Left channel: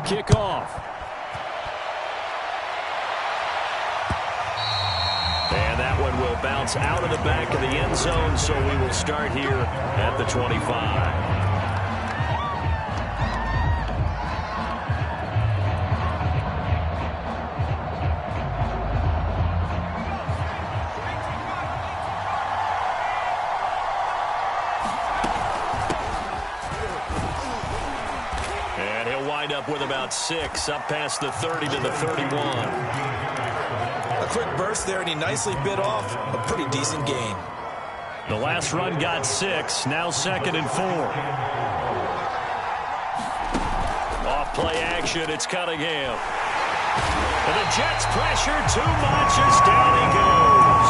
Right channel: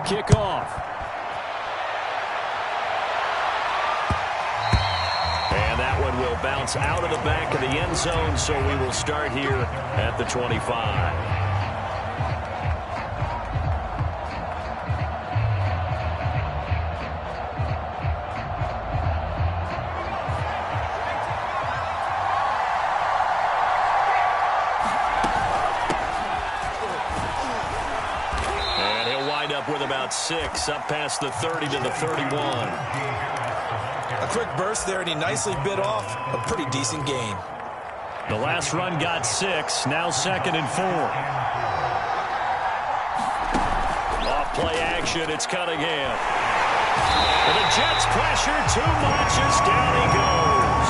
to kick off. And that one will bounce out of the back of the end zone, so we will start here at the 25. Up with about 6, up past the 30 to the 31. A quick burst there, and he nicely bit off a pretty decent gain. The last run got 6, now 2nd and 4. Off play action, it's Cunningham. And the Jets pressure too much as down he goes.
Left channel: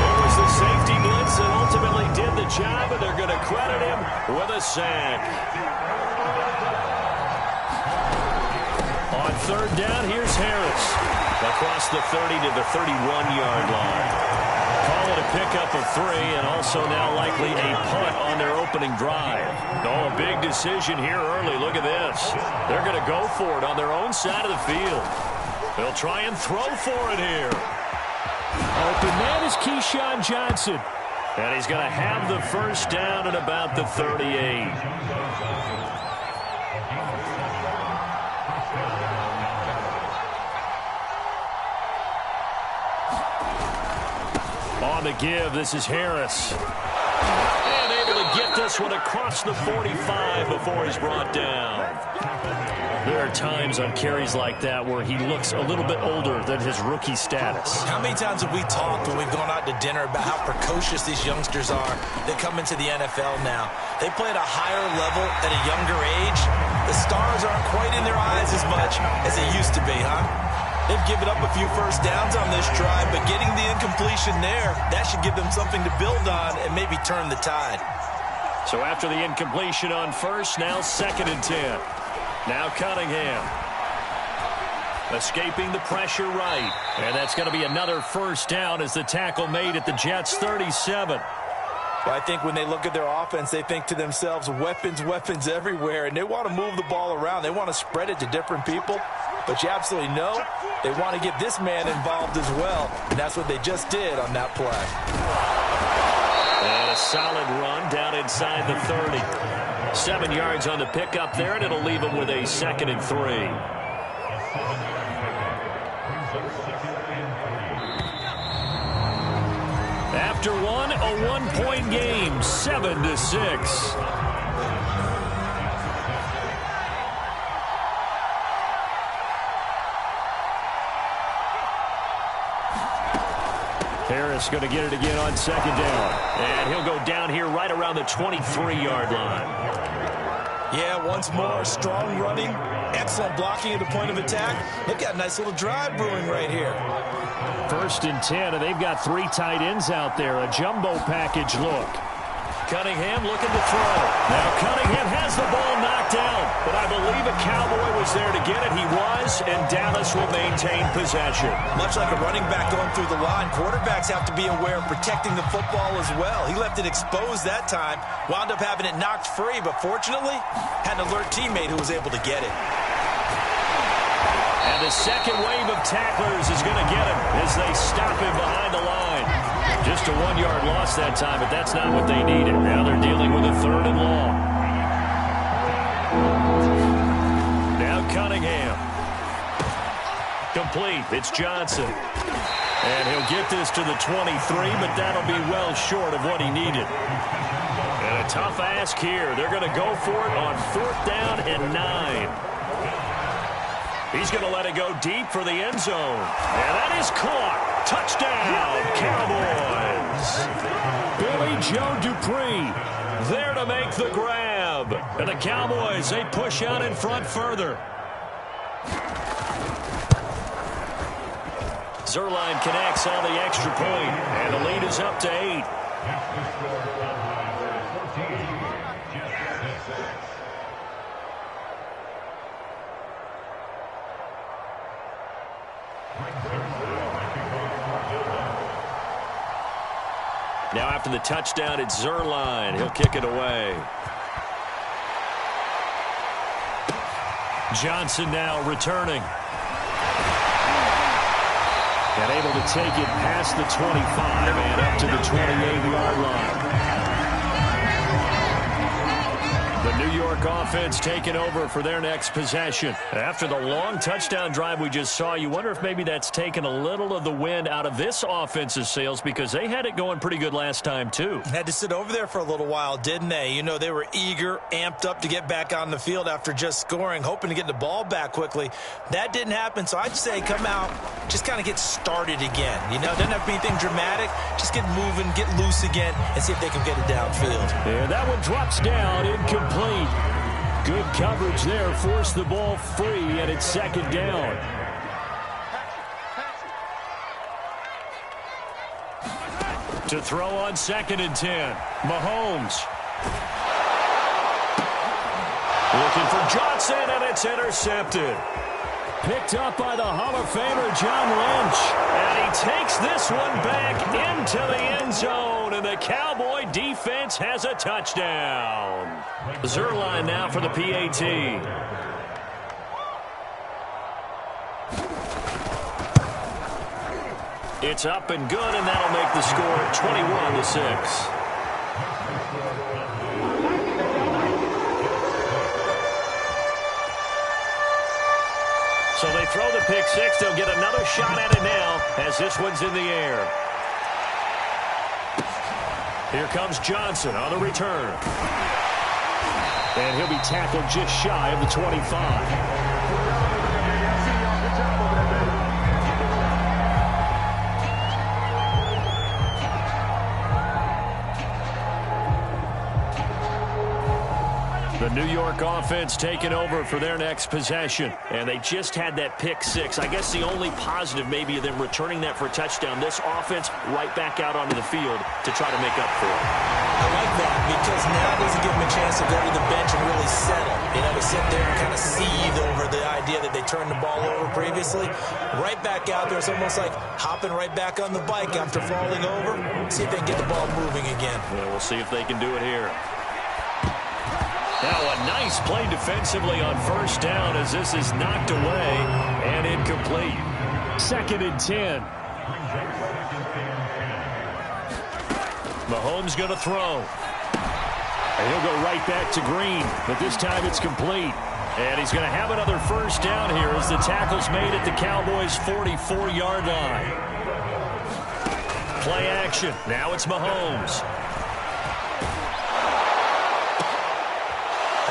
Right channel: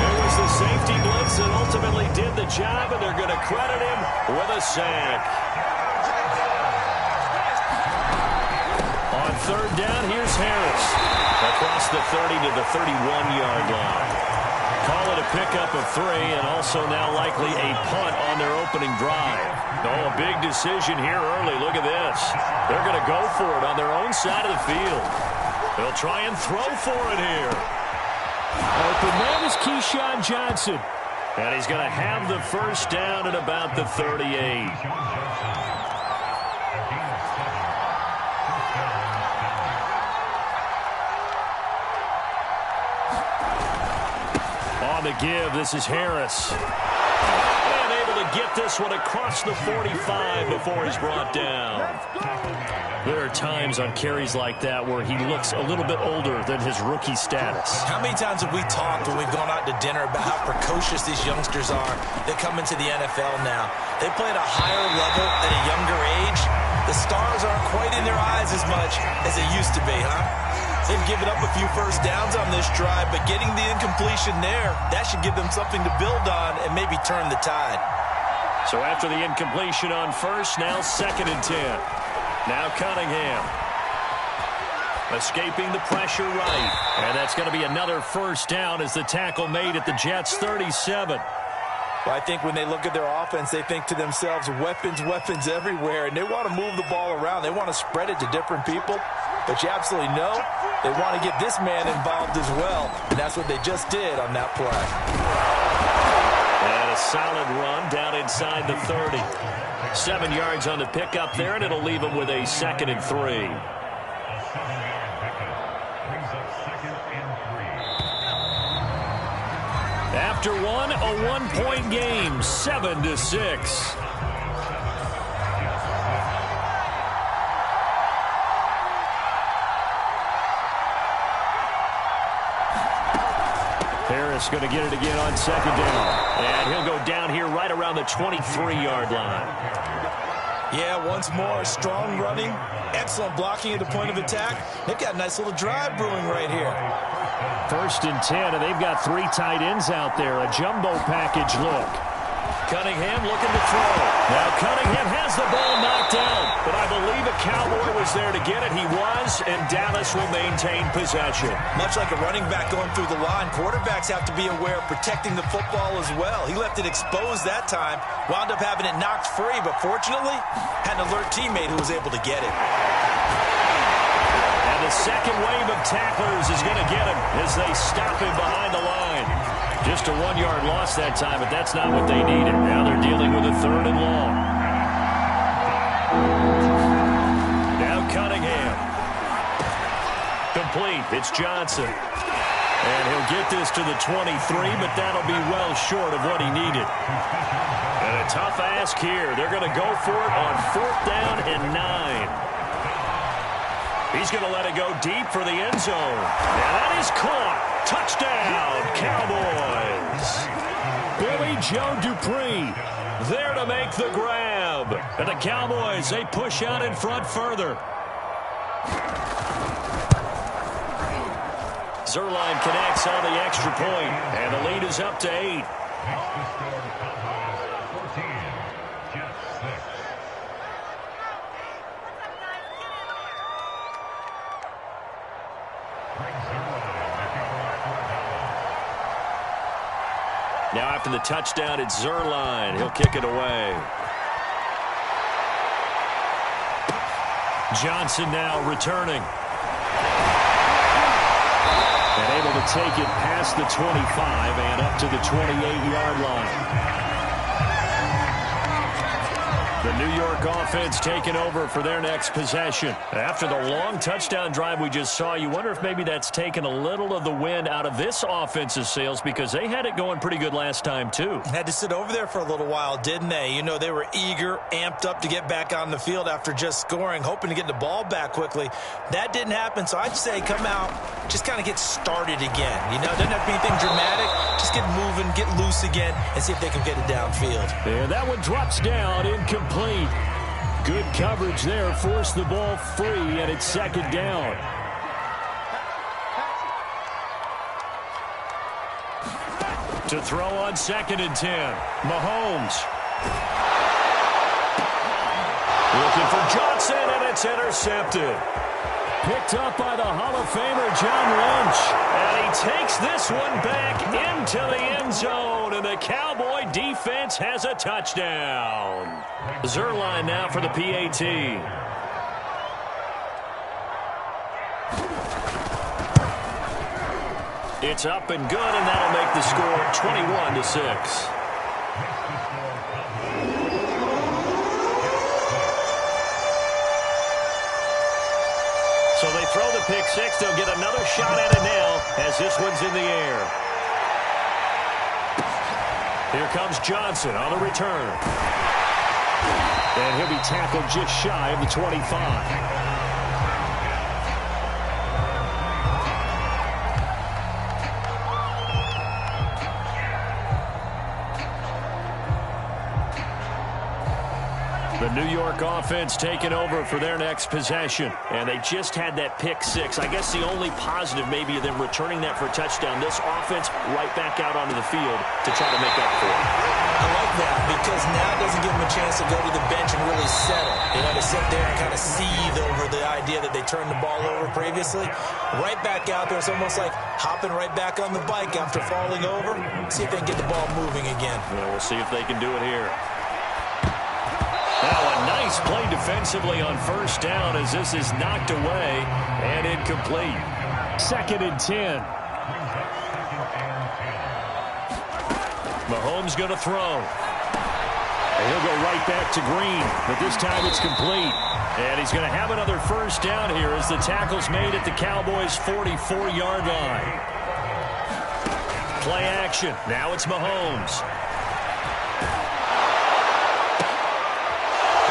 There was the safety blitz that ultimately did the job, and they're going to credit him with a sack. On 3rd down, here's Harris. Across the 30 to the 31-yard line. Call it a pickup of 3, and also now likely a punt on their opening drive. Oh, a big decision here early. Look at this. They're going to go for it on their own side of the field. They'll try and throw for it here. Open man is Keyshawn Johnson. And he's going to have the first down at about the 38. On the give, this is Harris. And able to get this one across the 45 before he's brought down. There are times on carries like that where he looks a little bit older than his rookie status. How many times have we talked when we've gone out to dinner about how precocious these youngsters are that come into the NFL now? They play at a higher level at a younger age. The stars aren't quite in their eyes as much as they used to be, huh? They've given up a few first downs on this drive, but getting the incompletion there, that should give them something to build on and maybe turn the tide. So after the incompletion on first, now 2nd and 10. Now Cunningham. Escaping the pressure right. And that's going to be another first down as the tackle made at the Jets' 37. Well, I think when they look at their offense, they think to themselves, weapons, weapons everywhere, and they want to move the ball around. They want to spread it to different people. But you absolutely know they want to get this man involved as well, and that's what they just did on that play. And a solid run down inside the 30. 7 yards on the pickup there, and it'll leave him with a 2nd and 3. After one, a 1-point game, 7-6. Harris going to get it again on 2nd down. And he'll go down here right around the 23-yard line. Yeah, once more, strong running, excellent blocking at the point of attack. They've got a nice little drive brewing right here. 1st and 10, and they've got 3 tight ends out there. A jumbo package look. Cunningham looking to throw. Now Cunningham has the ball knocked down, but I believe a Cowboy was there to get it. He was, and Dallas will maintain possession. Much like a running back going through the line, quarterbacks have to be aware of protecting the football as well. He left it exposed that time, wound up having it knocked free, but fortunately, had an alert teammate who was able to get it. And the second wave of tacklers is going to get him as they stop him behind the line. Just a 1-yard loss that time, but that's not what they needed. Now they're dealing with a 3rd and long. Now Cunningham. Complete. It's Johnson. And he'll get this to the 23, but that'll be well short of what he needed. And a tough ask here. They're going to go for it on 4th down and 9. He's going to let it go deep for the end zone. And that is caught. Touchdown, Cowboys. Billy Joe Dupree there to make the grab. And the Cowboys, they push out in front further. Zerline connects on the extra point, and the lead is up to 8. Now after the touchdown, it's Zerline. He'll kick it away. Johnson now returning. And able to take it past the 25 and up to the 28-yard line. The New York offense taking over for their next possession. After the long touchdown drive we just saw, you wonder if maybe that's taken a little of the wind out of this offense's sails because they had it going pretty good last time too. Had to sit over there for a little while, didn't they? You know, they were eager, amped up to get back on the field after just scoring, hoping to get the ball back quickly. That didn't happen, so I'd say come out, just kind of get started again. You know, doesn't have to be anything dramatic. Just get moving, get loose again, and see if they can get it downfield. Yeah, that one drops down, incomplete. Good coverage there, forced the ball free, and it's second down. To throw on 2nd and 10, Mahomes. Looking for Johnson, and it's intercepted. Picked up by the Hall of Famer John Lynch. And he takes this one back into the end zone. And the Cowboy defense has a touchdown. Zerline now for the PAT. It's up and good, and that'll make the score 21-6. So they throw the pick six. They'll get another shot at it now as this one's in the air. Here comes Johnson on the return. And he'll be tackled just shy of the 25. The New York offense taking over for their next possession. And they just had that pick six. I guess the only positive maybe of them returning that for a touchdown. This offense right back out onto the field to try to make up for it. I like that because now it doesn't give them a chance to go to the bench and really settle. You know, to sit there and kind of seethe over the idea that they turned the ball over previously. Right back out there. It's almost like hopping right back on the bike after falling over. See if they can get the ball moving again. Yeah, we'll see if they can do it here. Now a nice play defensively on first down as this is knocked away and incomplete. 2nd and 10. Mahomes going to throw. And he'll go right back to Green, but this time it's complete. And he's going to have another first down here as the tackle's made at the Cowboys' 44-yard line. Play action. Now it's Mahomes.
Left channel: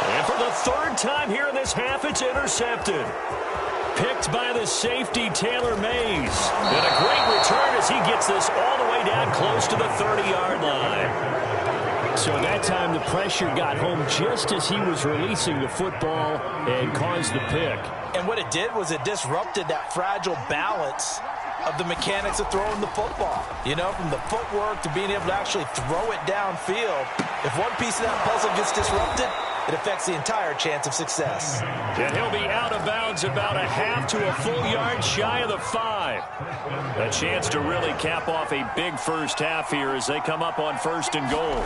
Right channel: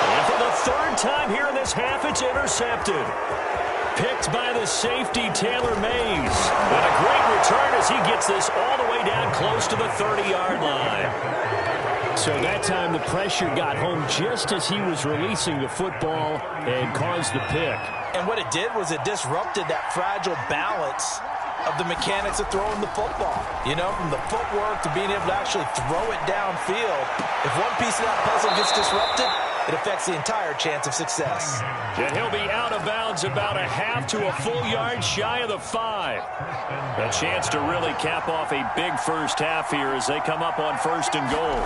And for the third time here in this half, it's intercepted. Picked by the safety, Taylor Mays. And a great return as he gets this all the way down close to the 30-yard line. So that time the pressure got home just as he was releasing the football and caused the pick. And what it did was it disrupted that fragile balance of the mechanics of throwing the football. You know, from the footwork to being able to actually throw it downfield. If one piece of that puzzle gets disrupted, it affects the entire chance of success. And he'll be out of bounds about a half to a full yard shy of the 5. A chance to really cap off a big first half here as they come up on 1st and goal.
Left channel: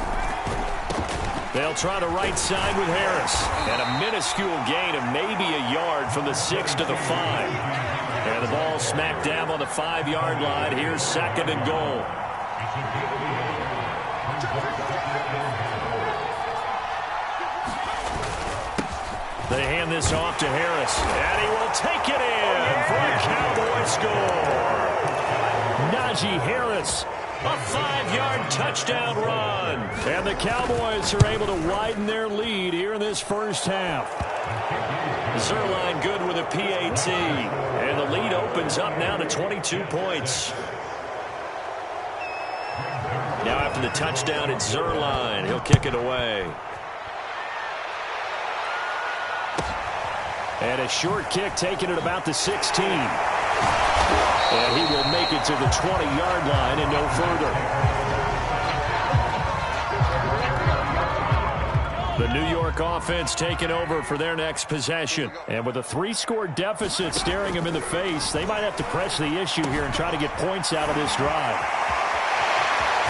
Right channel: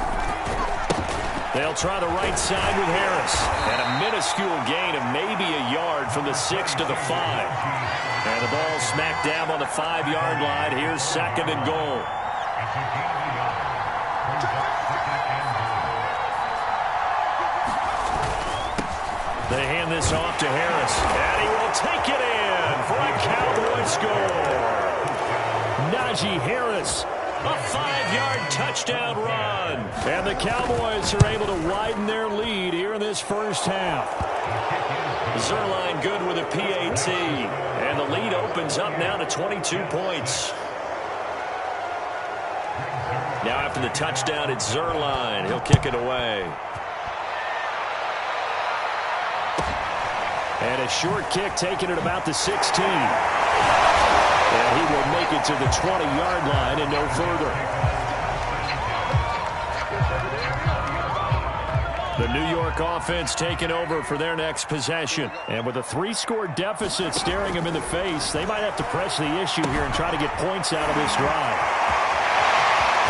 They'll try the right side with Harris. And a minuscule gain of maybe a yard from the 6 to the 5. And the ball smacked down on the 5-yard line. Here's 2nd and goal. They hand this off to Harris, and he will take it in for a Cowboy score. Najee Harris, a 5-yard touchdown run. And the Cowboys are able to widen their lead here in this first half. Zerline good with a PAT, and the lead opens up now to 22 points. Now after the touchdown, it's Zerline. He'll kick it away. And a short kick taken at about the 16. And he will make it to the 20-yard line and no further. The New York offense taking over for their next possession. And with a 3-score deficit staring them in the face, they might have to press the issue here and try to get points out of this drive.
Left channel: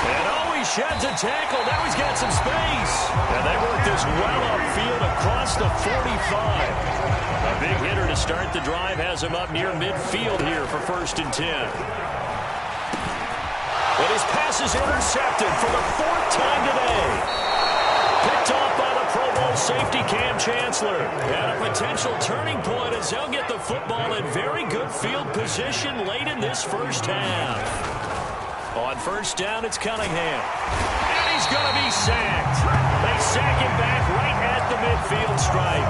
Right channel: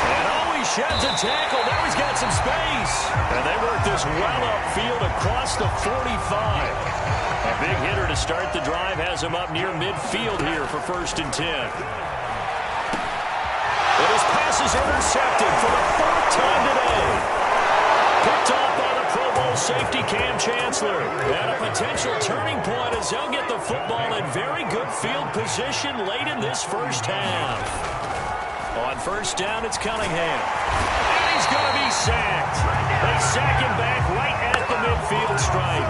And always sheds a tackle. Now he's got some space. And they work this well upfield across the 45. A big hitter to start the drive has him up near midfield here for 1st and 10. But his pass is intercepted for the 4th time today. Picked off by the Pro Bowl safety Cam Chancellor. At a potential turning point as they'll get the football in very good field position late in this first half. On 1st down, it's Cunningham. And he's going to be sacked. They sack him back right at the midfield stripe.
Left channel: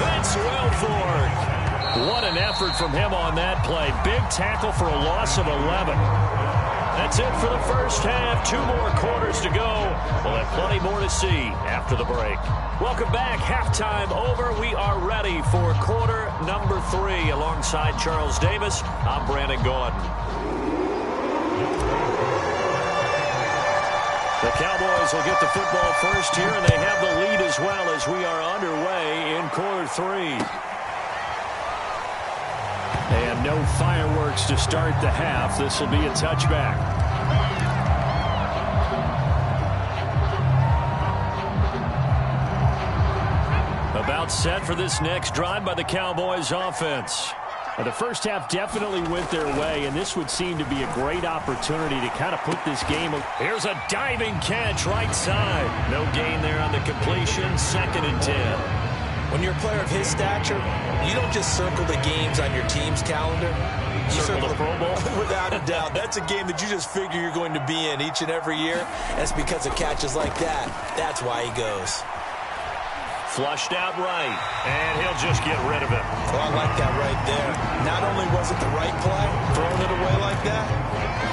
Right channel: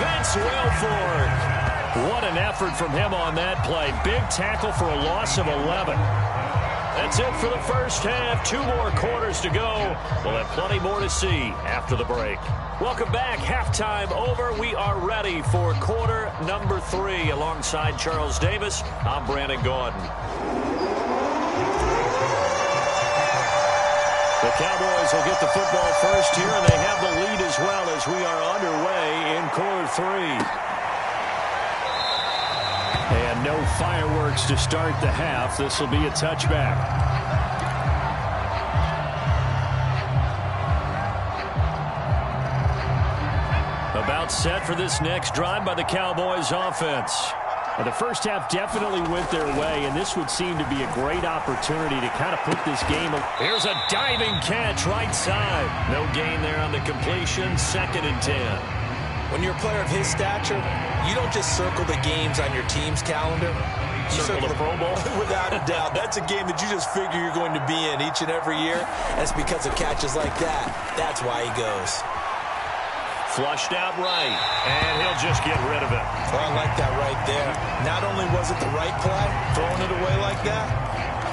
Vince Wilfork. What an effort from him on that play. Big tackle for a loss of 11. That's it for the first half. 2 more quarters to go. We'll have plenty more to see after the break. Welcome back. Halftime over. We are ready for quarter number 3. Alongside Charles Davis, I'm Brandon Gaudin. The Cowboys will get the football first here, and they have the lead as well as we are underway in quarter 3. And no fireworks to start the half. This will be a touchback. About set for this next drive by the Cowboys offense. Now, the first half definitely went their way, and this would seem to be a great opportunity to kind of put this game. Here's a diving catch right side. No gain there on the completion. 2nd and 10. When you're a player of his stature, you don't just circle the games on your team's calendar. You circle the Pro Bowl? Without a doubt. That's a game that you just figure you're going to be in each and every year. That's because of catches like that. That's why he goes. Flushed out right, and he'll just get rid of it. Well, I like that right there. Not only was it the right play, throwing it away like that,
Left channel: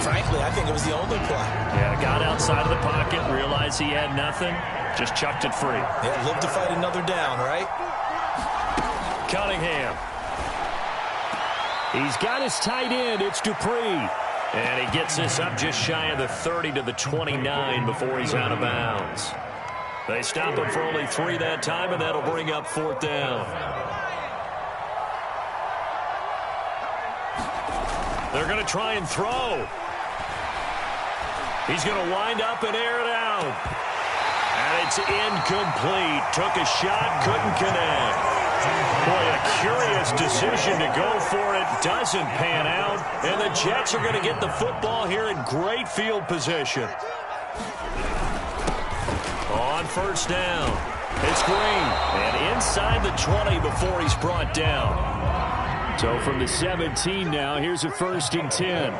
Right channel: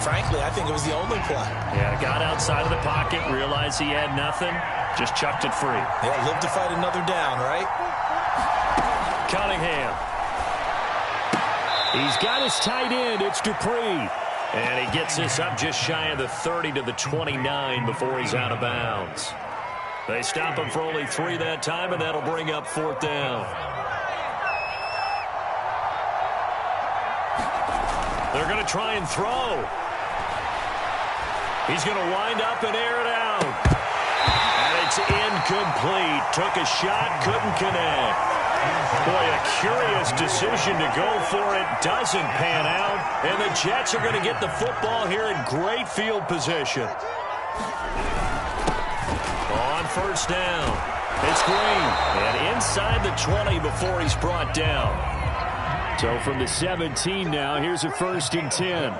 frankly, I think it was the only play. Yeah, got outside of the pocket, realized he had nothing, just chucked it free. Yeah, live to fight another down, right? Cunningham. He's got his tight end. It's Dupree. And he gets this up just shy of the 30 to the 29 before he's out of bounds. They stop him for only 3 that time, and that'll bring up 4th down. They're going to try and throw. He's going to wind up and air it out. And it's incomplete. Took a shot, couldn't connect. Boy, a curious decision to go for it. Doesn't pan out. And the Jets are going to get the football here in great field position. On 1st down, it's Green. And inside the 20 before he's brought down. So from the 17 now, here's a 1st and 10.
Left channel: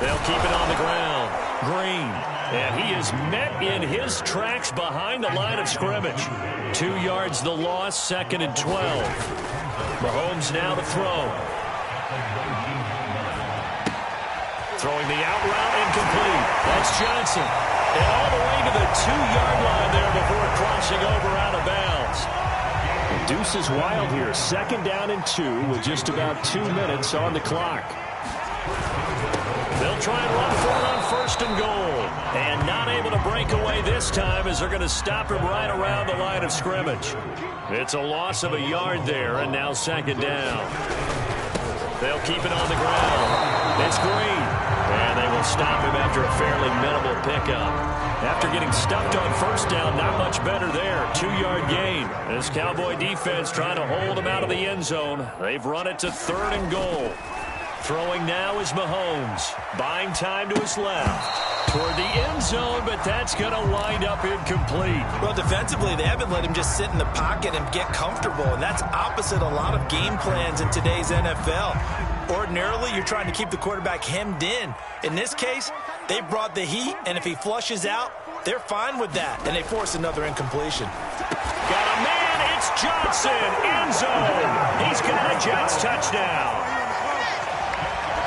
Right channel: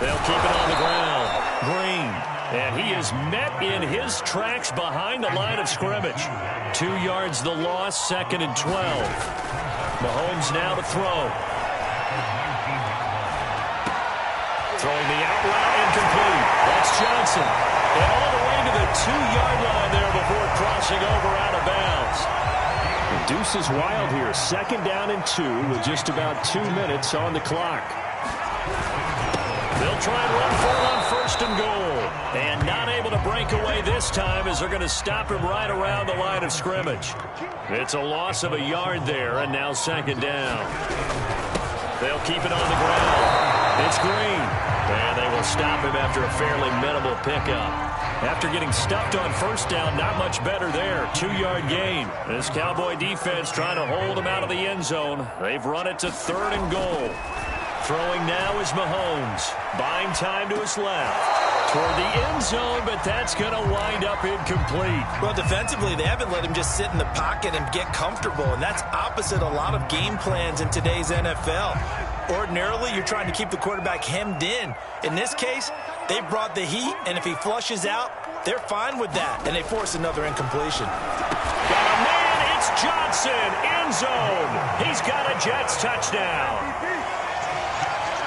They'll keep it on the ground. Green. And he is met in his tracks behind the line of scrimmage. 2 yards the loss, 2nd and 12. Mahomes now to throw. Throwing the out route incomplete. That's Johnson. And all the way to the 2-yard line there before crossing over out of bounds. The deuce is wild here. 2nd down and 2 with just about 2 minutes on the clock. They'll try and run for it on 1st and goal. And not able to break away this time as they're going to stop him right around the line of scrimmage. It's a loss of a yard there, and now 2nd down. They'll keep it on the ground. It's Green. And they will stop him after a fairly minimal pickup. After getting stuffed on 1st down, not much better there. 2-yard gain. This Cowboy defense trying to hold him out of the end zone. They've run it to 3rd and goal. Throwing now is Mahomes. Buying time to his left. Toward the end zone, but that's going to wind up incomplete. Well, defensively, they haven't let him just sit in the pocket and get comfortable, and that's opposite a lot of game plans in today's NFL. Ordinarily, you're trying to keep the quarterback hemmed in. In this case, they brought the heat, and if he flushes out, they're fine with that, and they force another incompletion. Got a man, it's Johnson, end zone. He's got a Jets touchdown.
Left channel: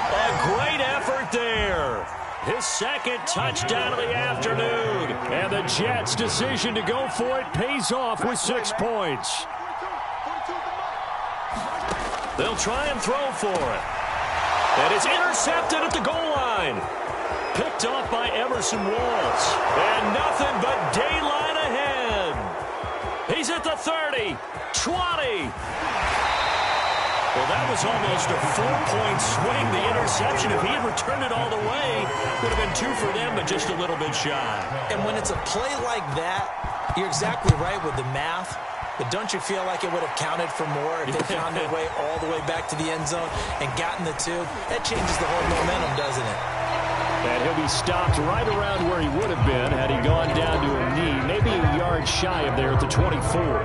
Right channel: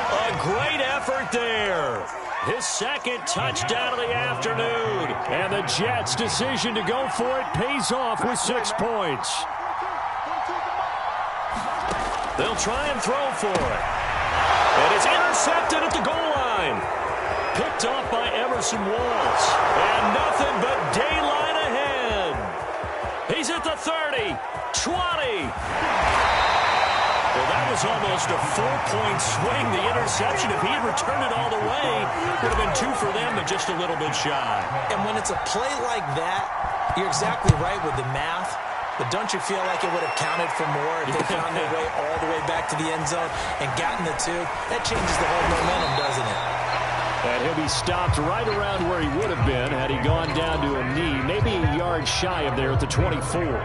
A great effort there. His 2nd touchdown of the afternoon. And the Jets' decision to go for it pays off with 6 points. They'll try and throw for it. And it's intercepted at the goal line. Picked off by Emerson Walls. And nothing but daylight ahead. He's at the 30, 20. Well, that was almost a 4-point swing. The interception, if he had returned it all the way, would have been 2 for them, but just a little bit shy. And when it's a play like that, you're exactly right with the math. But don't you feel like it would have counted for more if they found their way all the way back to the end zone and gotten the 2? That changes the whole momentum, doesn't it? And he'll be stopped right around where he would have been had he gone down to a knee, maybe a yard shy of there at the 24.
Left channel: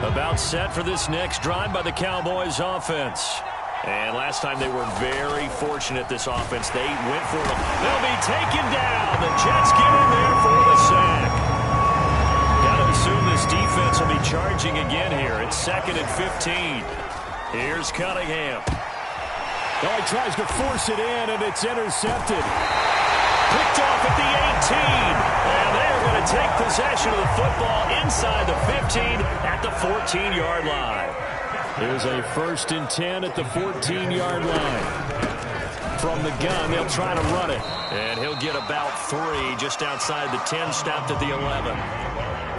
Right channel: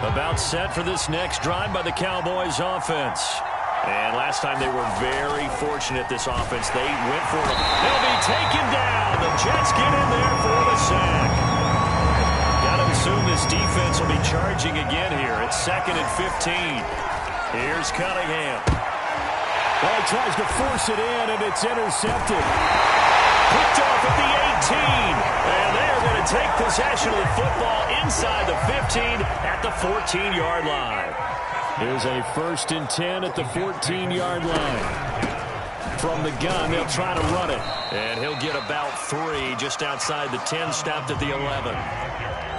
About set for this next drive by the Cowboys offense. And last time they were very fortunate, this offense. They went for it. They'll be taken down. The Jets get in there for the sack. Got to assume this defense will be charging again here. It's 2nd and 15. Here's Cunningham. Well, he tries to force it in, and it's intercepted. Picked off at the 18. And they are going to take possession of the football inside the 15 at the 14-yard line. Here's a 1st and 10 at the 14-yard line. From the gun, they'll try to run it. And he'll get about 3 just outside the 10, stopped at the 11.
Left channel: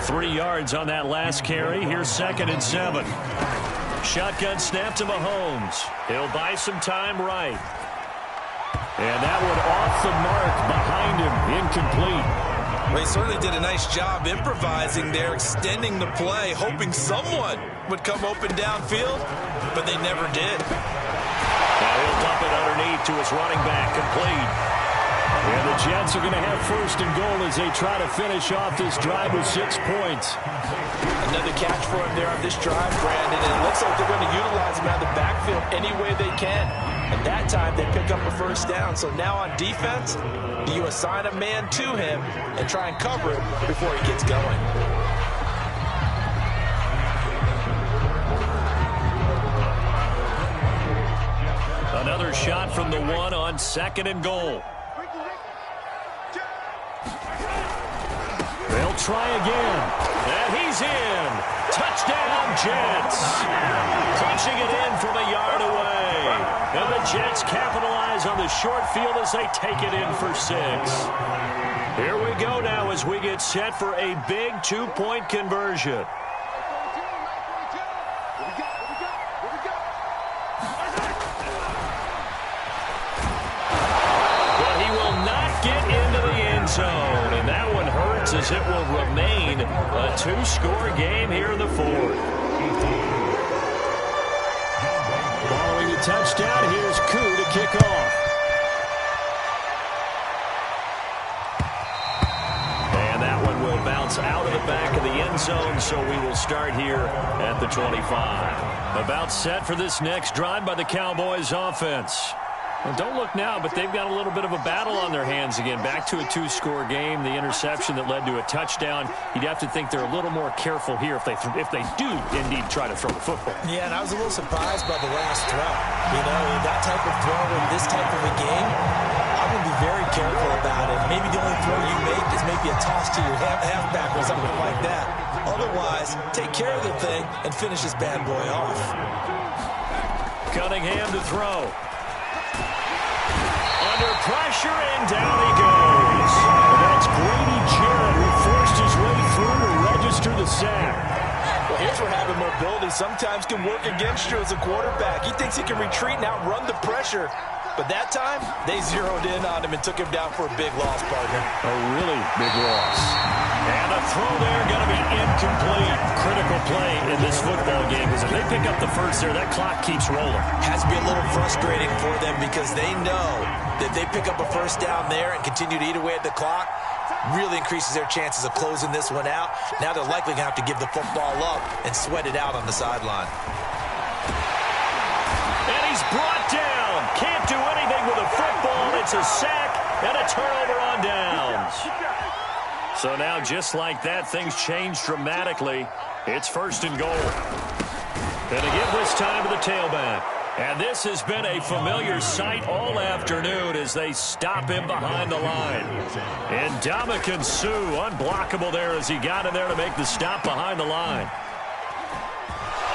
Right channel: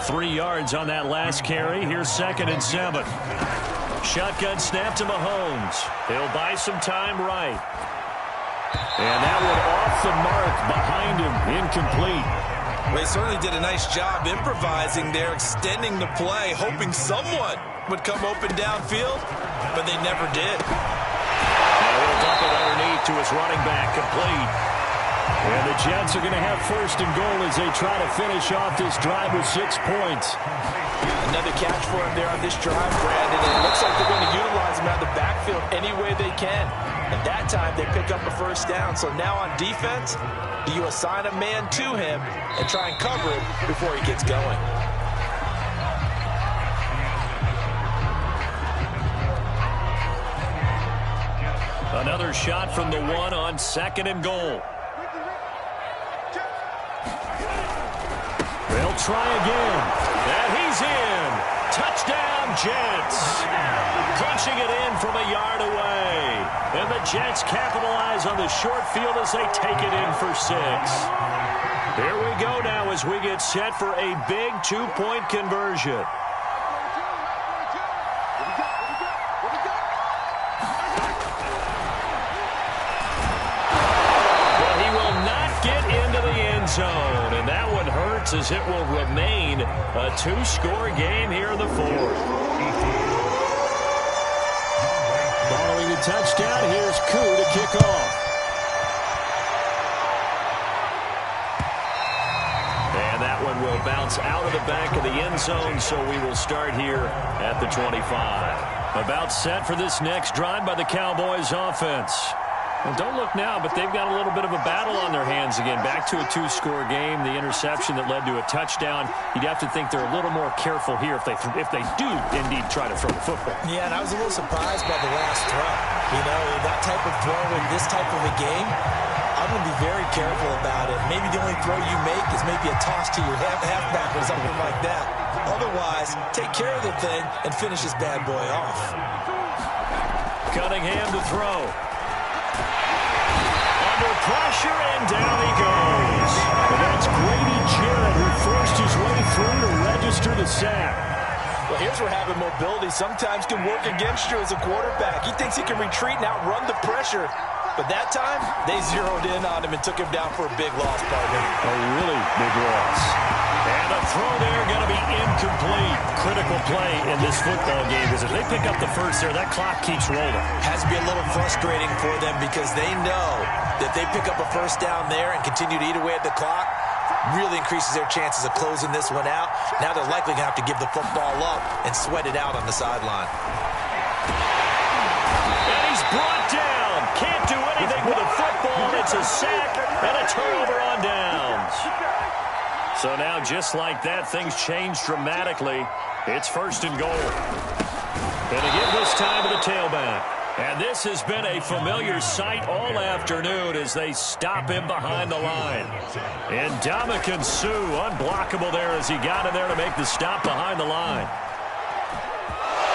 3 yards on that last carry. Here's 2nd and 7. Shotgun snap to Mahomes. He'll buy some time right. And that one off the mark behind him, incomplete. Well, he certainly did a nice job improvising there, extending the play, hoping someone would come open downfield, but they never did. Now he'll dump it underneath to his running back, complete. And the Jets are going to have 1st and goal as they try to finish off this drive with 6 points. Another catch for him there on this drive, Brandon. And it looks like they're going to utilize him out of the backfield any way they can. And that time they pick up a 1st down. So now on defense, do you assign a man to him and try and cover him before he gets going? Another shot from the 1 on 2nd and goal. They'll try again. And he's in. Touchdown, Jets. Punching it in from a yard away. And the Jets capitalize on the short field as they take it in for 6. Here we go now as we get set for a big 2-point conversion. Get into the end zone, and that one hurts as it will remain a 2-score game here in the 4th. Following the touchdown, here's Koo to kick off. And that one will bounce out of the back of the end zone, so we will start here at the 25. About set for this next drive by the Cowboys offense. Well, don't look now, but they've got a little bit of a battle on their hands again. Back to a 2-score game. The interception that led to a touchdown. You'd have to think they're a little more careful here if they do indeed try to throw the football. Yeah, and I was a little surprised by the last throw. You know, that type of throw in this type of a game, I'm going to be very careful about it. Maybe the only throw you make is maybe a toss to your halfback or something like that. Otherwise, take care of the thing and finish this bad boy off. Cunningham to throw. Under pressure, and down he goes. And that's Grady Jarrett who forced his way through to register the sack. Well, here's where having mobility sometimes can work against you as a quarterback. He thinks he can retreat and outrun the pressure. But that time, they zeroed in on him and took him down for a big loss, partner. A really big loss. And a throw there going to be incomplete. Critical play in this football game because if they pick up the 1st there, that clock keeps rolling. Has to be a little frustrating for them because they know that they pick up a 1st down there and continue to eat away at the clock, really increases their chances of closing this one out. Now they're likely going to have to give the football up and sweat it out on the sideline. And he's brought down. Can't do anything with a football. It's a sack and a turnover on downs. So now, just like that, things change dramatically. It's 1st and goal. And again, this time to the tailback. And this has been a familiar sight all afternoon as they stop him behind the line. And Ndamukong Suh, unblockable there as he got in there to make the stop behind the line.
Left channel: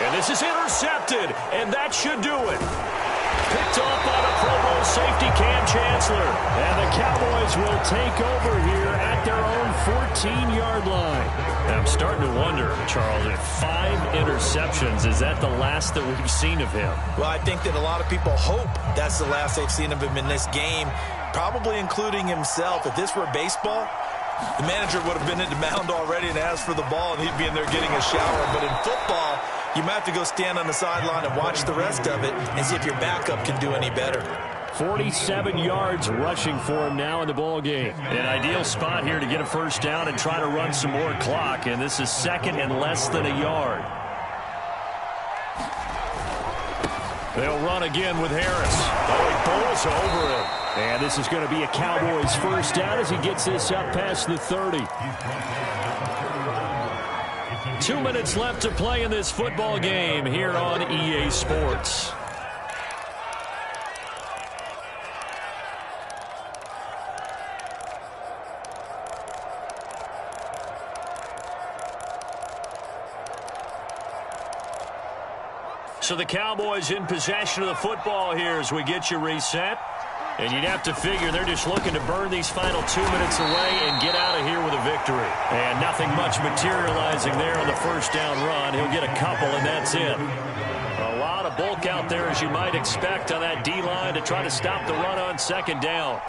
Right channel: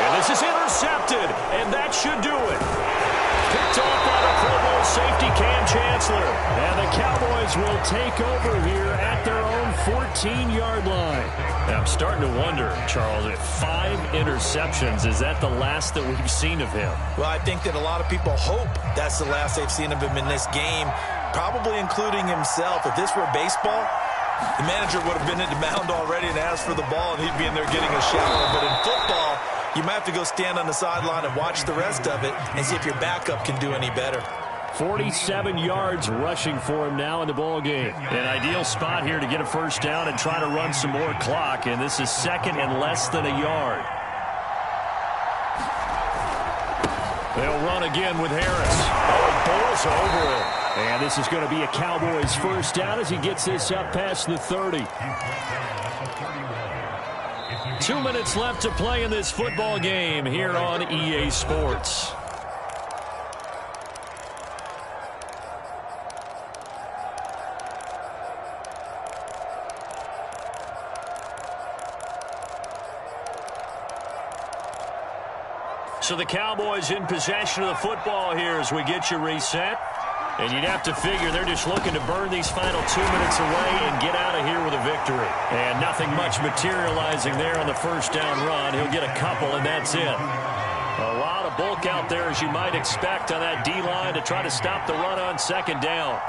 And this is intercepted, and that should do it. Picked off by the Pro Bowl safety Cam Chancellor. And the Cowboys will take over here at their own 14-yard line. Now, I'm starting to wonder, Charles, if 5 interceptions, is that the last that we've seen of him? Well, I think that a lot of people hope that's the last they've seen of him in this game, probably including himself. If this were baseball, the manager would have been at the mound already and asked for the ball, and he'd be in there getting a shower. But in football, you might have to go stand on the sideline and watch the rest of it and see if your backup can do any better. 47 yards rushing for him now in the ball game. An ideal spot here to get a first down and try to run some more clock, and this is second and less than a yard. They'll run again with Harris. Oh, he pulls over him. And this is going to be a Cowboys first down as he gets this up past the 30. 2 minutes left to play in this football game here on EA Sports. So the Cowboys in possession of the football here as we get you reset. And you'd have to figure they're just looking to burn these final 2 minutes away and get out of here with a victory. And nothing much materializing there on the first down run. He'll get a couple, and that's it. A lot of bulk out there, as you might expect, on that D-line to try to stop the run on second down.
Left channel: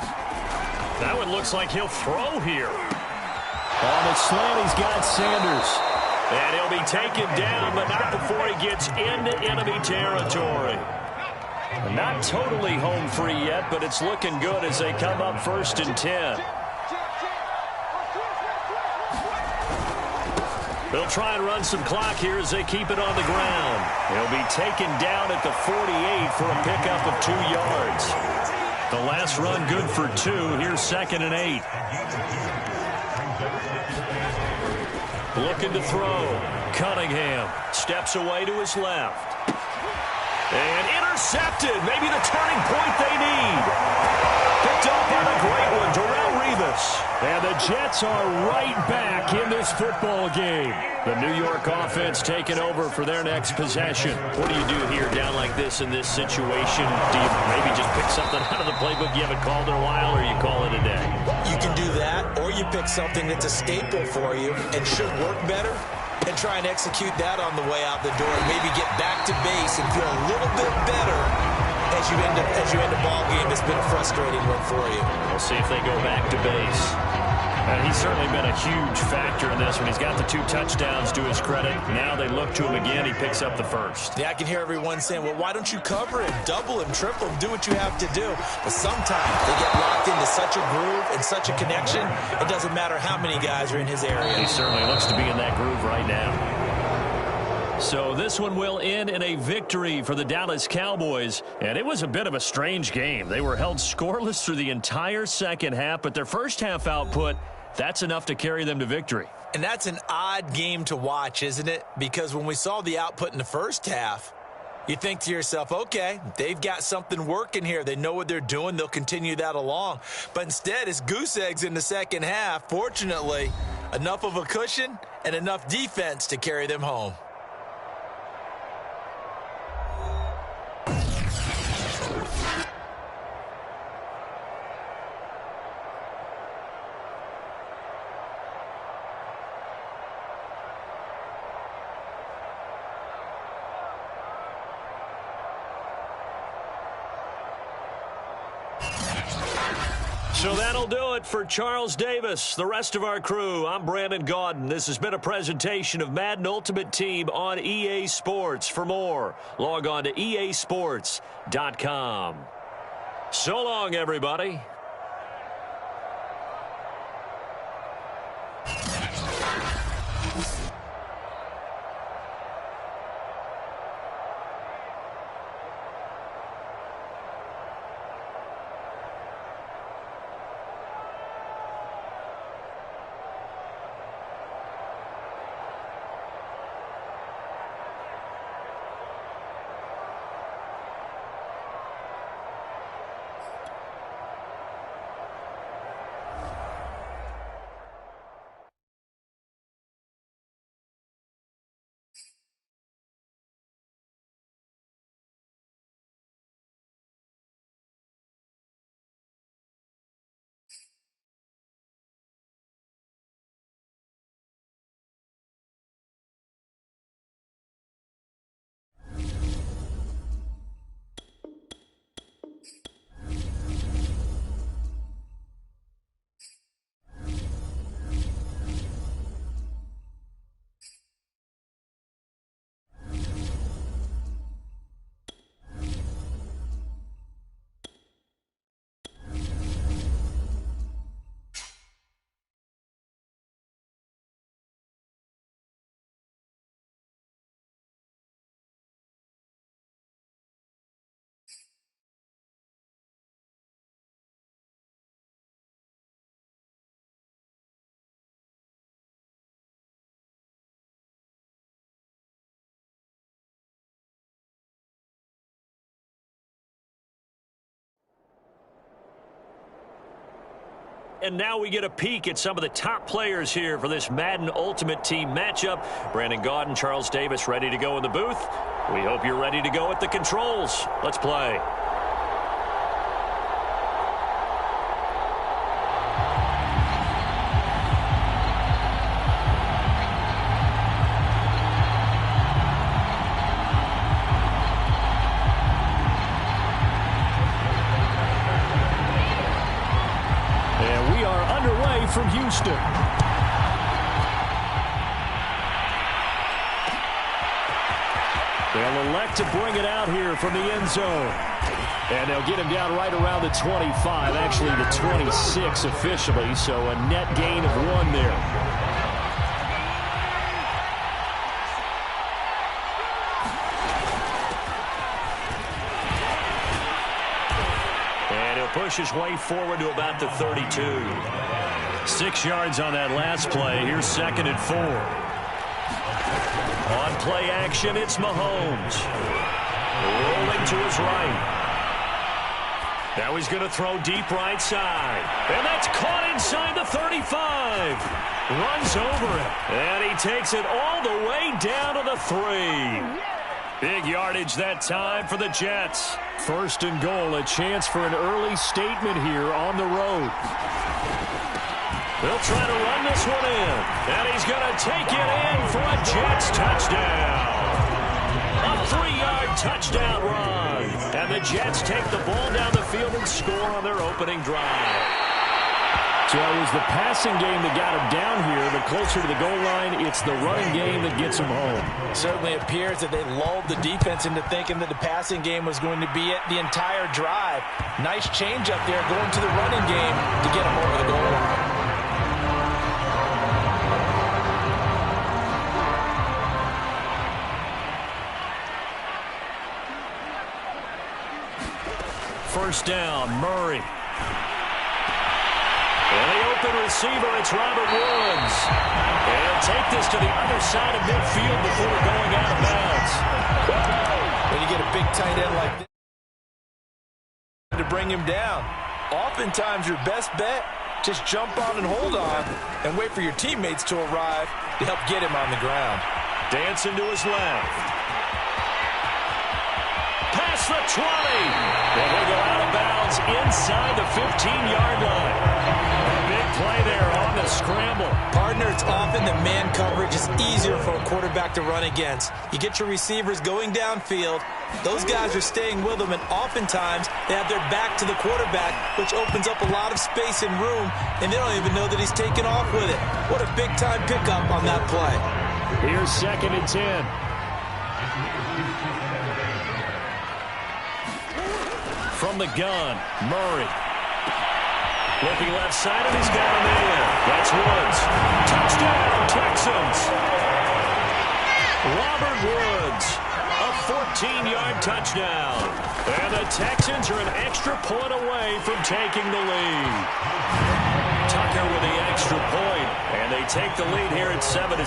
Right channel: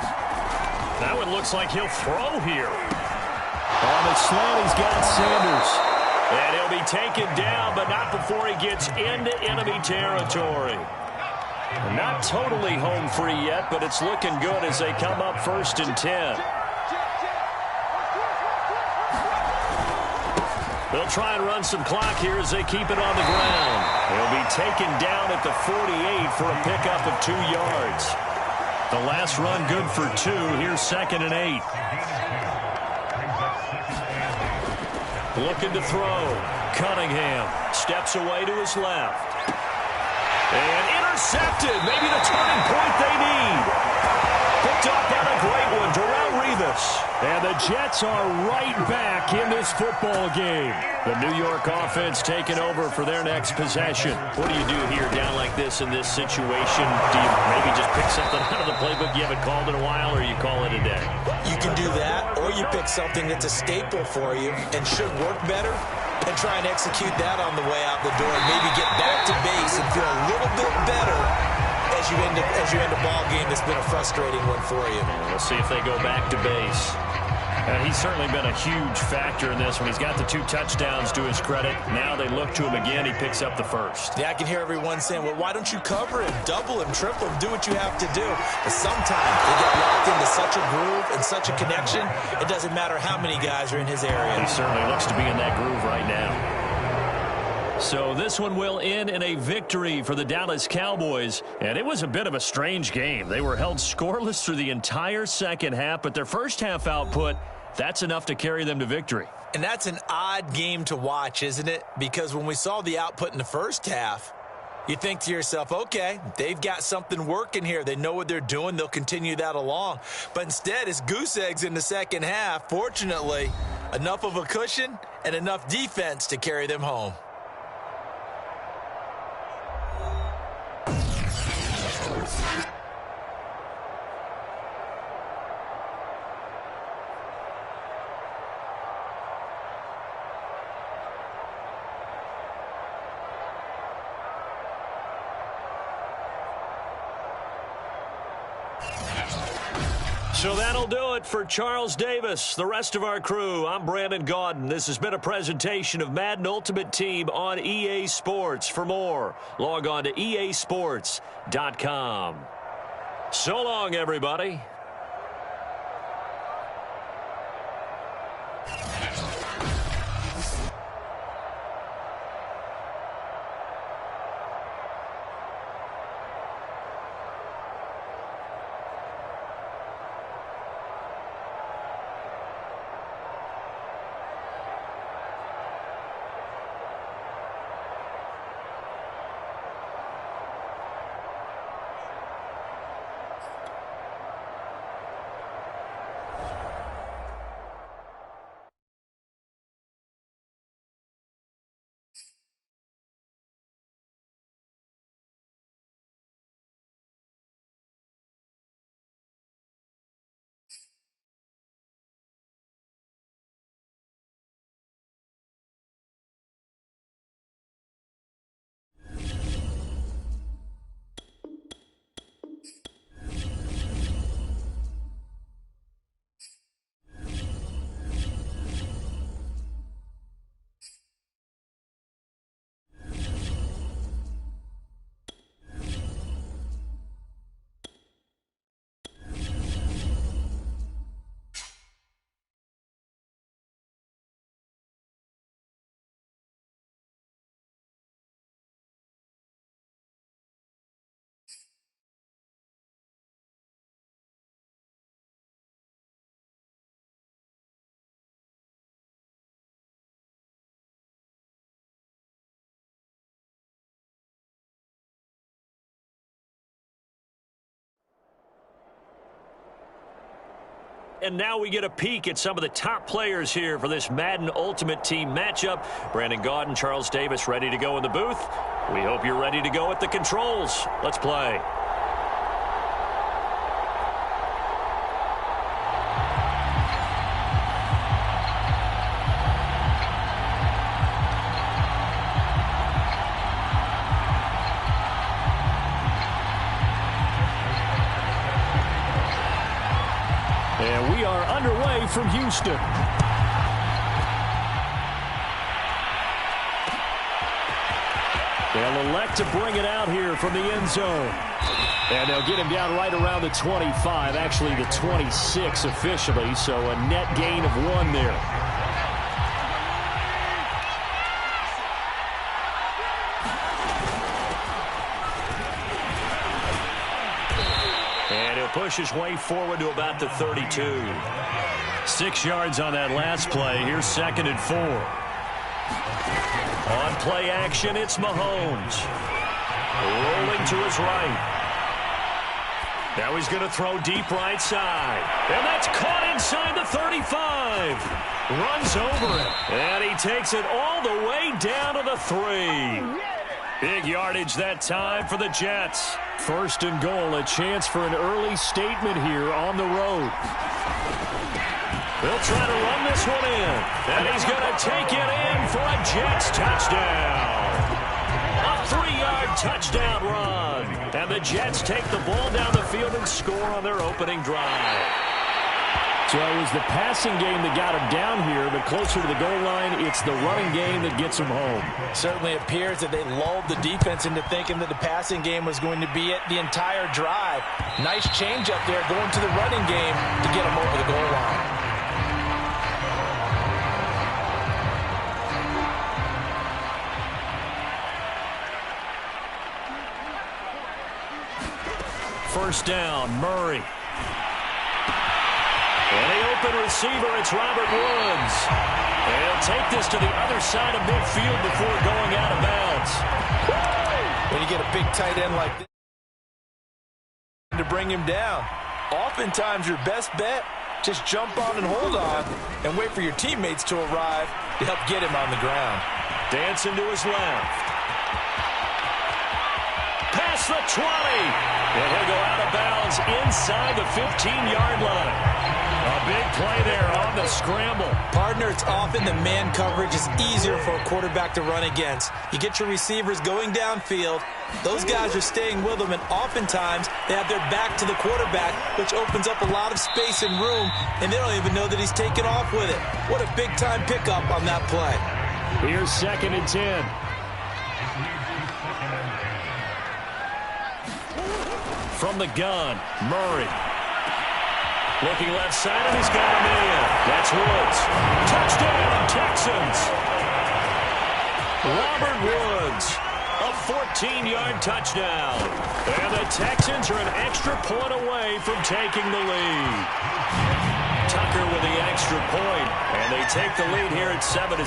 That one looks like he'll throw here. On the slant, he's got Sanders. And he'll be taken down, but not before he gets into enemy territory. Not totally home free yet, but it's looking good as they come up 1st and 10. They'll try and run some clock here as they keep it on the ground. He'll be taken down at the 48 for a pickup of 2 yards. The last run good for 2. Here's 2nd and 8. Looking to throw. Cunningham steps away to his left. And intercepted. Maybe the turning point they need. Picked up on a great one. Darrelle Revis. And the Jets are right back in this football game. The New York offense taking over for their next possession. What do you do here down like this in this situation? Do you maybe just pick something out of the playbook you haven't called in a while, or you call it a day? You can do that, or you pick something that's a staple for you and should work better, and try and execute that on the way out the door and maybe get back to base and feel a little bit better as you end a ball game that's been a frustrating one for you. And we'll see if they go back to base. And he's certainly been a huge factor in this one. He's got the 2 touchdowns to his credit. Now they look to him again. He picks up the first. Yeah, I can hear everyone saying, well, why don't you cover him, double him, triple him, do what you have to do. But sometimes they get locked into such a groove and such a connection, it doesn't matter how many guys are in his area. He certainly looks to be in that groove right now. So this one will end in a victory for the Dallas Cowboys. And it was a bit of a strange game. They were held scoreless through the entire second half, but their first half output, that's enough to carry them to victory. And that's an odd game to watch, isn't it? Because when we saw the output in the first half, you think to yourself, okay, they've got something working here. They know what they're doing. They'll continue that along. But instead, it's goose eggs in the second half. Fortunately, enough of a cushion and enough defense to carry them home. So that'll do it for Charles Davis, the rest of our crew. I'm Brandon Gaudin. This has been a presentation of Madden Ultimate Team on EA Sports. For more, log on to easports.com. So long, everybody. And now we get a peek at some of the top players here for this Madden Ultimate Team matchup. Brandon Gaudin, Charles Davis ready to go in the booth. We hope you're ready to go at the controls. Let's play. And we are underway from Houston. They'll elect to bring it out here from the end zone. And they'll get him down right around the 25, actually the 26 officially, so a net gain of 1 there. And he'll push his way forward to about the 32. 6 yards on that last play. Here's 2nd and 4. On play action, it's Mahomes. Rolling to his right. Now he's going to throw deep right side. And that's caught inside the 35. Runs over him. And he takes it all the way down to the 3. Big yardage that time for the Jets. 1st and goal, a chance for an early statement here on the road. They'll try to run this one in. And he's going to take it in for a Jets touchdown. A 3-yard touchdown run. And the Jets take the ball down the field and score on their opening drive. So it was the passing game that got him down here, but closer to the goal line, it's the running game that gets him home. Certainly appears that they lulled the defense into thinking that the passing game was going to be it the entire drive. Nice change up there going to the running game to get him over the goal line. First down, Murray. And the open receiver, it's Robert Woods. And he'll take this to the other side of midfield before going out of bounds. When you get a big tight end like this to bring him down, oftentimes your best bet, just jump on and hold on and wait for your teammates to arrive to help get him on the ground. Dancing to his left. Past the 20. And he'll go out of bounds inside the 15-yard line. A big play there on the scramble. Partner, it's often the man coverage is easier for a quarterback to run against. You get your receivers going downfield. Those guys are staying with them, and oftentimes they have their back to the quarterback, which opens up a lot of space and room, and they don't even know that he's taken off with it. What a big-time pickup on that play. Here's 2nd and 10. From the gun, Murray. Looking left side, and he's got him in. That's Woods. Touchdown, Texans. Robert Woods, a 14-yard touchdown. And the Texans are an extra point away from taking the lead. Tucker with the extra point, and they take the lead here at 7-6.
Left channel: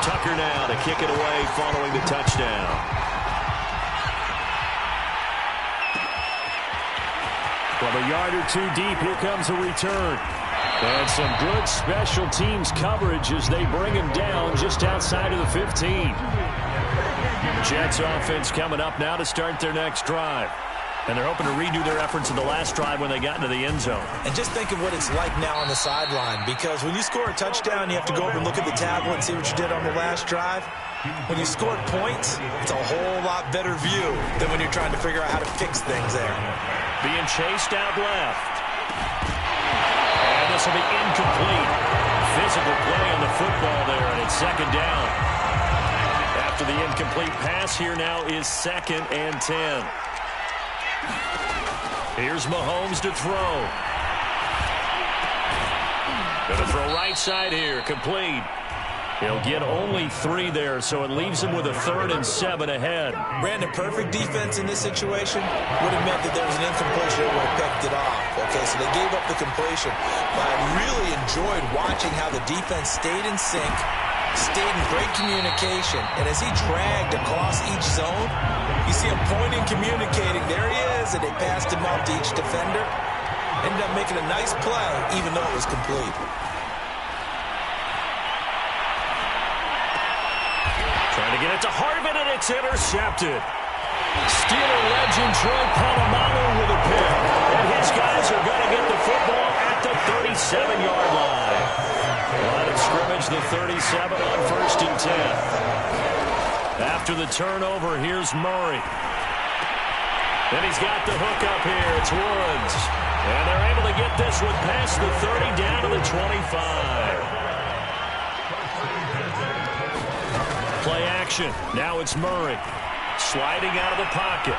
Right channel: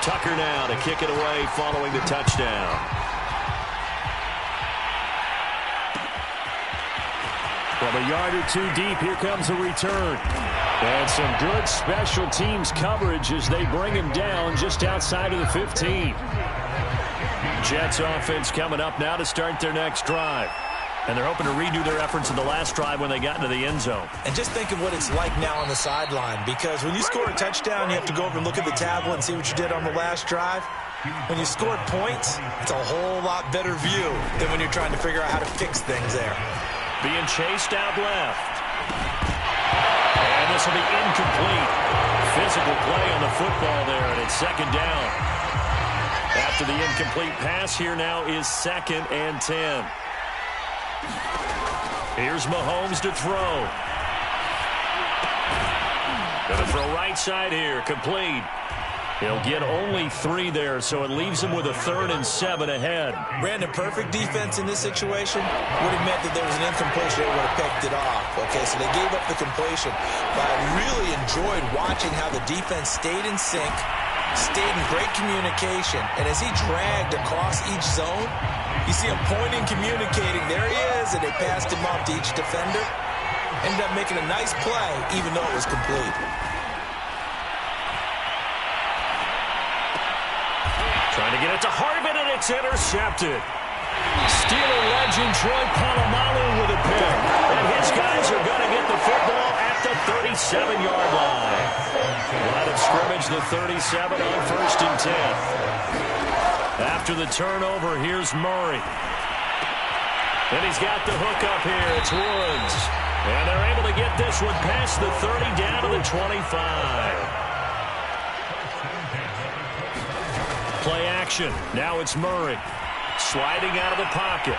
Tucker now to kick it away following the touchdown. From a yard or 2 deep, here comes a return. And some good special teams coverage as they bring him down just outside of the 15. Jets offense coming up now to start their next drive. And they're hoping to redo their efforts in the last drive when they got into the end zone. And just think of what it's like now on the sideline, because when you score a touchdown, you have to go over and look at the tablet and see what you did on the last drive. When you scored points, it's a whole lot better view than when you're trying to figure out how to fix things there. Being chased out left. And this will be incomplete. Physical play on the football there, and it's 2nd down. After the incomplete pass, here now is 2nd and 10. Here's Mahomes to throw. Going to throw right side here, complete. He'll get only 3 there, so it leaves him with a 3rd and 7 ahead. Brandon, perfect defense in this situation would have meant that there was an incompletion that would have picked it off. Okay, so they gave up the completion. But I really enjoyed watching how the defense stayed in sync, stayed in great communication. And as he dragged across each zone, you see him pointing, communicating. There he is, and they passed him off to each defender. Ended up making a nice play, even though it was complete. Trying to get it to Harvin, and it's intercepted. Steeler legend Troy Polamalu with a pick. And his guys are going to get the football at the 37-yard line. Line of scrimmage, the 37 on 1st and 10. After the turnover, here's Murray. And he's got the hook up here. It's Woods. And they're able to get this one past the 30 down to the 25. Play action. Now it's Murray. Sliding out of the pocket.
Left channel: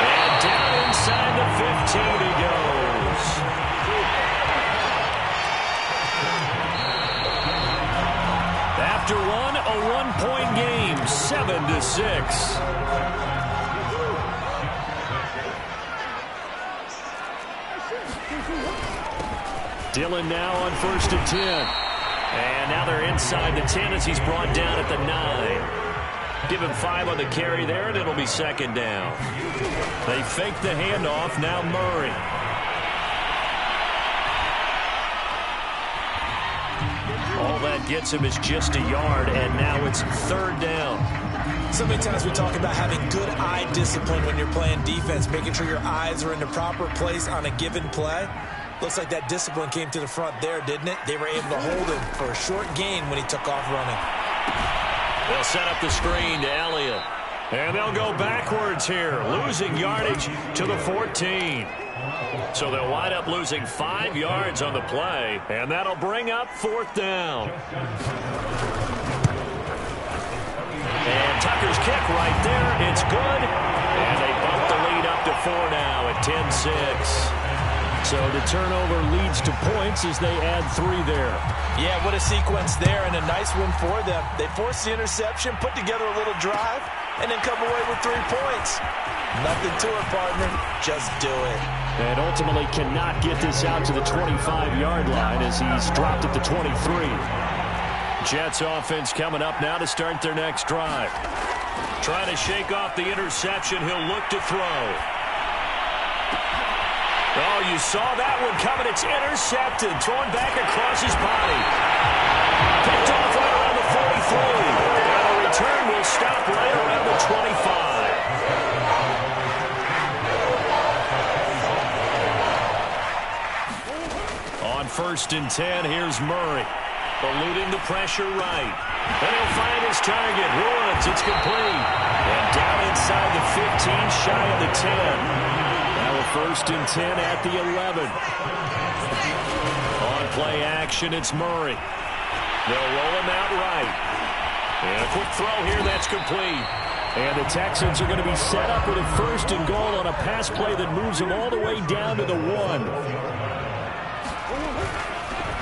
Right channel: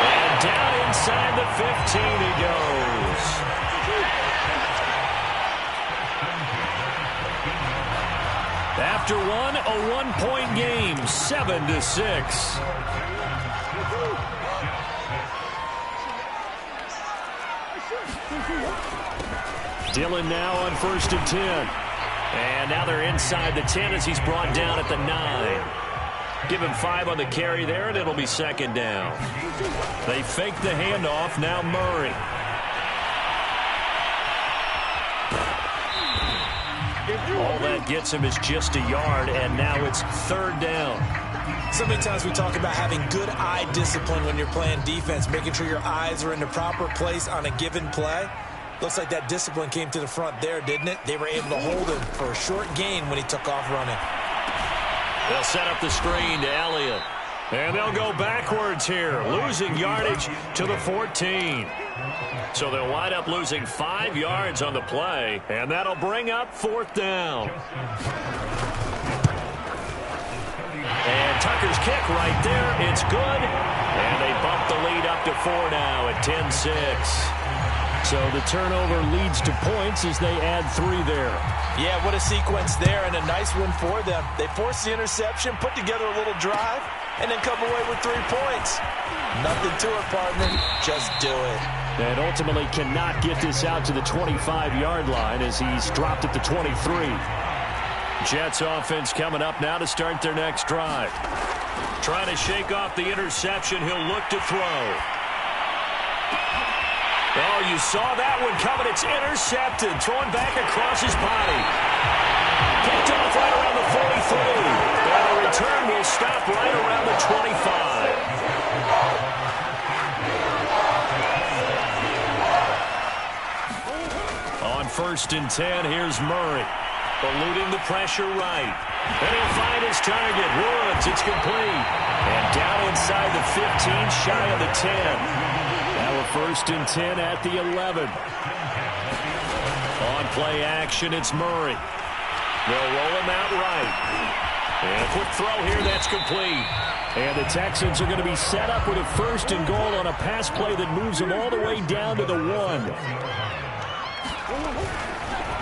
And down inside the 15 he goes. After one, a one-point game, 7-6. Dillon now on 1st and 10. And now they're inside the 10 as he's brought down at the 9. Give him 5 on the carry there, and it'll be 2nd down. They fake the handoff. Now Murray. All that gets him is just a yard, and now it's 3rd down. So many times we talk about having good eye discipline when you're playing defense, making sure your eyes are in the proper place on a given play. Looks like that discipline came to the front there, didn't it? They were able to hold him for a short gain when he took off running. They'll set up the screen to Elliott. And they'll go backwards here, losing yardage to the 14. So they'll wind up losing 5 yards on the play, and that'll bring up 4th down. And Tucker's kick right there. It's good. And they bump the lead up to 4 now at 10-6. So the turnover leads to points as they add 3 there. Yeah, what a sequence there, and a nice win for them. They forced the interception, put together a little drive, and then come away with 3 points. Nothing to it, partner. Just do it. And ultimately cannot get this out to the 25-yard line as he's dropped at the 23. Jets offense coming up now to start their next drive. Trying to shake off the interception. He'll look to throw. Oh, you saw that one coming. It's intercepted. Thrown back across his body. Picked off right around the 43. And the return will stop right around the 25. On 1st and 10, here's Murray. Eluding the pressure right. And he'll find his target. Woods, it's complete. And down inside the 15, shy of the 10. Now a 1st and 10 at the 11. On play action, it's Murray. They'll roll him out right. And a quick throw here, that's complete. And the Texans are going to be set up with a 1st and goal on a pass play that moves them all the way down to the 1.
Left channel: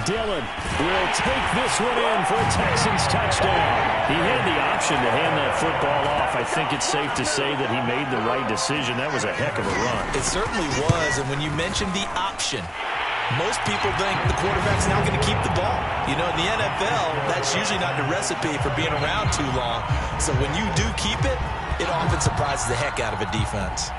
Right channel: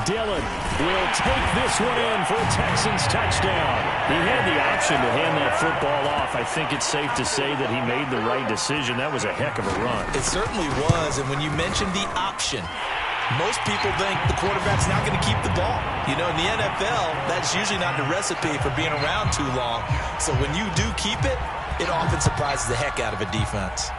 Dillon will take this one in for a Texans touchdown. He had the option to hand that football off. I think it's safe to say that he made the right decision. That was a heck of a run. It certainly was, and when you mentioned the option, most people think the quarterback's not going to keep the ball. You know, in the NFL, that's usually not the recipe for being around too long. So when you do keep it, it often surprises the heck out of a defense.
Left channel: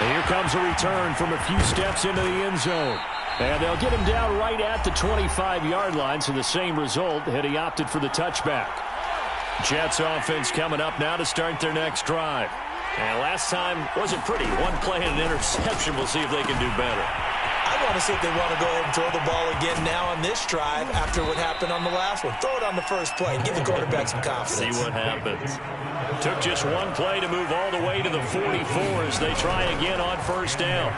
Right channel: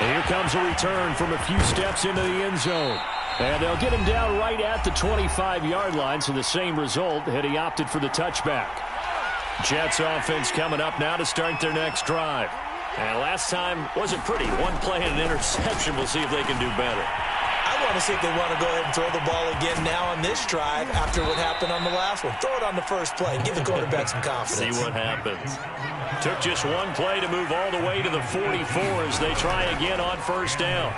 And here comes a return from a few steps into the end zone. And they'll get him down right at the 25-yard line, so the same result had he opted for the touchback. Jets offense coming up now to start their next drive. And last time wasn't pretty. One play and an interception. We'll see if they can do better. I want to see if they want to go ahead and throw the ball again now on this drive after what happened on the last one. Throw it on the first play. Give the quarterback some confidence. See what happens. Took just one play to move all the way to the 44 as they try again on 1st down.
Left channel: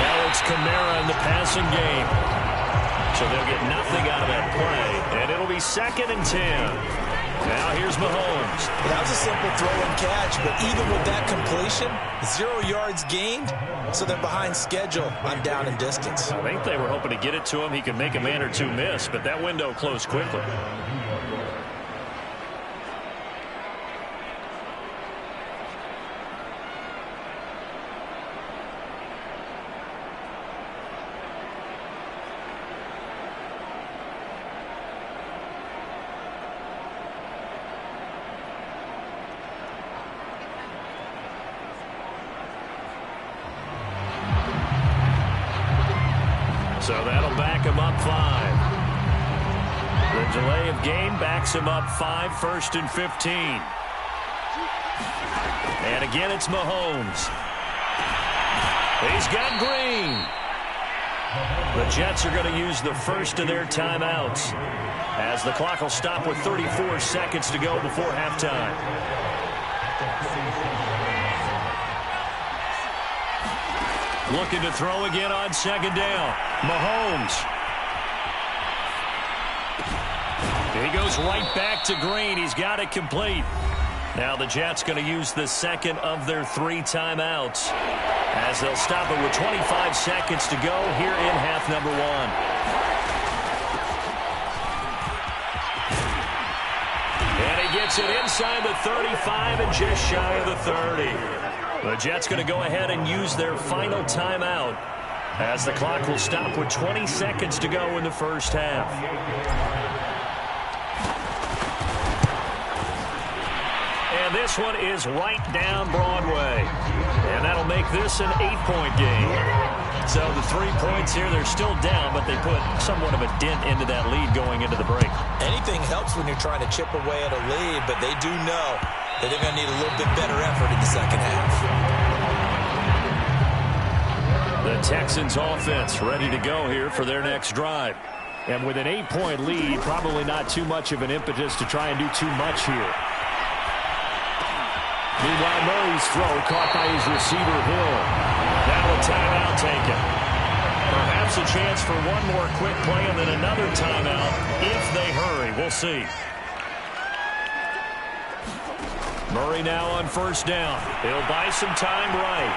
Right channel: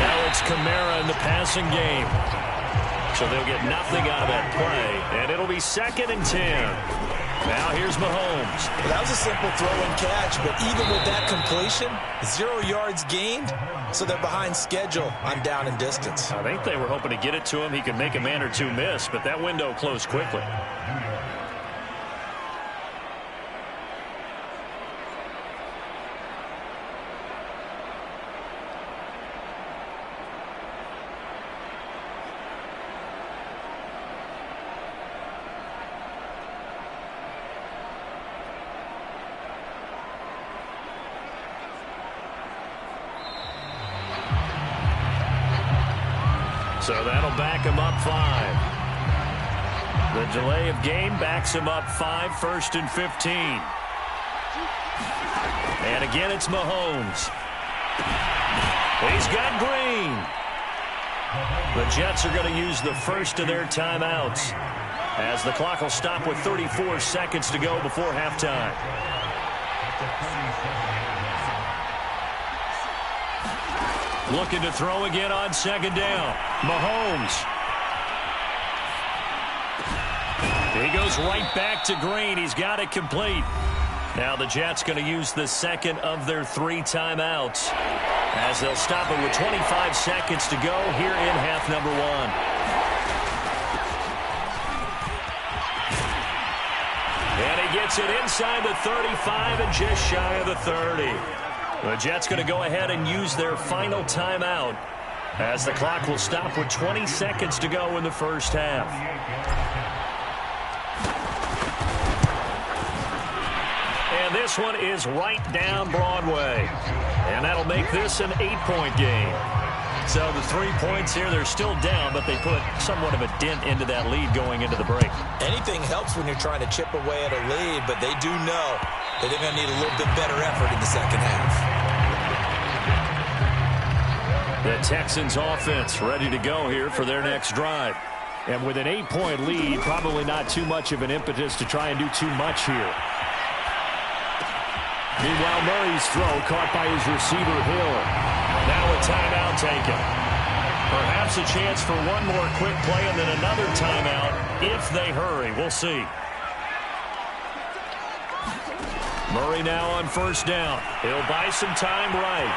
Now it's Kamara in the passing game. So they'll get nothing out of that play, and it'll be 2nd and 10. Now here's Mahomes. Well, that was a simple throw and catch, but even with that completion, 0 yards gained, so they're behind schedule on down and distance. I think they were hoping to get it to him. He could make a man or two miss, but that window closed quickly. So that'll back him up 5. The delay of game backs him up 5, 1st and 15. And again, it's Mahomes. He's got Green. The Jets are going to use the first of their timeouts, as the clock will stop with 34 seconds to go before halftime. Looking to throw again on 2nd down. Mahomes. He goes right back to Green. He's got it complete. Now the Jets going to use the second of their 3 timeouts, as they'll stop it with 25 seconds to go here in half number 1. And he gets it inside the 35 and just shy of the 30. The Jets going to go ahead and use their final timeout, as the clock will stop with 20 seconds to go in the first half. And this one is right down Broadway. And that'll make this an 8-point game. So the 3 points here, they're still down, but they put somewhat of a dent into that lead going into the break. Anything helps when you're trying to chip away at a lead, but they do know that they're going to need a little bit better effort in the second half. The Texans offense ready to go here for their next drive. And with an 8-point lead, probably not too much of an impetus to try and do too much here. Meanwhile, Murray's throw caught by his receiver, Hill. Now a timeout taken. Perhaps a chance for one more quick play and then another timeout if they hurry. We'll see. Murray now on 1st down. He'll buy some time right.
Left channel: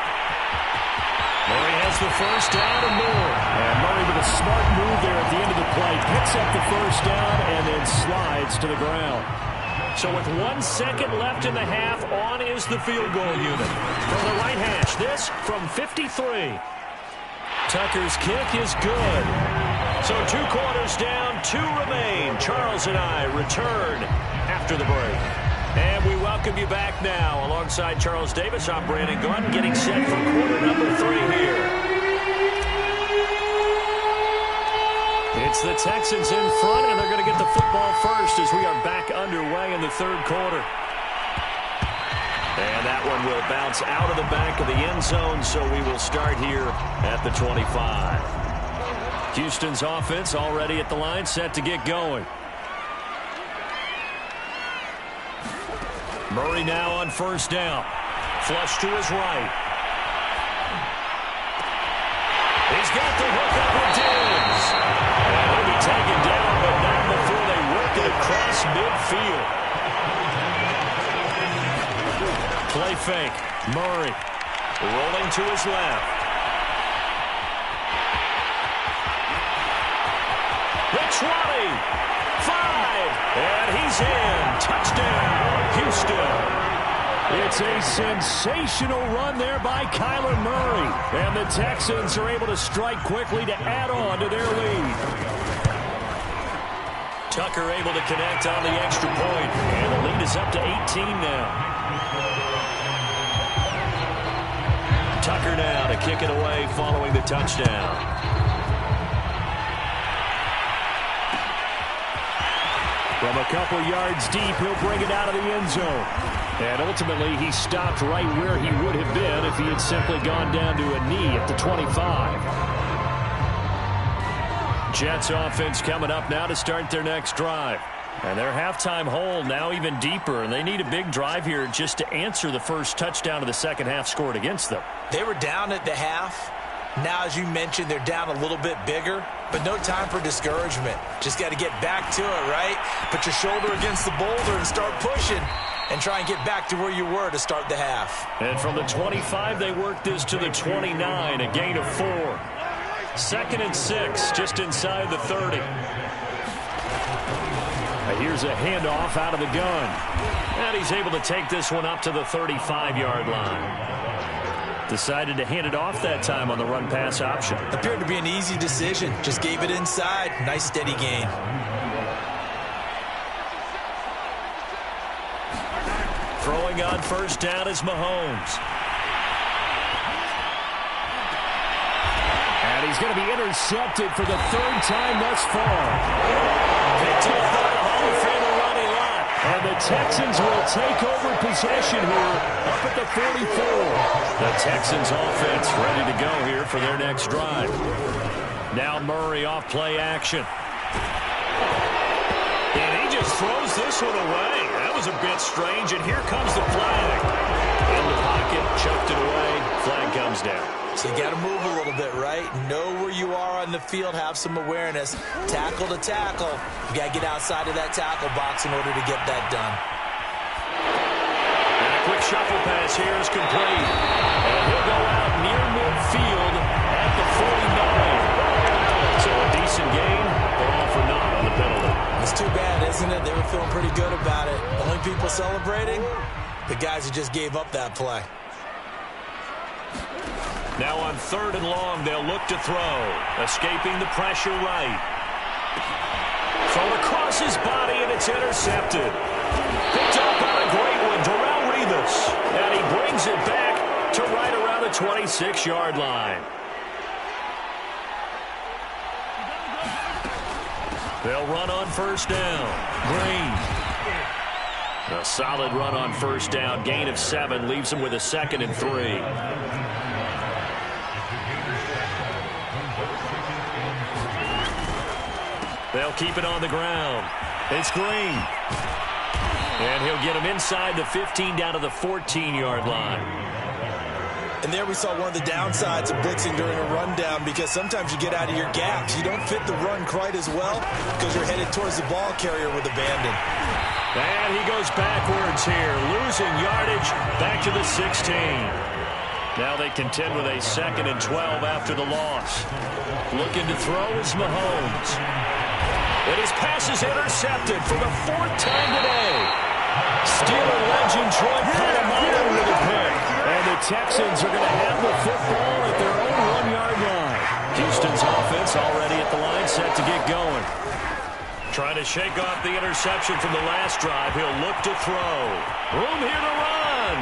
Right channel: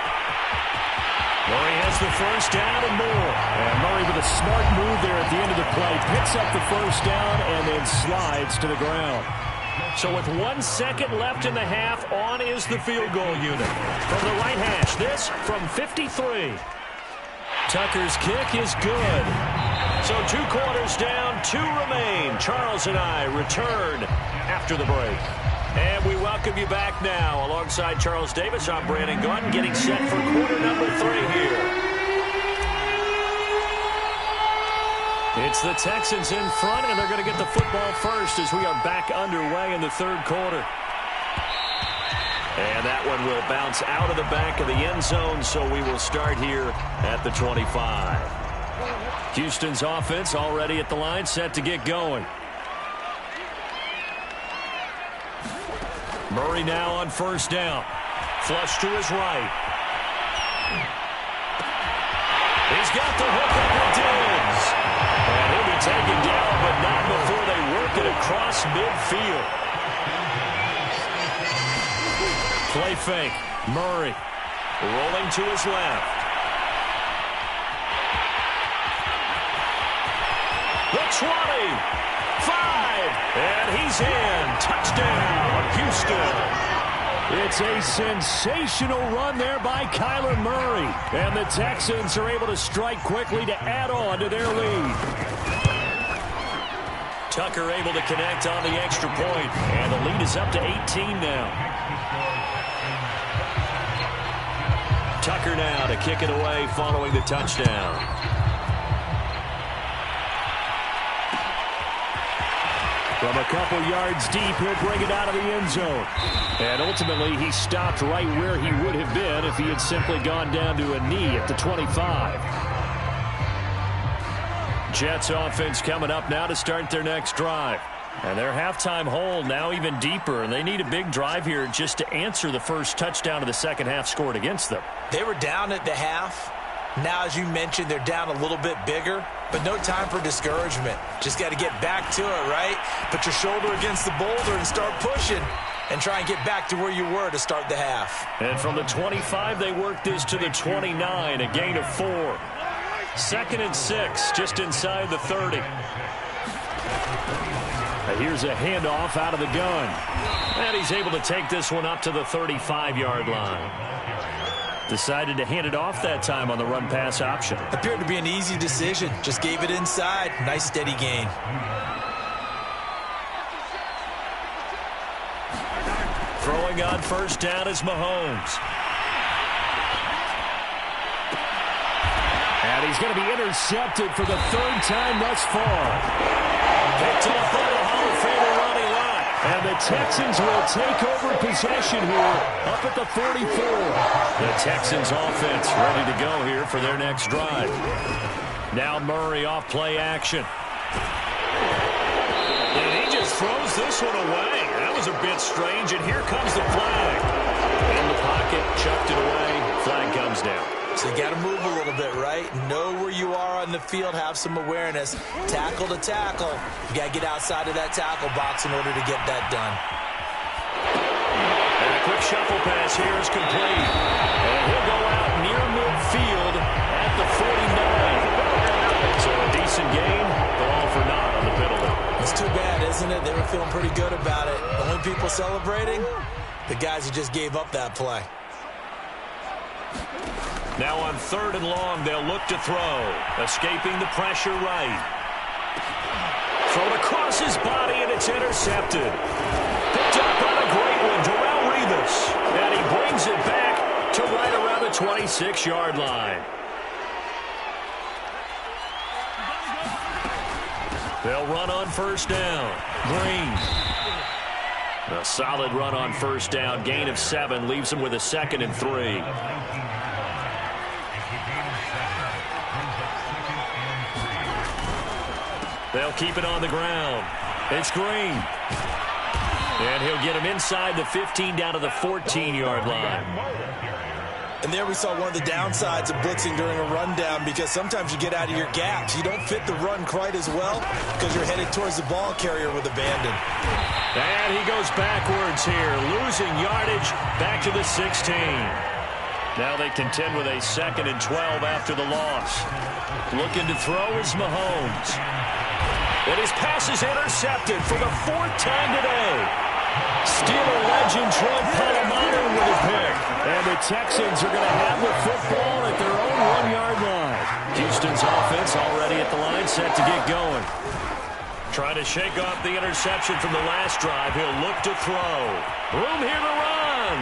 Murray has the 1st down and more. And Murray with a smart move there at the end of the play. Picks up the 1st down and then slides to the ground. So with 1 second left in the half, on is the field goal unit. From the right hash, this from 53. Tucker's kick is good. So 2 quarters down, 2 remain. Charles and I return after the break. And we welcome you back now. Alongside Charles Davis, I'm Brandon Gaudin, getting set for quarter number 3 here. It's the Texans in front, and they're going to get the football first as we are back underway in the 3rd quarter. And that one will bounce out of the back of the end zone, so we will start here at the 25. Houston's offense already at the line, set to get going. Murray now on 1st down. Flush to his right. He's got the hook up with Diggs. And he'll be taken down, but not before they work it across midfield. Play fake. Murray rolling to his left. The 20. 5. And he's in. Touchdown, Houston. It's a sensational run there by Kyler Murray. And the Texans are able to strike quickly to add on to their lead. Tucker able to connect on the extra point. And the lead is up to 18 now. Tucker now to kick it away following the touchdown. From a couple yards deep, he'll bring it out of the end zone. And ultimately, he stopped right where he would have been if he had simply gone down to a knee at the 25. Jets offense coming up now to start their next drive. And their halftime hole now even deeper, and they need a big drive here just to answer the first touchdown of the second half scored against them. They were down at the half. Now, as you mentioned, they're down a little bit bigger, but no time for discouragement. Just got to get back to it, right? Put your shoulder against the boulder and start pushing and try and get back to where you were to start the half. And from the 25, they worked this to the 29, a gain of 4. 2nd and 6, just inside the 30. Here's a handoff out of the gun. And he's able to take this one up to the 35-yard line. Decided to hand it off that time on the run-pass option. Appeared to be an easy decision. Just gave it inside. Nice steady gain. Throwing on 1st down is Mahomes. Has And he's going to be intercepted for the third time thus far. Picked off by the Hall of Famer Ronnie Lott. And the Texans will take over possession here up at the 44. The Texans offense ready to go here for their next drive. Now Murray off play action. And he just throws this one away. That was a bit strange, and here comes the flag. In the pocket, chucked it away. Flag comes down. So you got to move a little bit, right? Know where you are on the field. Have some awareness. Tackle to tackle. You got to get outside of that tackle box in order to get that done. And a quick shuffle pass here is complete. And he'll go out near midfield at the 49. So a decent gain, but all for naught on the penalty. It's too bad, isn't it? They were feeling pretty good about it. The only people celebrating, the guys who just gave up that play. Now on 3rd and long, they'll look to throw. Escaping the pressure right. Thrown across his body, and it's intercepted. Picked up on a great one, Darrelle Revis. And he brings it back to right around the 26-yard line. They'll run on 1st down. Green. A solid run on 1st down. Gain of 7 leaves him with a 2nd and 3. They'll keep it on the ground. It's Green. And he'll get him inside the 15 down to the 14-yard line. And there we saw one of the downsides of blitzing during a rundown, because sometimes you get out of your gaps. You don't fit the run quite as well because you're headed towards the ball carrier with abandon. And he goes backwards here, losing yardage back to the 16. Now they contend with a 2nd and 12 after the loss. Looking to throw is Mahomes. And his pass is intercepted for the 4th time today. Steeler legend Troy Polamalu with a pick. And the Texans are going to have the football at their own 1-yard line. Houston's offense already at the line, set to get going. Trying to shake off the interception from the last drive. He'll look to throw. Room here to run.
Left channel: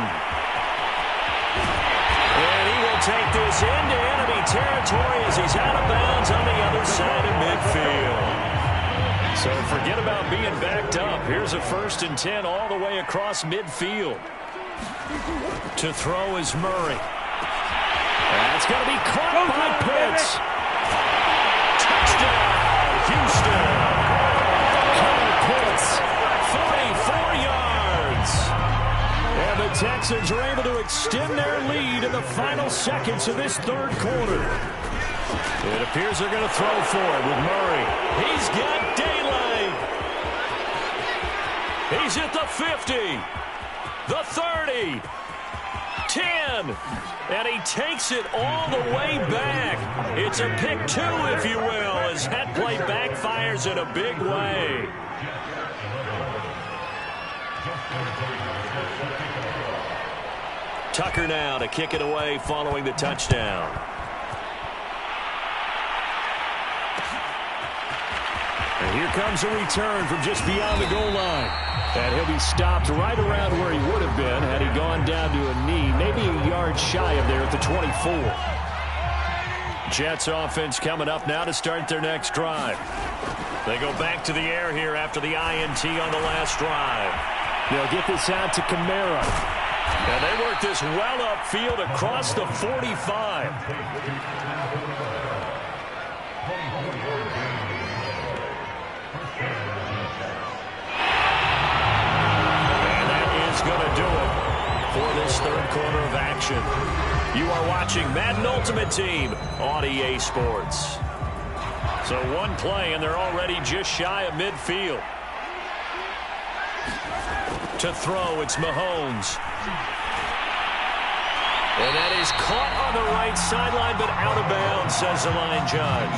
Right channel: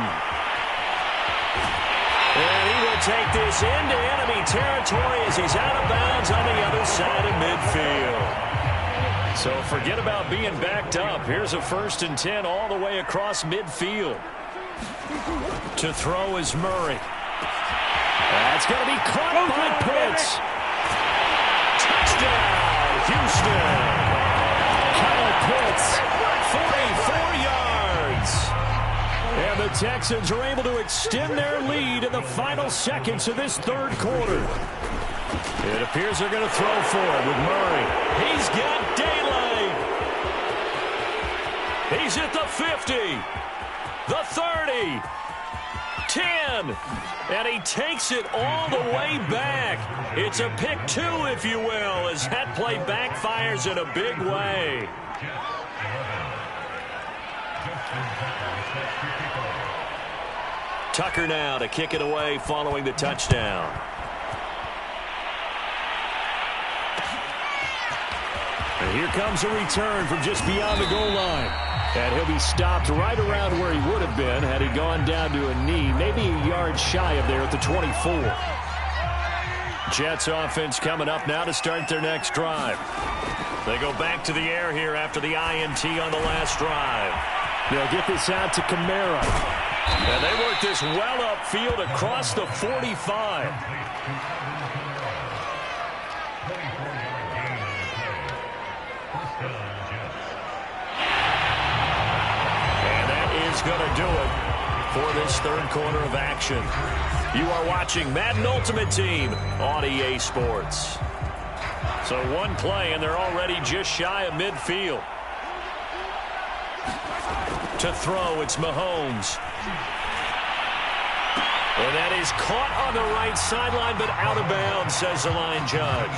And he will take this into enemy territory as he's out of bounds on the other side of midfield. So forget about being backed up. Here's a 1st and 10 all the way across midfield. To throw is Murray. That's going to be caught by Pitts. Touchdown, Houston. Kyle Pitts. 44 yards. And the Texans are able to extend their lead in the final seconds of this 3rd quarter. It appears they're going to throw for it with Murray. He's got daylight. He's at the 50, the 30, 10, and he takes it all the way back. It's a pick 2, if you will, as that play backfires in a big way. Tucker now to kick it away following the touchdown. And here comes a return from just beyond the goal line. And he'll be stopped right around where he would have been had he gone down to a knee, maybe a yard shy of there at the 24. Jets offense coming up now to start their next drive. They go back to the air here after the INT on the last drive. They'll get this out to Kamara. And they work this well upfield across the 45. Is going to do it for this 3rd quarter of action. You are watching Madden Ultimate Team on EA Sports. So one play, and they're already just shy of midfield. To throw, it's Mahomes. And that is caught on the right sideline, but out of bounds, says the line judge.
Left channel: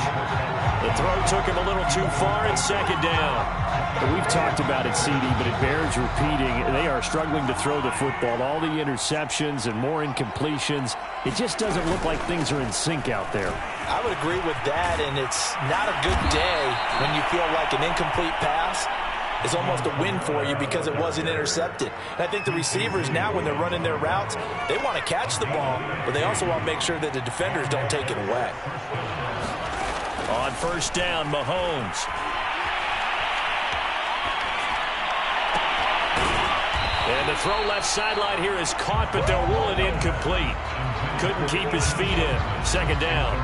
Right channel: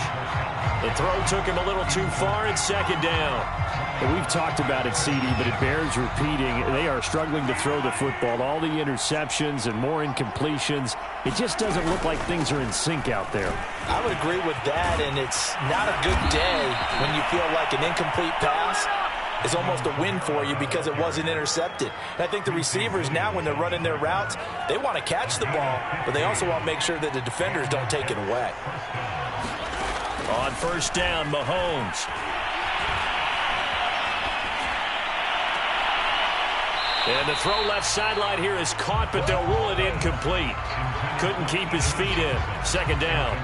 The throw took him a little too far. It's 2nd down. We've talked about it, CD, but it bears repeating. They are struggling to throw the football. All the interceptions and more incompletions. It just doesn't look like things are in sync out there. I would agree with that, and it's not a good day when you feel like an incomplete pass is almost a win for you because it wasn't intercepted. And I think the receivers now, when they're running their routes, they want to catch the ball, but they also want to make sure that the defenders don't take it away. On first down, Mahomes. And the throw left sideline here is caught, but they'll rule it incomplete. Couldn't keep his feet in. Second down.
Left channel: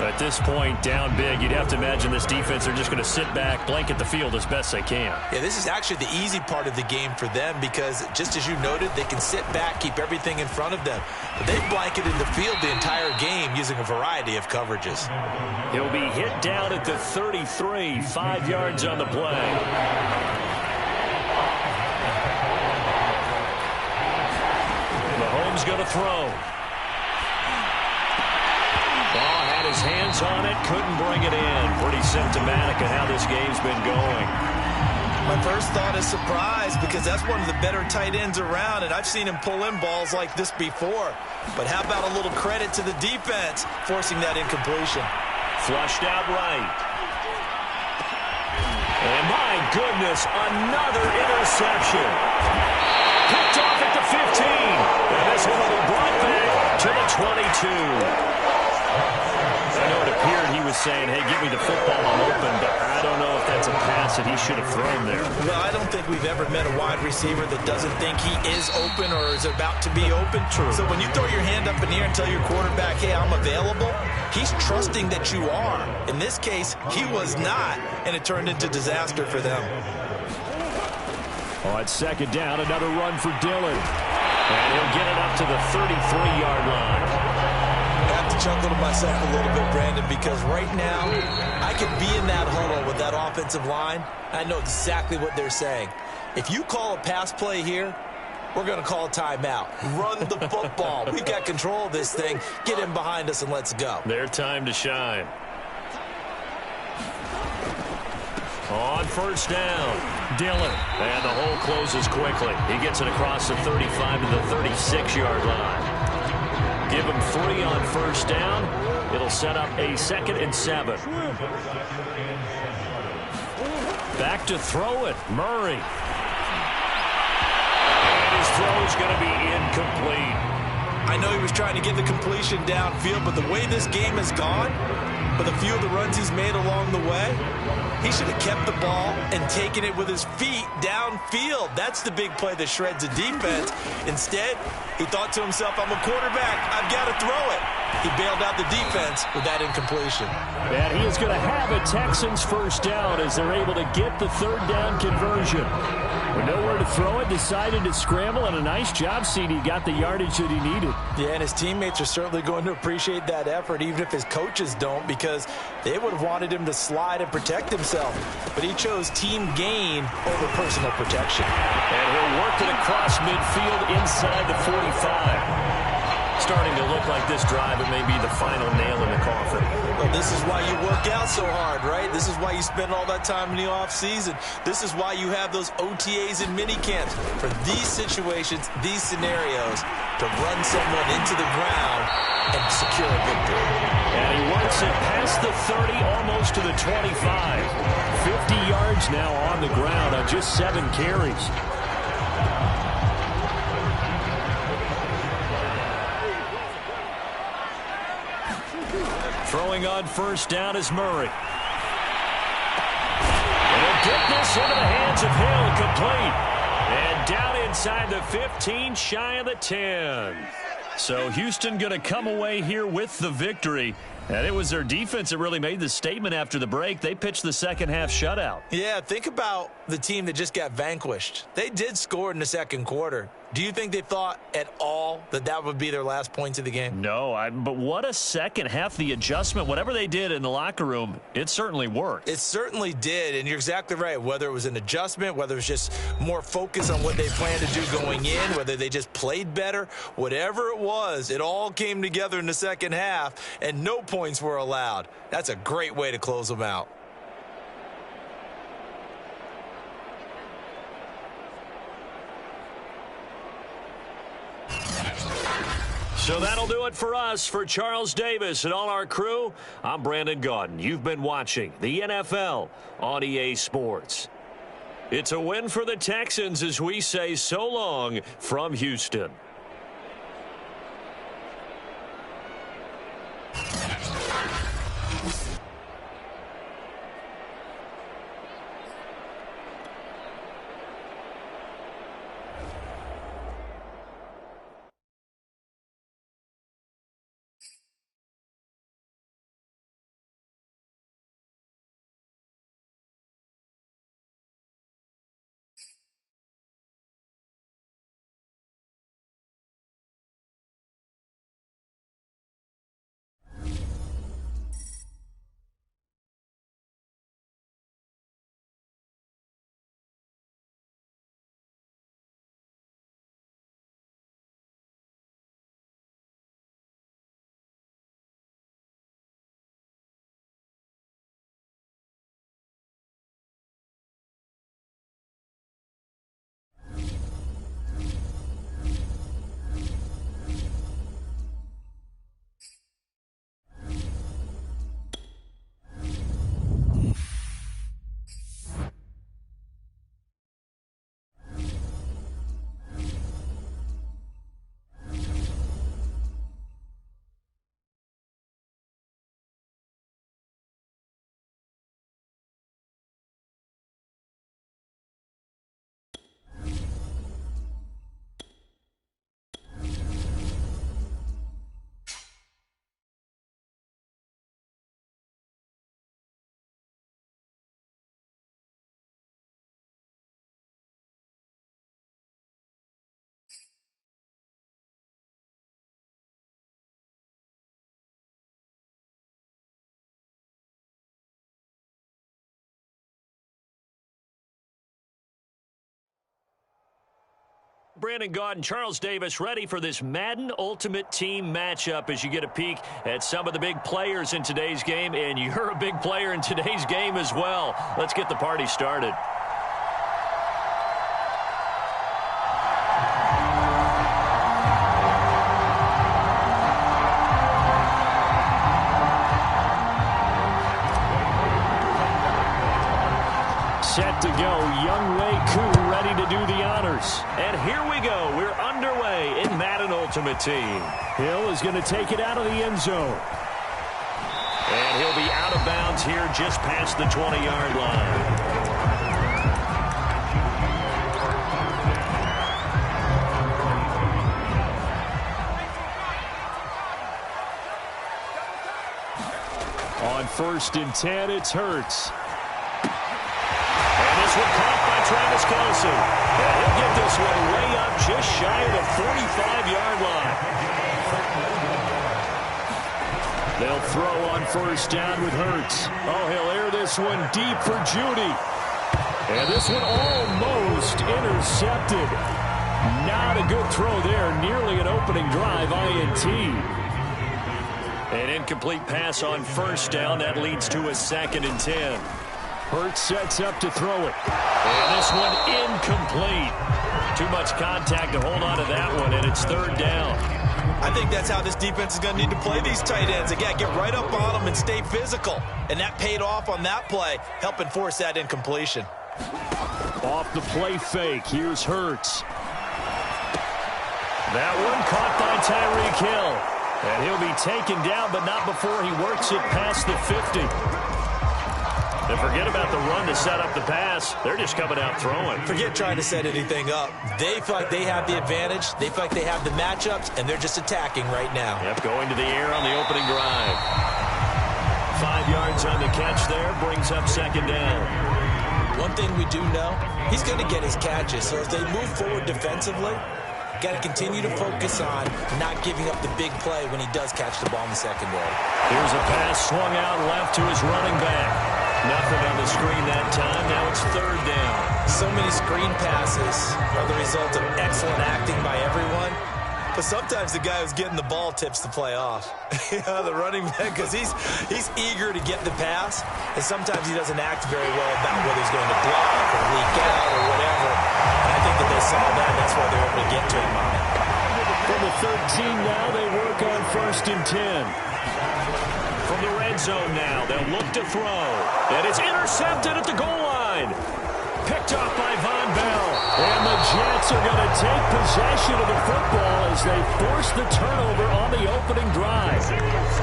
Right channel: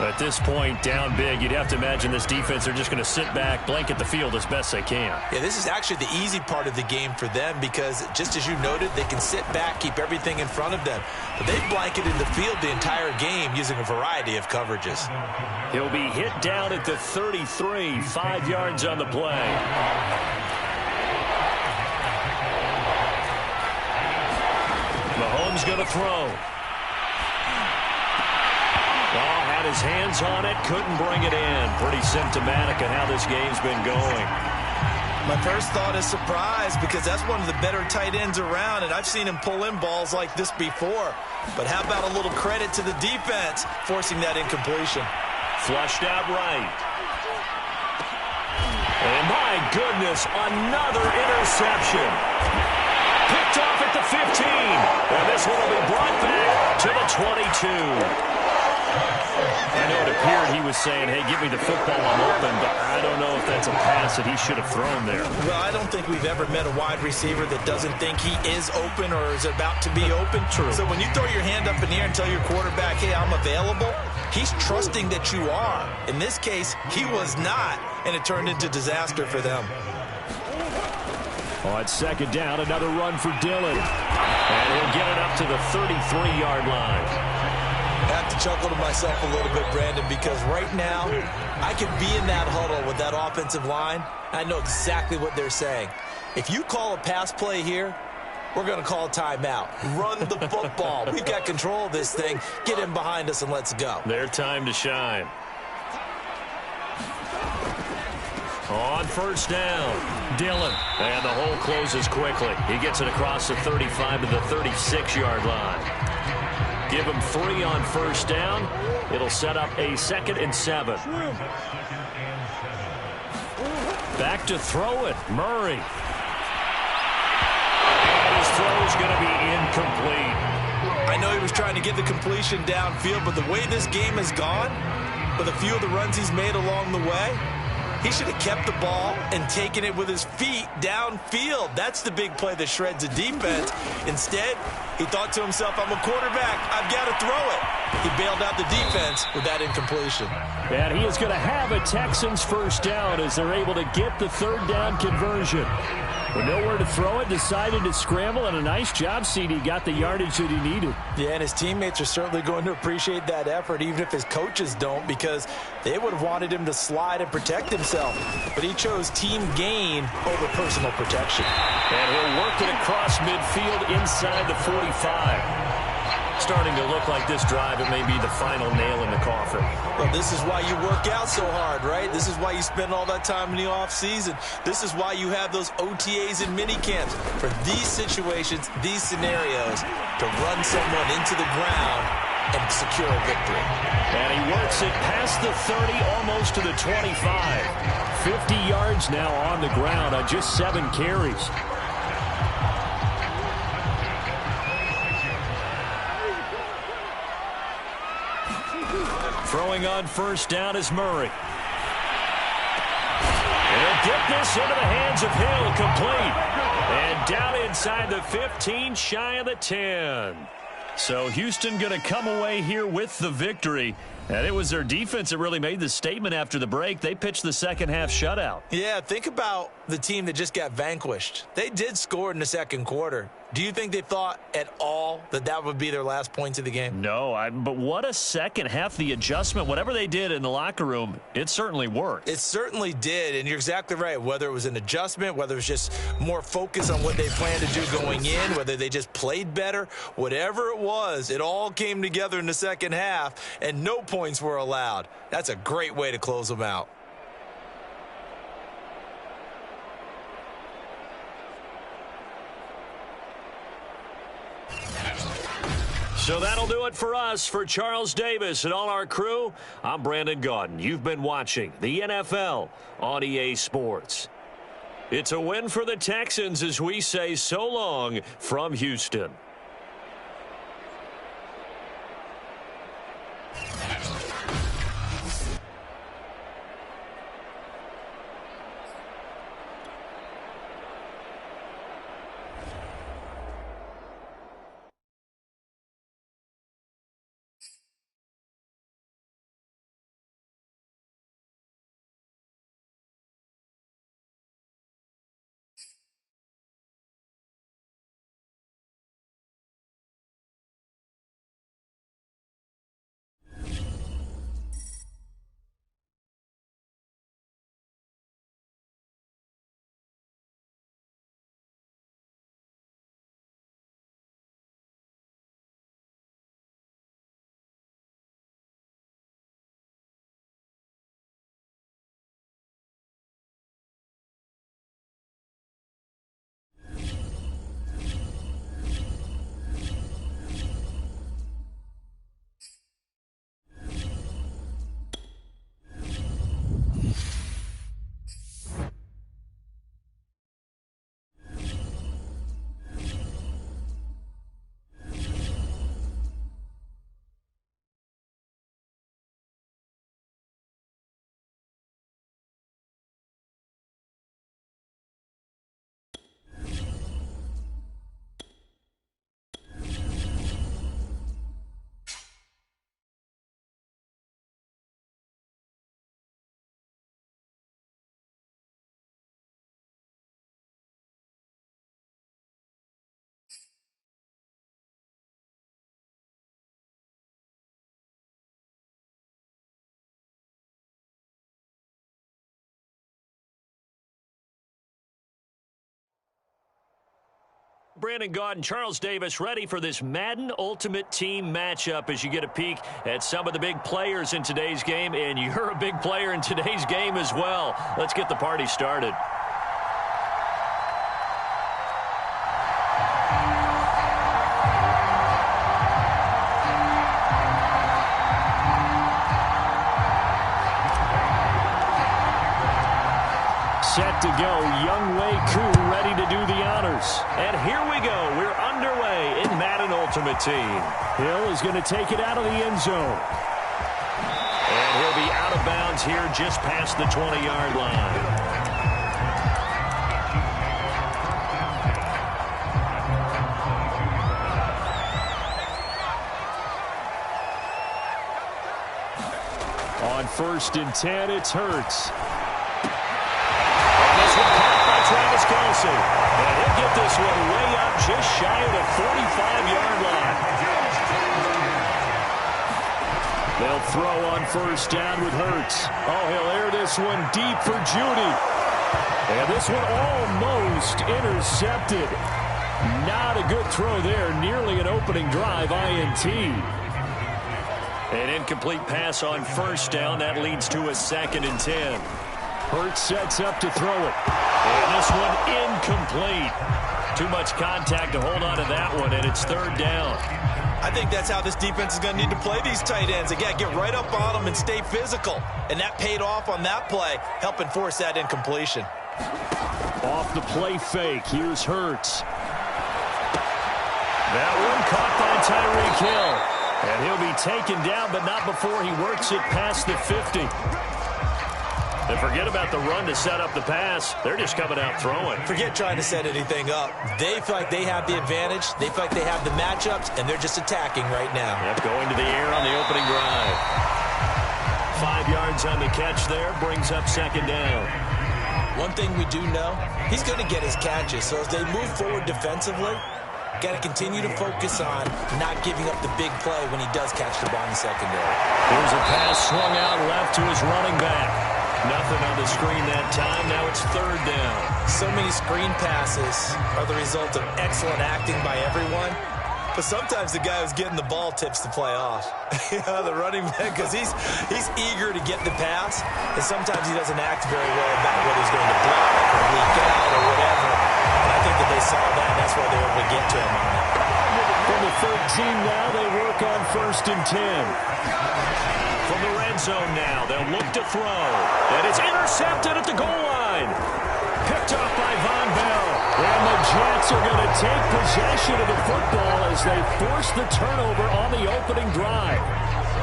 At this point, down big, you'd have to imagine this defense are just going to sit back, blanket the field as best they can. Yeah, this is actually the easy part of the game for them because, just as you noted, they can sit back, keep everything in front of them. But they've blanketed the field the entire game using a variety of coverages. He'll be hit down at the 33, 5 yards on the play. Mahomes going to throw. Ball had his hands on it, couldn't bring it in. Pretty symptomatic of how this game's been going. My first thought is surprise because that's one of the better tight ends around, and I've seen him pull in balls like this before. But how about a little credit to the defense forcing that incompletion? Flushed out right. And my goodness, another interception. Picked off at the 15. And this one will be brought back to the 22. I know it appeared he was saying, hey, give me the football, I'm open, but I don't know if that's a pass that he should have thrown there. Well, I don't think we've ever met a wide receiver that doesn't think he is open or is about to be open. True. So when you throw your hand up in the air and tell your quarterback, hey, I'm available, he's trusting that you are. In this case, he was not, and it turned into disaster for them. On second down, another run for Dillon. And he'll get it up to the 33-yard line. I have to chuckle to myself a little bit, Brandon, because right now I could be in that huddle with that offensive line. I know exactly what they're saying. If you call a pass play here, we're going to call a timeout. Run the football. We've got control of this thing. Get in behind us and let's go. Their time to shine. On first down, Dillon. And the hole closes quickly. He gets it across the 35 to the 36-yard line. Give him 3 on first down. It'll set up a 2nd and 7. Back to throw it, Murray. And his throw's going to be incomplete. I know he was trying to get the completion downfield, but the way this game has gone, with a few of the runs he's made along the way, he should have kept the ball and taken it with his feet downfield. That's the big play that shreds a defense. Instead, he thought to himself, I'm a quarterback. I've got to throw it. He bailed out the defense with that incompletion. And he is going to have a Texans first down as they're able to get the third down conversion. With nowhere to throw it, decided to scramble, and a nice job, CD. Got the yardage that he needed. Yeah, and his teammates are certainly going to appreciate that effort, even if his coaches don't, because they would have wanted him to slide and protect himself. But he chose team gain over personal protection. And he'll work it across midfield inside the 45. Starting to look like this drive, it may be the final nail in the coffin. Well, this is why you work out so hard, right? This is why you spend all that time in the offseason. This is why you have those OTAs and mini camps for these situations, these scenarios, to run someone into the ground and secure a victory. And he works it past the 30, almost to the 25. 50 yards now on the ground on just 7 carries. Throwing on first down is Murray. And he'll get this into the hands of Hill, complete. And down inside the 15, shy of the 10. So Houston going to come away here with the victory. And it was their defense that really made the statement after the break. They pitched the second half shutout. Yeah, think about the team that just got vanquished. They did score in the second quarter. Do you think they thought at all that that would be their last points of the game? No, but what a second half. The adjustment, whatever they did in the locker room, it certainly worked. It certainly did, and you're exactly right. Whether it was an adjustment, whether it was just more focus on what they planned to do going in, whether they just played better, whatever it was, it all came together in the second half, and no points were allowed. That's a great way to close them out. So that'll do it for us. For Charles Davis and all our crew, I'm Brandon Gaudin. You've been watching the NFL on EA Sports. It's a win for the Texans as we say so long from Houston. Brandon Gaudin, Charles Davis, ready for this Madden Ultimate Team matchup as you get a peek at some of the big players in today's game, and you're a big player in today's game as well. Let's get the party started. Set to go, Younghoe Koo ready to do the honors. And here we go. We're underway in Madden Ultimate Team. Hill is going to take it out of the end zone. And he'll be out of bounds here just past the 20-yard line. On 1st and 10, it's Hurts. And this one caught by Travis Kelce. And he'll get this one way up just shy of the 45-yard line. They'll throw on 1st down with Hurts. Oh, he'll air this one deep for Judy. And this one almost intercepted. Not a good throw there. Nearly an opening drive INT. An incomplete pass on 1st down. That leads to a 2nd and 10. Hurts sets up to throw it. And this one incomplete. Too much contact to hold on to that one, and it's 3rd down. I think that's how this defense is going to need to play these tight ends. Again, get right up on them and stay physical. And that paid off on that play, helping force that incompletion. Off the play fake, here's Hurts. That one caught by Tyreek Hill. And he'll be taken down, but not before he works it past the 50. And forget about the run to set up the pass. They're just coming out throwing. Forget trying to set anything up. They feel like they have the advantage. They feel like they have the matchups, and they're just attacking right now. Yep, going to the air on the opening drive. 5 yards on the catch there, brings up 2nd down. One thing we do know, he's going to get his catches. So as they move forward defensively, got to continue to focus on not giving up the big play when he does catch the ball in the secondary. Here's a pass swung out left to his running back. Nothing on the screen that time. Now it's 3rd down. So many screen passes are the result of excellent acting by everyone. But sometimes the guy who's getting the ball tips the play off. The running back, because he's eager to get the pass. And sometimes he doesn't act very well about whether he's going to block or leak out or whatever. And I think that they saw that, and that's why they were able to get to him on it. From the 13 now, they work on 1st and 10. From the red zone now, they'll look to throw. And it's intercepted at the goal line. Picked off by Von Bell. And the Jets are going to take possession of the football as they force the turnover on the opening drive.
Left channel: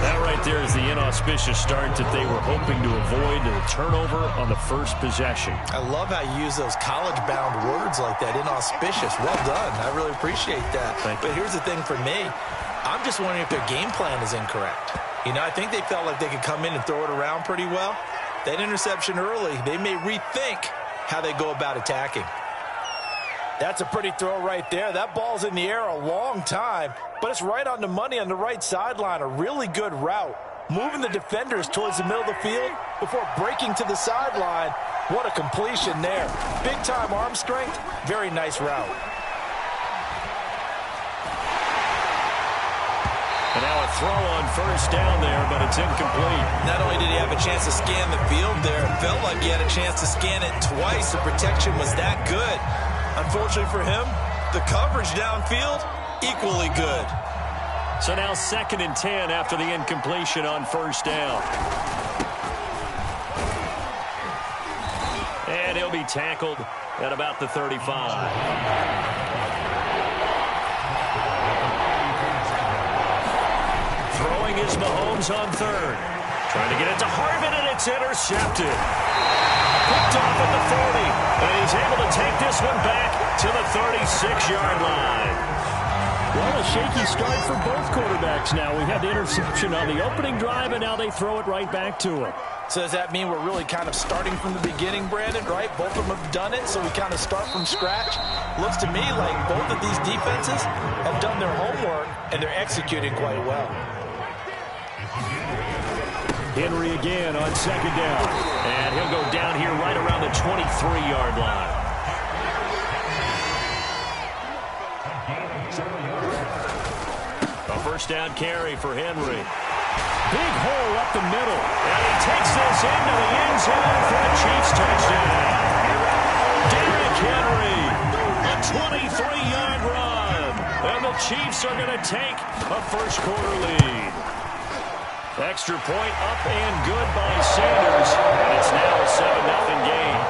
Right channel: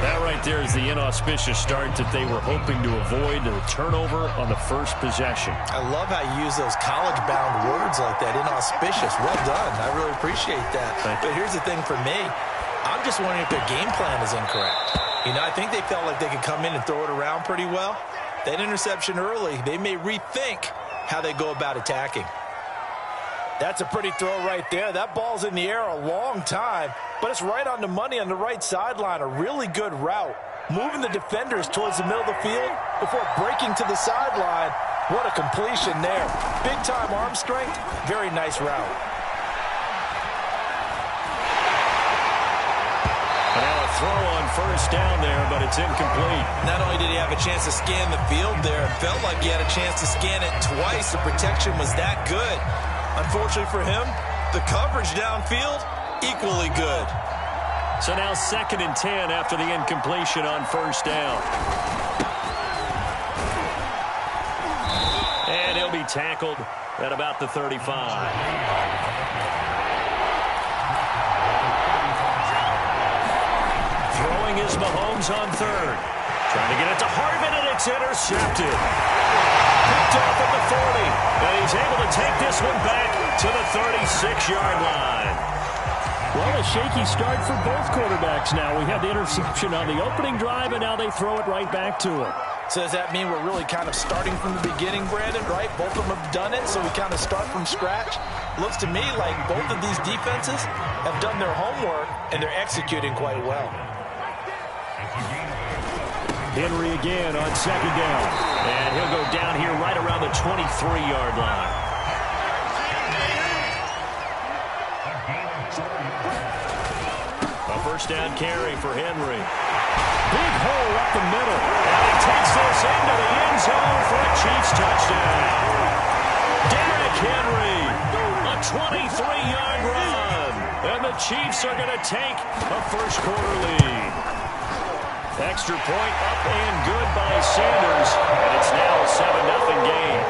That right there is the inauspicious start that they were hoping to avoid, the turnover on the first possession. I love how you use those college-bound words like that, inauspicious. Well done. I really appreciate that. But here's the thing for me. I'm just wondering if their game plan is incorrect. You know, I think they felt like they could come in and throw it around pretty well. That interception early, they may rethink how they go about attacking. That's a pretty throw right there. That ball's in the air a long time, but it's right on the money on the right sideline. A really good route. Moving the defenders towards the middle of the field before breaking to the sideline. What a completion there. Big-time arm strength. Very nice route. And now a throw on 1st down there, but it's incomplete. Not only did he have a chance to scan the field there, it felt like he had a chance to scan it twice. The protection was that good. Unfortunately for him, the coverage downfield, equally good. So now 2nd and 10 after the incompletion on 1st down. And he'll be tackled at about the 35. Throwing is Mahomes on 3rd. Trying to get it to Harvin, and it's intercepted. Picked off at the 40. And he's able to take this one back to the 36-yard line. Well, a shaky start for both quarterbacks now. We had the interception on the opening drive, and now they throw it right back to him. So does that mean we're really kind of starting from the beginning, Brandon, right? Both of them have done it, so we kind of start from scratch. Looks to me like both of these defenses have done their homework, and they're executing quite well. Henry again on 2nd down. And he'll go down here right around the 23-yard line. A first down carry for Henry. Big hole up the middle. And he takes this into the end zone for a Chiefs touchdown. Derrick Henry, a 23-yard run. And the Chiefs are going to take a first-quarter lead. Extra point up and good by Sanders. And it's now a 7-0 game.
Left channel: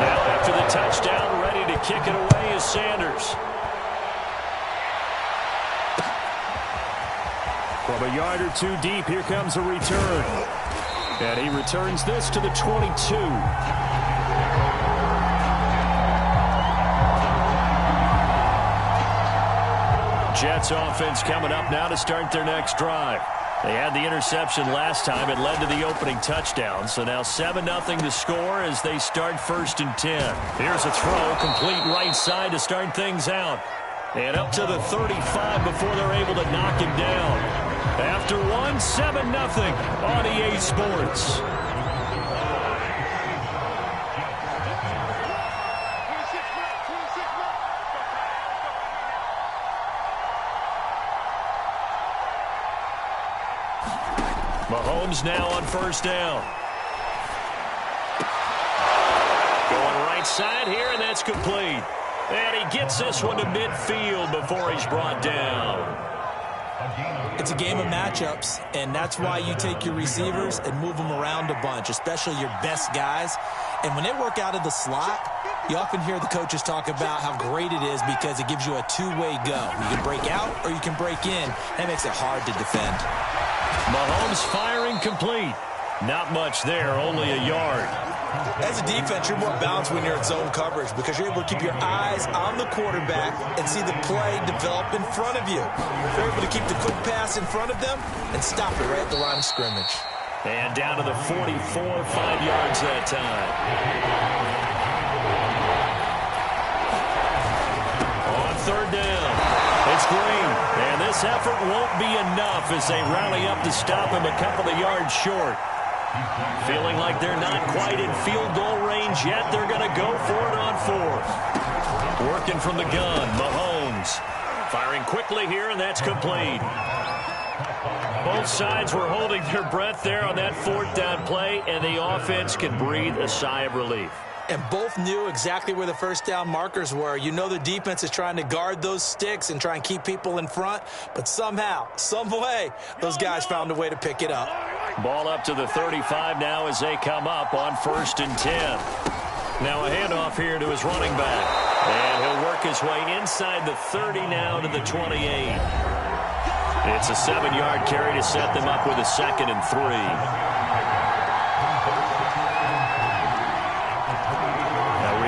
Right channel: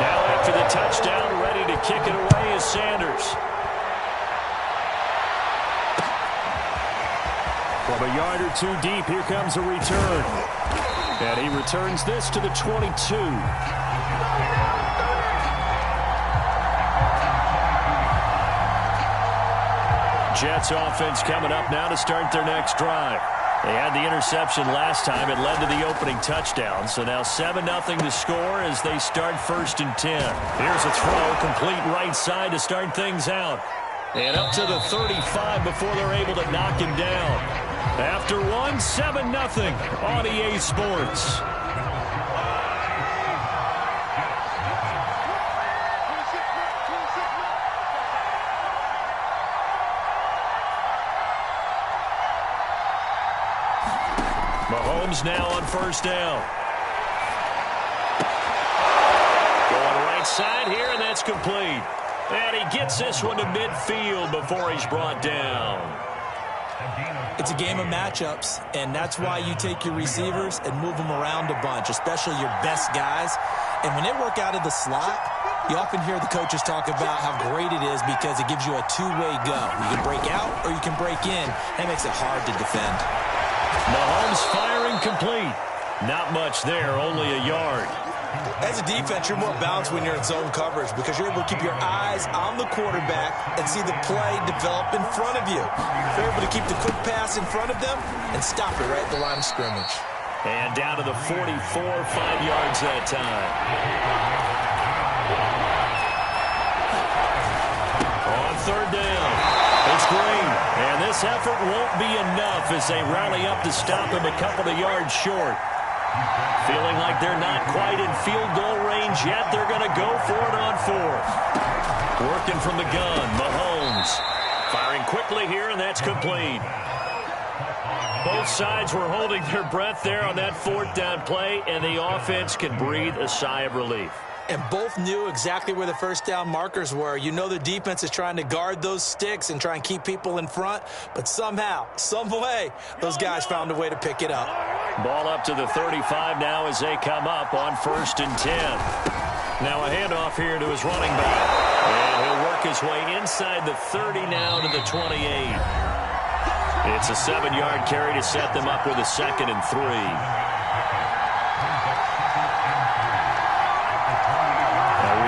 Now after the touchdown, ready to kick it away is Sanders. From a yard or two deep, here comes a return. And he returns this to the 22. Jets offense coming up now to start their next drive. They had the interception last time. It led to the opening touchdown. So now 7-0 to score as they start 1st and 10. Here's a throw, complete right side to start things out. And up to the 35 before they're able to knock him down. After 7-0 on EA Sports. Mahomes now on first down. Going right side here, and that's complete. And he gets this one to midfield before he's brought down. It's a game of matchups, and that's why you take your receivers and move them around a bunch, especially your best guys. And when they work out of the slot, you often hear the coaches talk about how great it is because it gives you a two-way go. You can break out or you can break in. That makes it hard to defend. Mahomes firing complete. Not much there, only a yard. As a defense, you're more balanced when you're in zone coverage because you're able to keep your eyes on the quarterback and see the play develop in front of you. You're able to keep the quick pass in front of them and stop it right at the line of scrimmage. And down to the 44, 5 yards that time. On third down, it's Green. And this effort won't be enough as they rally up to stop him a couple of yards short. Feeling like they're not quite in field goal range yet. They're going to go for it on fourth. Working from the gun, Mahomes. Firing quickly here, and that's complete. Both sides were holding their breath there on that fourth down play, and the offense can breathe a sigh of relief. And both knew exactly where the first down markers were. You know the defense is trying to guard those sticks and try and keep people in front, but somehow, some way, those guys found a way to pick it up. Ball up to the 35 now as they come up on 1st and 10. Now a handoff here to his running back. And he'll work his way inside the 30 now to the 28. It's a 7-yard carry to set them up with a 2nd and 3.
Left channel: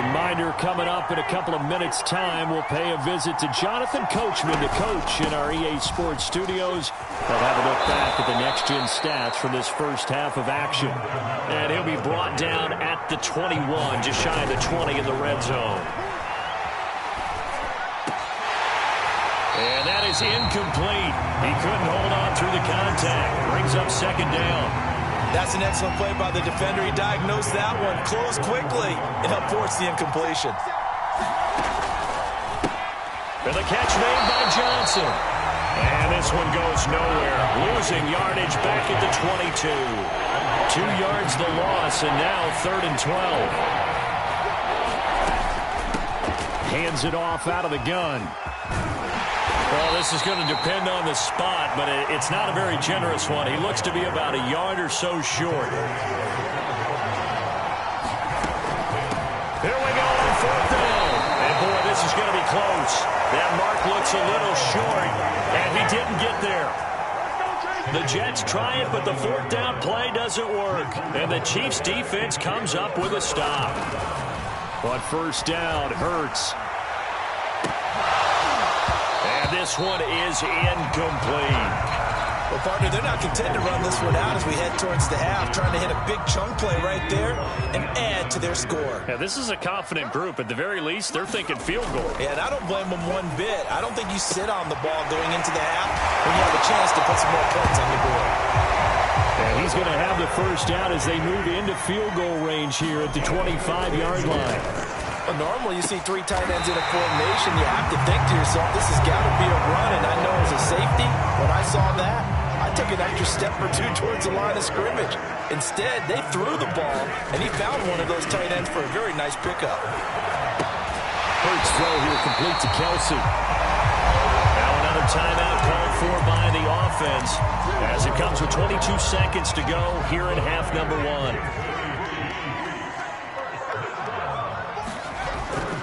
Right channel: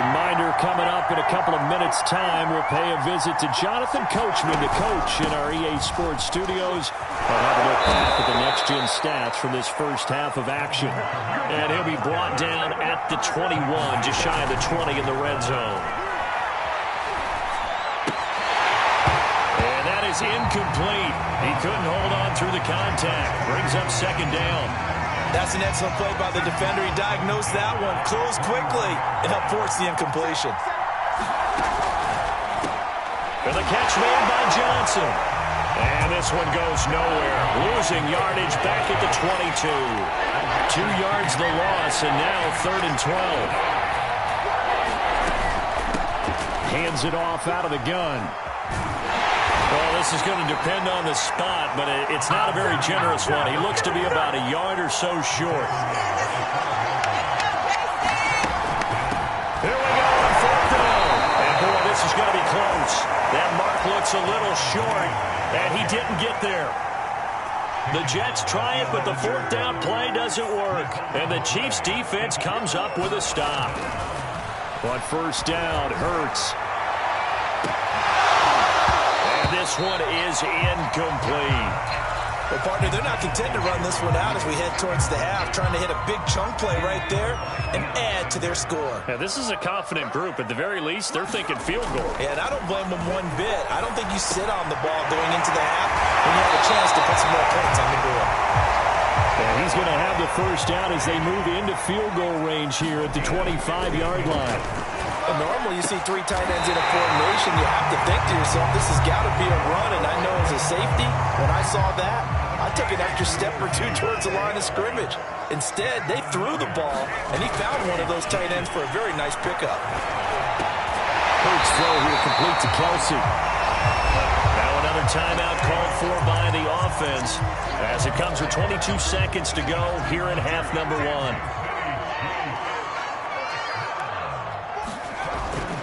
Reminder coming up in a couple of minutes' time. We'll pay a visit to Jonathan Coachman, the coach in our EA Sports studios. He'll have a look back at the next-gen stats from this first half of action. And he'll be brought down at the 21, just shy of the 20 in the red zone. And that is incomplete. He couldn't hold on through the contact. Brings up 2nd down. That's an excellent play by the defender. He diagnosed that one, closed quickly, and helped force the incompletion. And the catch made by Johnson. And this one goes nowhere. Losing yardage back at the 22. 2 yards the loss, and now 3rd and 12. Hands it off out of the gun. Well, this is going to depend on the spot, but it's not a very generous one. He looks to be about a yard or so short. Here we go on 4th down. And, boy, this is going to be close. That mark looks a little short, and he didn't get there. The Jets try it, but the 4th down play doesn't work. And the Chiefs' defense comes up with a stop. On 1st down, Hurts. This one is incomplete. Well, partner, they're not content to run this one out as we head towards the half, trying to hit a big chunk play right there and add to their score. Yeah, this is a confident group. At the very least, they're thinking field goal. Yeah, and I don't blame them one bit. I don't think you sit on the ball going into the half when you have a chance to put some more points on the board. And he he's going to have the first down as they move into field goal range here at the 25-yard line. Well, normally you see three tight ends in a formation. You have to think to yourself, this has got to be a run. And I know as a safety, when I saw that, I took an extra step or two towards the line of scrimmage. Instead, they threw the ball, and he found one of those tight ends for a very nice pickup. Hurts throw here complete to Kelsey. Now another timeout called for by the offense as it comes with 22 seconds to go here in half number one.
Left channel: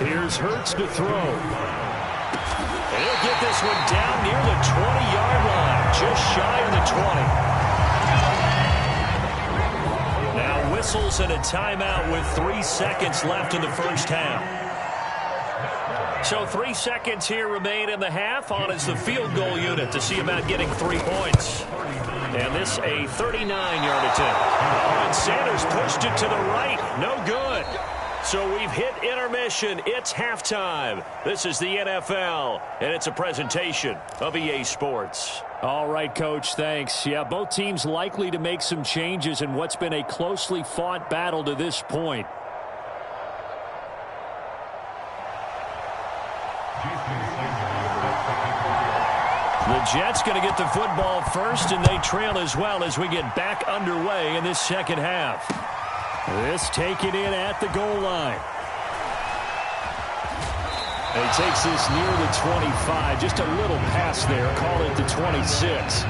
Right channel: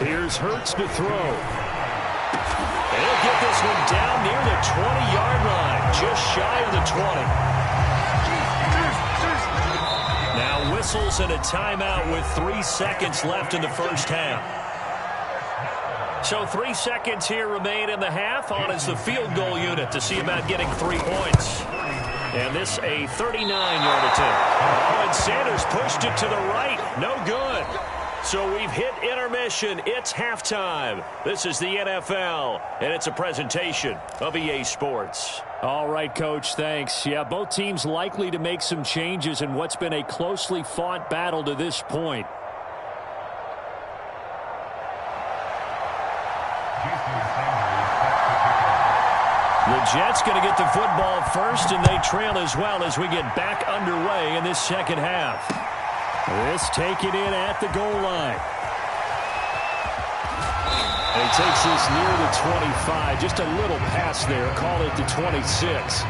Here's Hurts to throw. And he'll get this one down near the 20-yard line, just shy of the 20. Now whistles and a timeout with 3 seconds left in the first half. So 3 seconds here remain in the half. On is the field goal unit to see about getting 3 points. And this a 39-yard attempt. Oh, and Sanders pushed it to the right. No good. So we've hit intermission. It's halftime. This is the NFL, and it's a presentation of EA Sports. All right, Coach, thanks. Yeah, both teams likely to make some changes in what's been a closely fought battle to this point. The Jets going to get the football first, and they trail as well as we get back underway in this second half. This taken in at the goal line. And he takes this near the 25. Just a little pass there. Call it the 26.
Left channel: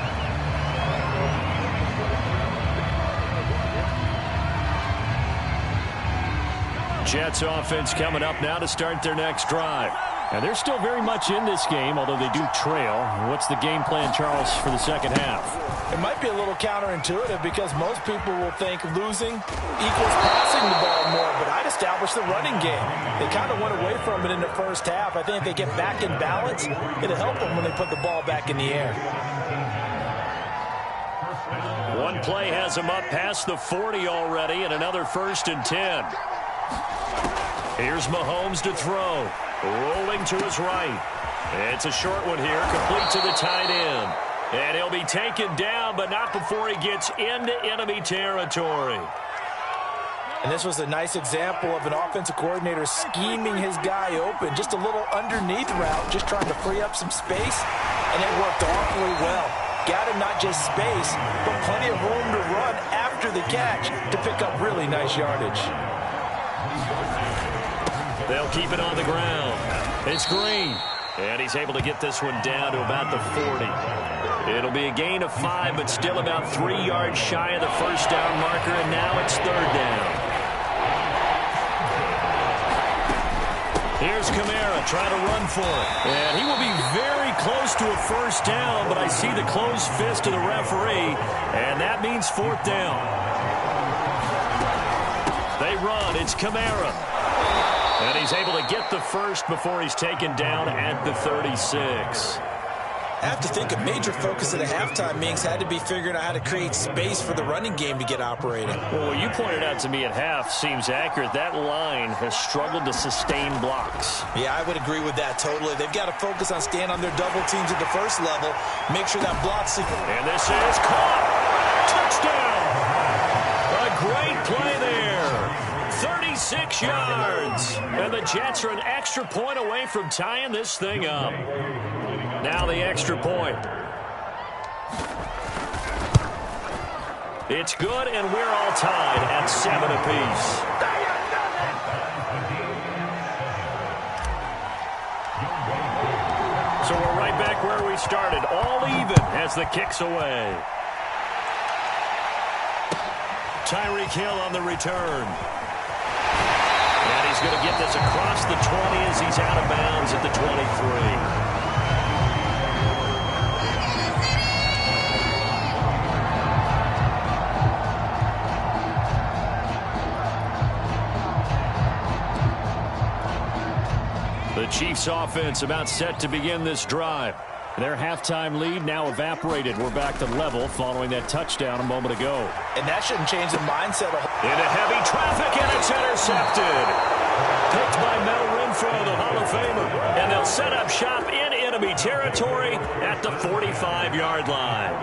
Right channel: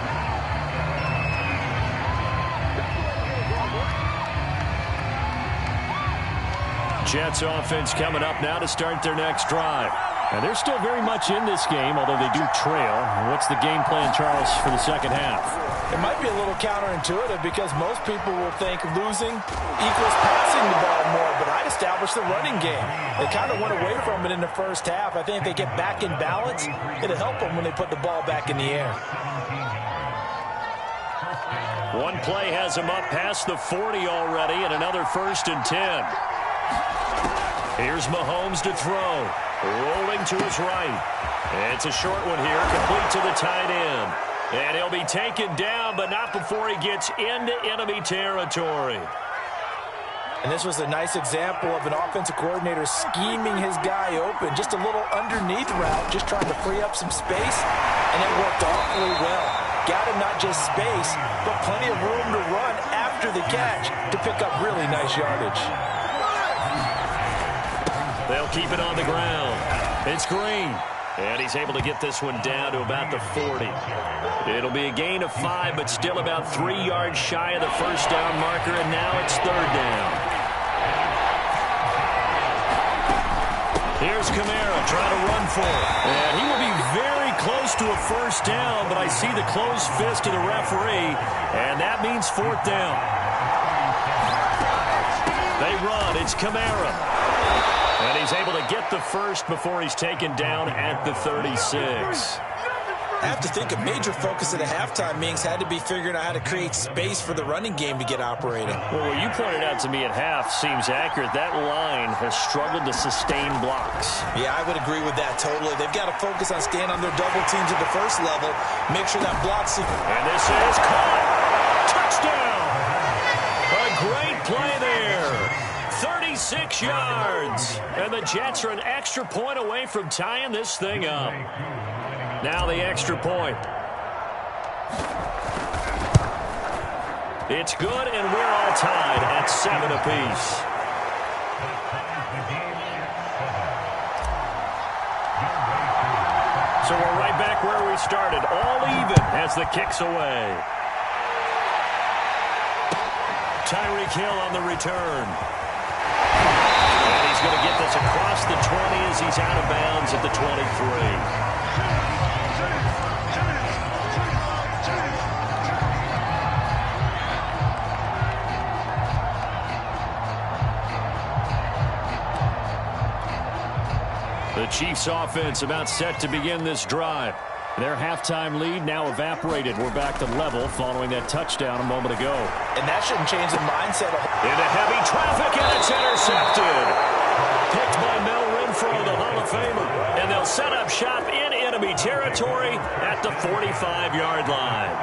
Jets offense coming up now to start their next drive. And they're still very much in this game, although they do trail. What's the game plan, Charles, for the second half? It might be a little counterintuitive because most people will think losing equals passing the ball more, but I'd establish the running game. They kind of went away from it in the first half. I think if they get back in balance, it'll help them when they put the ball back in the air. One play has them up past the 40 already, and another 1st and 10. Here's Mahomes to throw. Rolling to his right. It's a short one here, complete to the tight end. And he'll be taken down, but not before he gets into enemy territory. And this was a nice example of an offensive coordinator scheming his guy open. Just a little underneath route, just trying to free up some space, and it worked awfully well. Got him not just space, but plenty of room to run after the catch to pick up really nice yardage. They'll keep it on the ground. It's Green. And he's able to get this one down to about the 40. It'll be a gain of 5, but still about 3 yards shy of the first down marker, and now it's 3rd down. Here's Kamara trying to run for it. And he will be very close to a first down, but I see the closed fist of the referee, and that means 4th down. They run. It's Kamara. And he's able to get the first before he's taken down at the 36. I have to think a major focus at a halftime meetings had to be figuring out how to create space for the running game to get operating. Well, what you pointed out to me at half seems accurate. That line has struggled to sustain blocks. Yeah, I would agree with that totally. They've got to focus on staying on their double teams at the first level. Make sure that block sequence. And this is caught. Touchdown. A great play there. 36 yards. And the Jets are an extra point away from tying this thing up. Now the extra point. It's good, and we're all tied at 7 apiece. So we're right back where we started. All even as the kick's away. Tyreek Hill on the return. And he's going to get this across the 20 as he's out of bounds at the 23. The Chiefs offense about set to begin this drive. Their halftime lead now evaporated. We're back to level following that touchdown a moment ago. And that shouldn't change the mindset. Into heavy traffic, and it's intercepted. Picked by Mel Renfro, the Hall of Famer. And they'll set up shop in enemy territory at the 45-yard line.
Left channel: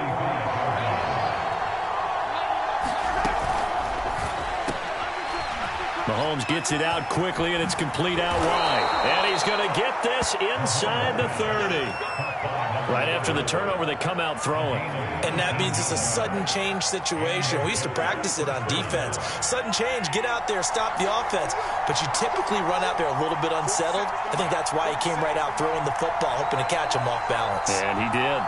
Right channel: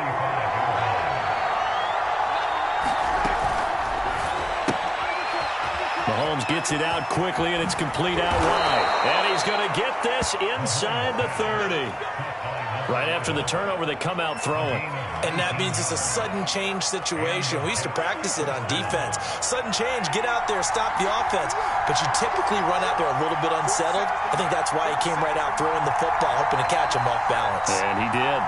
Mahomes gets it out quickly, and it's complete out wide. And he's going to get this inside the 30. Right after the turnover, they come out throwing. And that means it's a sudden change situation. We used to practice it on defense. Sudden change, get out there, stop the offense. But you typically run out there a little bit unsettled. I think that's why he came right out throwing the football, hoping to catch him off balance. And he did.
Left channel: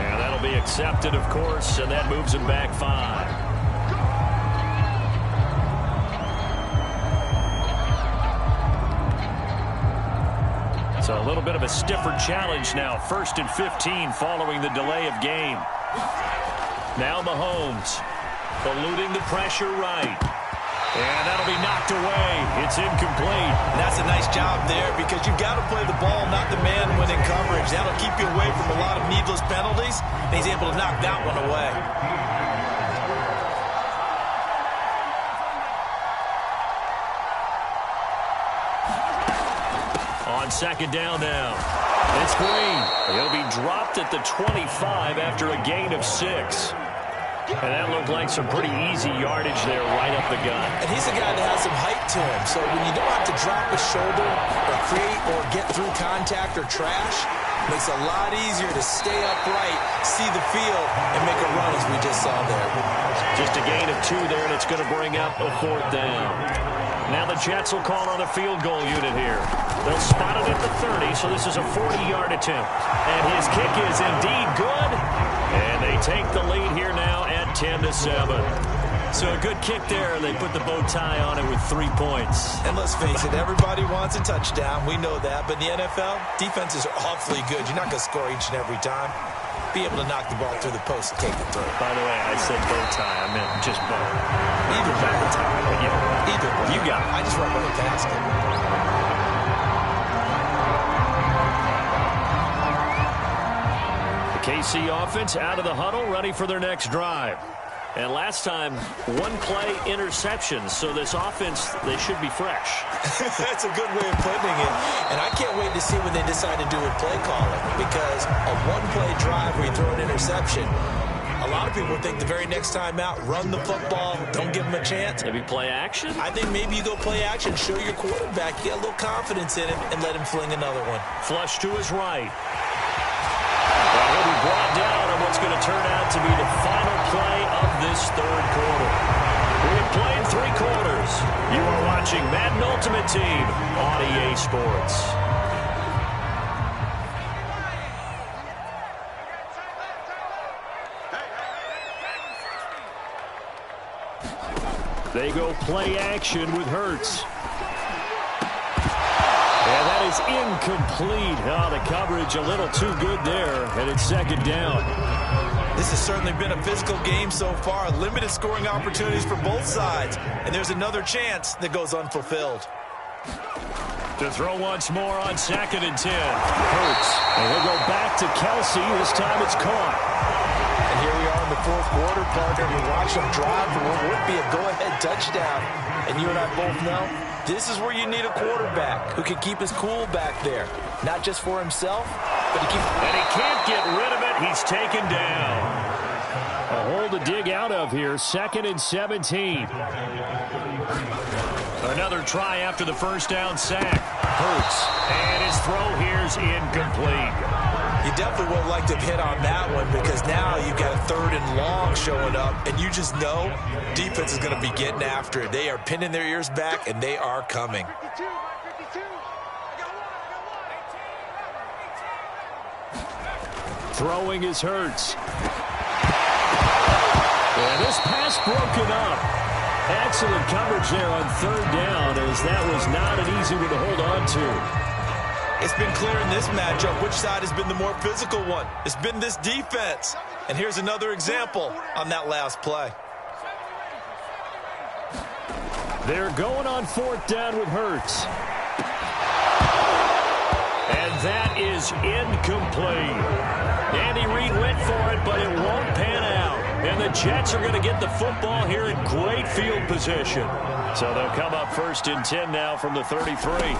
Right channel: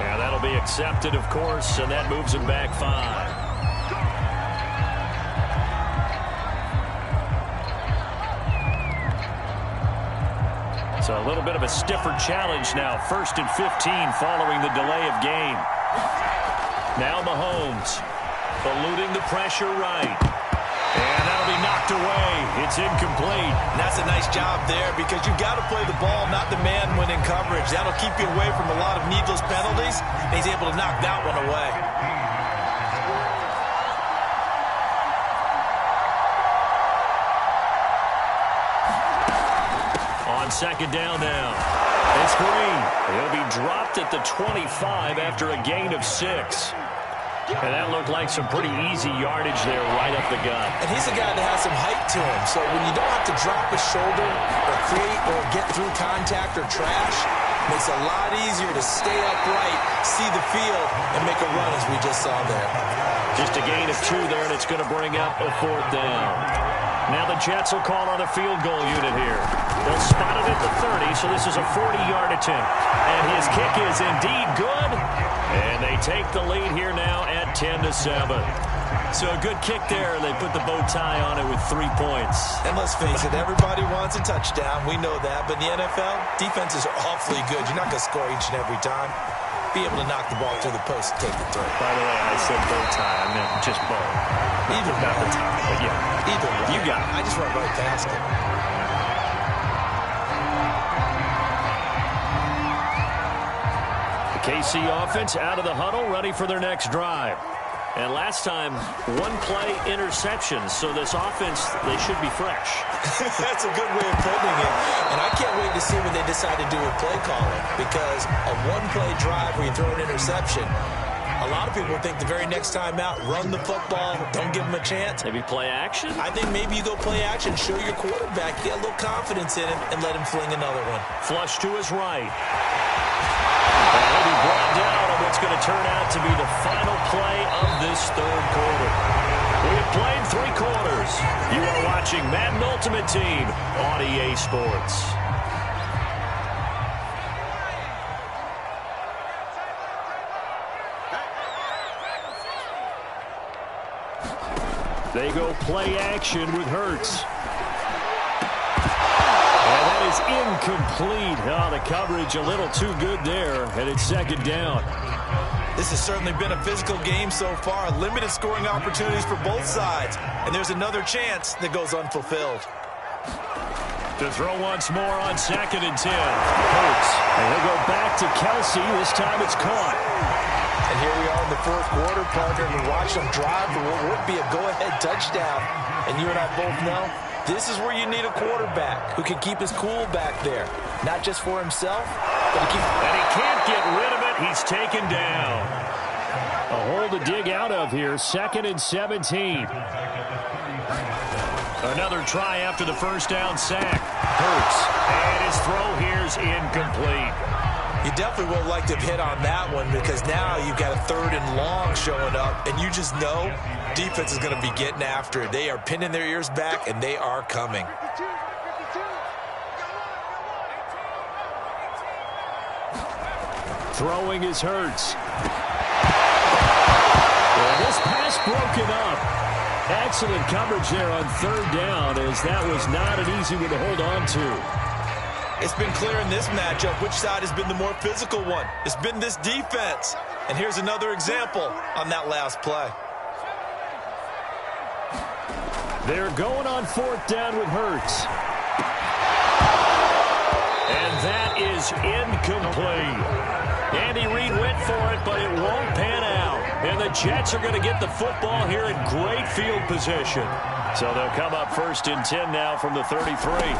And that'll be accepted, of course, and that moves him back 5. So a little bit of a stiffer challenge now. 1st and 15 following the delay of game. Now Mahomes eluding the pressure right. And that'll be knocked away. It's incomplete. And that's a nice job there because you've got to play the ball, not the man when in coverage. That'll keep you away from a lot of needless penalties. And he's able to knock that one away. On 2nd down now. It's Green. He'll be dropped at the 25 after a gain of 6. And that looked like some pretty easy yardage there right up the gut. And he's a guy that has some height to him. So when you don't have to drop a shoulder or create or get through contact or trash, it makes it a lot easier to stay upright, see the field, and make a run as we just saw there. Just a gain of 2 there, and it's going to bring up a 4th down. Now the Jets will call on a field goal unit here. They'll spot it at the 30, so this is a 40-yard attempt. And his kick is indeed good. And they take the lead here now at 10-7. So a good kick there. They put the bow tie on it with 3 points. And let's face it, everybody wants a touchdown. We know that. But in the NFL, defenses are awfully good. You're not going to score each and every time. Be able to knock the ball through the post and take it through. By the way, I said bow tie. I meant just bow. Either Not way. the tie, but yeah. Either way. You got it. I just went right past it. The KC offense out of the huddle, ready for their next drive. And last time, 1-play interceptions. So this offense, they should be fresh. That's a good way of putting it. And I can't wait to see when they decide to do a play calling. Because a 1-play drive where you throw an interception, a lot of people think the very next time out, run the football, don't give them a chance. Maybe play action? I think maybe you go play action, show your quarterback, you get a little confidence in him, and let him fling another one. Flush to his right. And he'll be brought down on what's going to turn out to be the final play of this 3rd quarter. We have played 3 quarters. You are watching Madden Ultimate Team on EA Sports. They go play action with Hurts. And that is incomplete. Oh, the coverage a little too good there, and it's 2nd down. This has certainly been a physical game so far. Limited scoring opportunities for both sides. And there's another chance that goes unfulfilled. To throw once more on 2nd and 10. Hurts. And he'll go back to Kelsey. This time it's caught. And here we are in the 4th quarter, partner. We watch them drive for what would be a go-ahead touchdown. And you and I both know this is where you need a quarterback who can keep his cool back there. Not just for himself, but to keep... And he can't get rid of it. He's taken down. A hole to dig out of here. 2nd and 17. Another try after the 1st down sack. Hurts. And his throw here's incomplete. You definitely would like to hit on that one because now you've got a 3rd and long showing up, and you just know defense is going to be getting after it. They are pinning their ears back, and they are coming. Throwing is Hurts. And this pass broken up. Excellent coverage there on 3rd down, as that was not an easy one to hold on to. It's been clear in this matchup which side has been the more physical one. It's been this defense. And here's another example on that last play. They're going on 4th down with Hurts. And that is incomplete. Andy Reid went for it, but it won't pan out. And the Jets are going to get the football here in great field position. So they'll come up 1st and 10 now from the 33.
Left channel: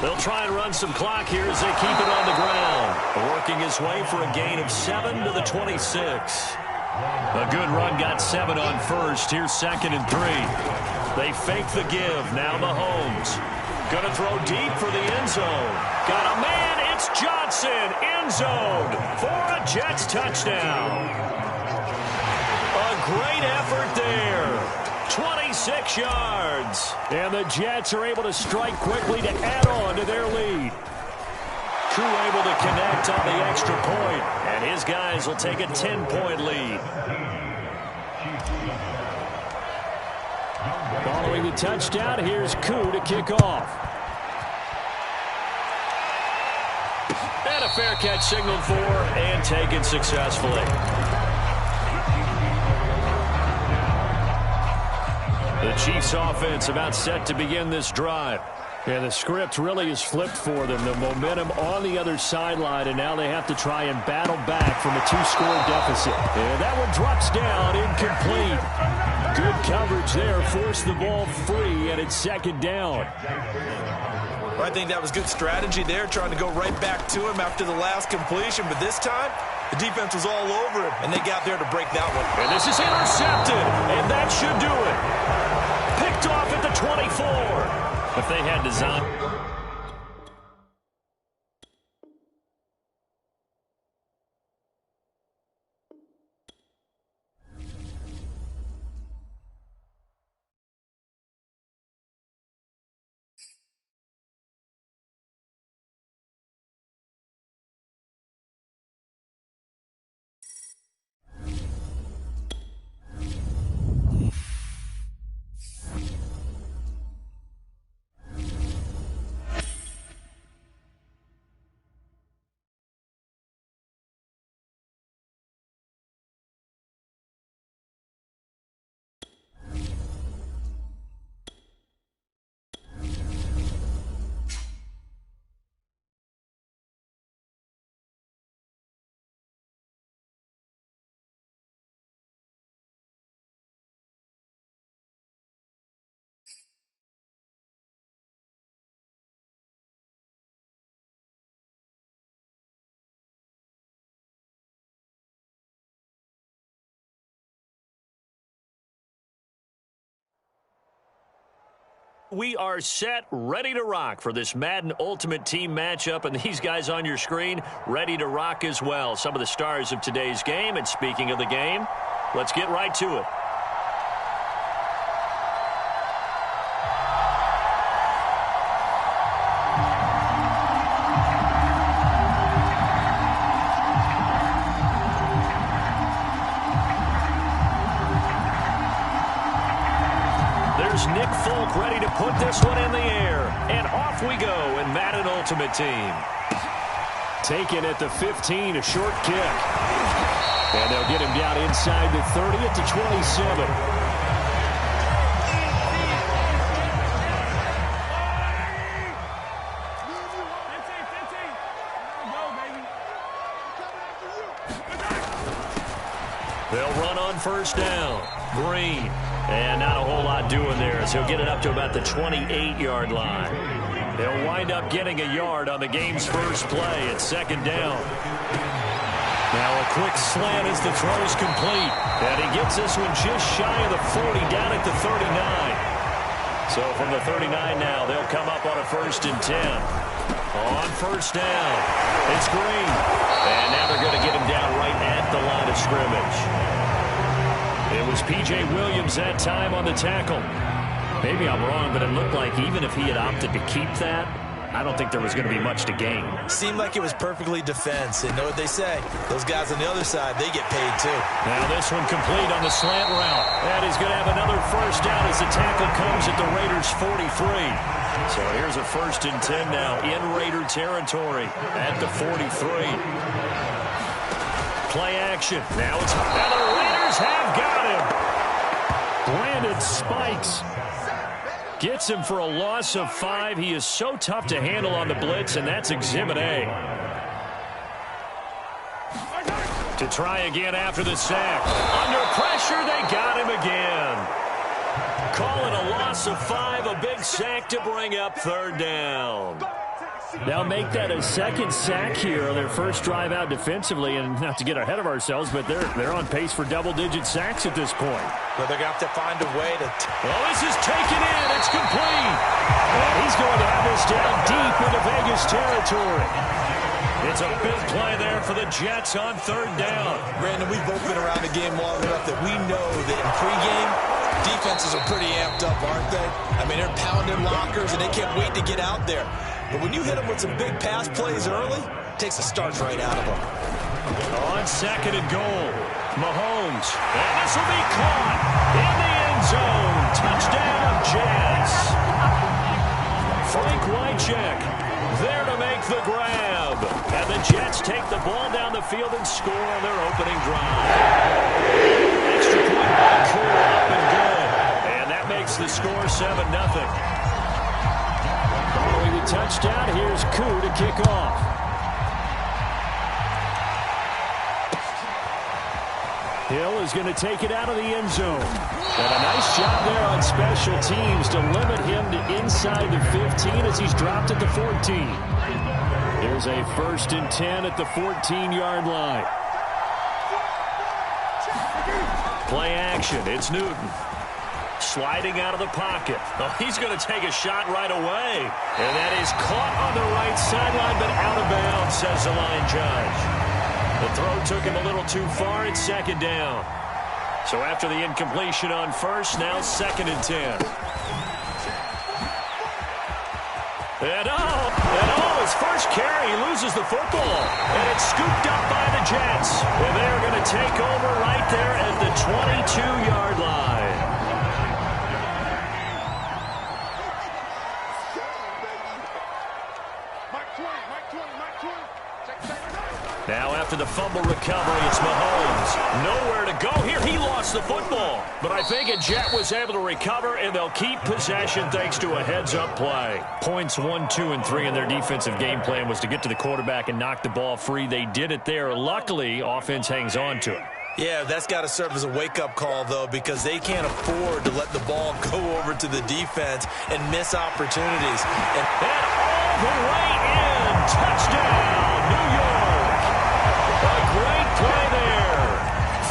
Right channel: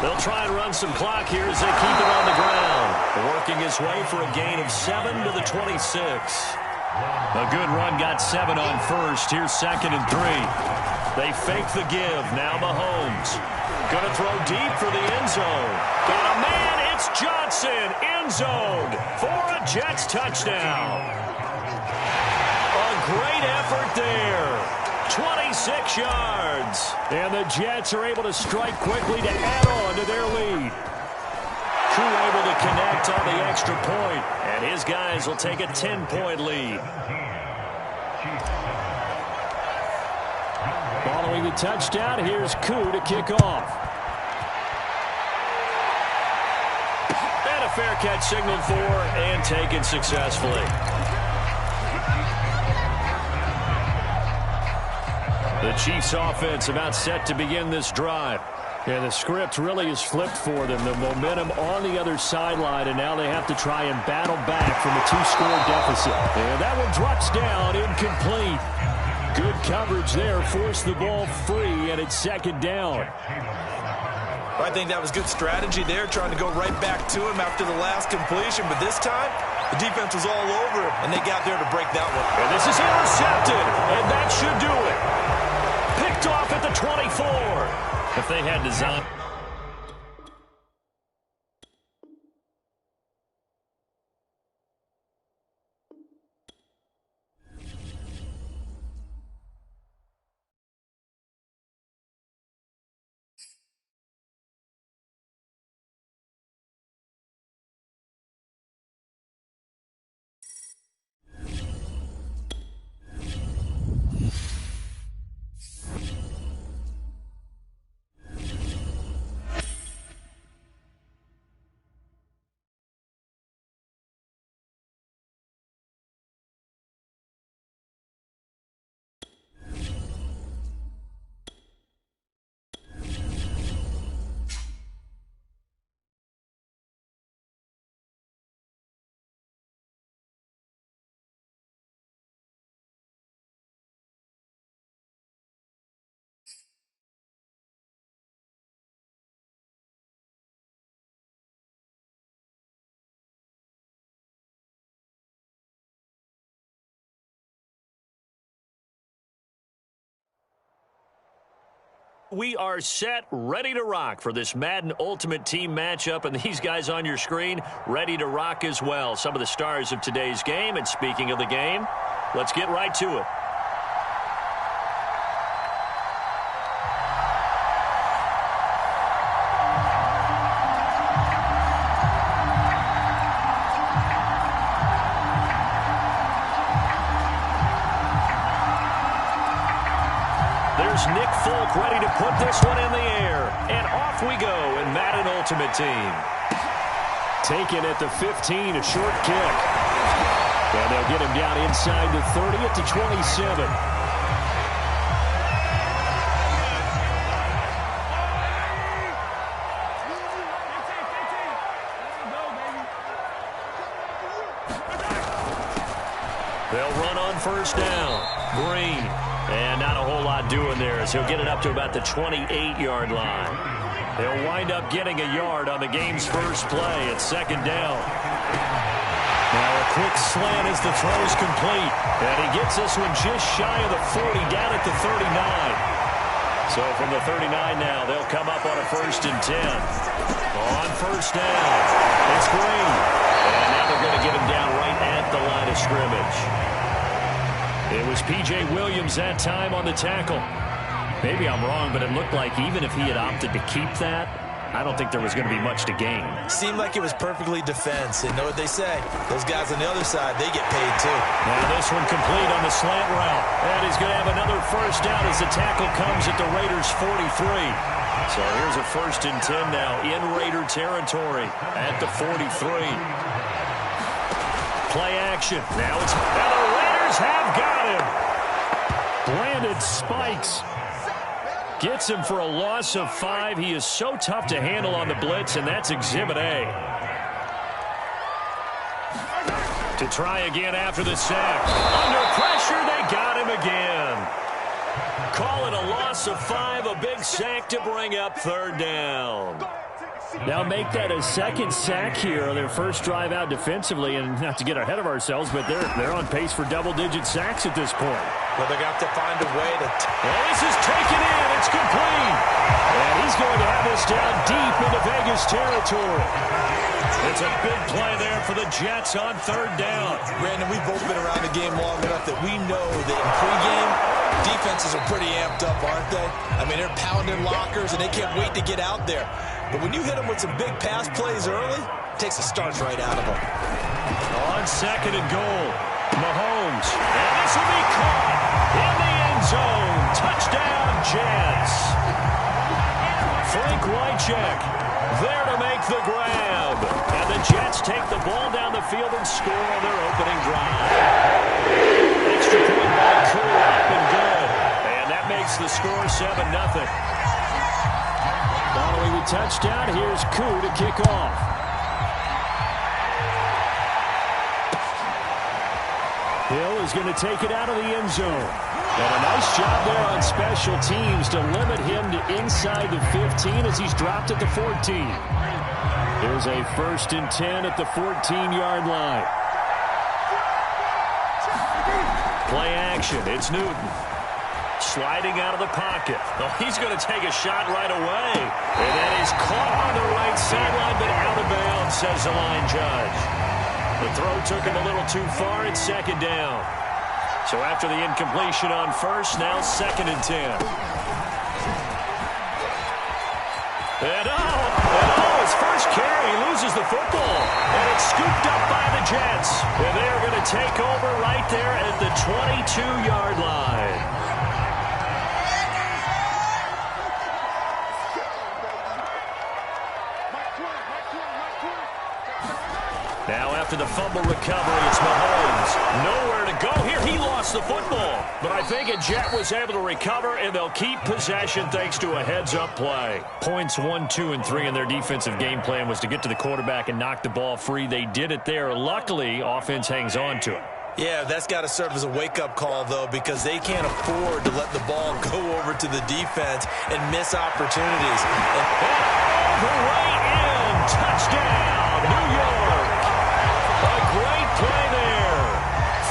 They'll try and run some clock here as they keep it on the ground. Working his way for a gain of 7 to the 26. A good run got 7 on first. Here's 2nd and 3. They fake the give. Now Mahomes. Going to throw deep for the end zone. Got a man. It's Johnson. End zone for a Jets touchdown. A great effort there. 26 yards. And the Jets are able to strike quickly to add on to their lead. Koo able to connect on the extra point, and his guys will take a 10-point lead. Following the touchdown, here's Koo to kick off. And a fair catch signaled for and taken successfully. The Chiefs offense about set to begin this drive. And the script really is flipped for them. The momentum on the other sideline, and now they have to try and battle back from a 2-score deficit. And that one drops down, incomplete. Good coverage there, forced the ball free, and it's 2nd down. I think that was good strategy there, trying to go right back to him after the last completion. But this time, the defense was all over him, and they got there to break that one. And this is intercepted, and that should do it. Picked off at the 24. If they had design. We are set, ready to rock for this Madden Ultimate Team matchup, and these guys on your screen ready to rock as well. Some of the stars of today's game, and speaking of the game, let's get right to it. There's Nick Folk ready to put this one in the air. And off we go in Madden Ultimate Team. Taken at the 15, a short kick. And they'll get him down inside the 30 at the 27. They'll run on 1st down. Green. And not a whole lot doing there as he'll get it up to about the 28-yard line. They'll wind up getting a yard on the game's first play at 2nd down. Now a quick slant as the throw's complete. And he gets this one just shy of the 40 down at the 39. So from the 39 now, they'll come up on a 1st and 10. On 1st down, it's Green. And now they're going to get him down right at the line of scrimmage. It was P.J. Williams that time on the tackle. Maybe I'm wrong, but it looked like even if he had opted to keep that, I don't think there was going to be much to gain. Seemed like it was perfectly defense. And know what they say? Those guys on the other side, they get paid too. Now this one complete on the slant route. And he's going to have another 1st down as the tackle comes at the Raiders' 43. So here's a 1st and 10 now in Raider territory at the 43. Play action. Now it's... Now the Raiders have got him. Brandon spikes. Gets him for a loss of 5. He is so tough to handle on the blitz, and that's Exhibit A. To try again after the sack. Under pressure, they got him again. Call it a loss of 5, a big sack to bring up 3rd down. Now make that a second sack here on their first drive out defensively, and not to get ahead of ourselves, but they're on pace for double-digit sacks at this point. Well, they're going to have to find a way to... Oh, this is taken in. It's complete. And he's going to have this down deep into Vegas territory. It's a big play there for the Jets on 3rd down. Brandon, we've both been around the game long enough that we know that in pregame, defenses are pretty amped up, aren't they? I mean, they're pounding lockers, and they can't wait to get out there. But when you hit them with some big pass plays early, it takes the starch right out of them. On 2nd and goal, Mahomes. And this will be caught in the end zone. Touchdown, Jets. Frank Wycheck there to make the grab. And the Jets take the ball down the field and score on their opening drive. Extra point by Koo, up and good. And that makes the score 7-0. Following the touchdown, here's Koo to kick off. Hill is going to take it out of the end zone. And a nice job there on special teams to limit him to inside the 15 as he's dropped at the 14. There's a 1st and 10 at the 14-yard line. Play action. It's Newton. Sliding out of the pocket. Oh, he's going to take a shot right away. And that is caught on the right sideline, but out of bounds, says the line judge. The throw took him a little too far. It's 2nd down. So after the incompletion on 1st, now 2nd and 10. And his first carry, he loses the football. And it's scooped up by the Jets. And they are going to take over right there at the 22-yard line. Now after the fumble recovery, it's Mahomes. Nowhere to go here. He lost the football. But I think a Jet was able to recover, and they'll keep possession thanks to a heads-up play. Points 1, 2, and 3 in their defensive game plan was to get to the quarterback and knock the ball free. They did it there. Luckily, offense hangs on to it. Yeah, that's got to serve as a wake-up call, though, because they can't afford to let the ball go over to the defense and miss opportunities. And all the way in. Touchdown, New York. A great play there.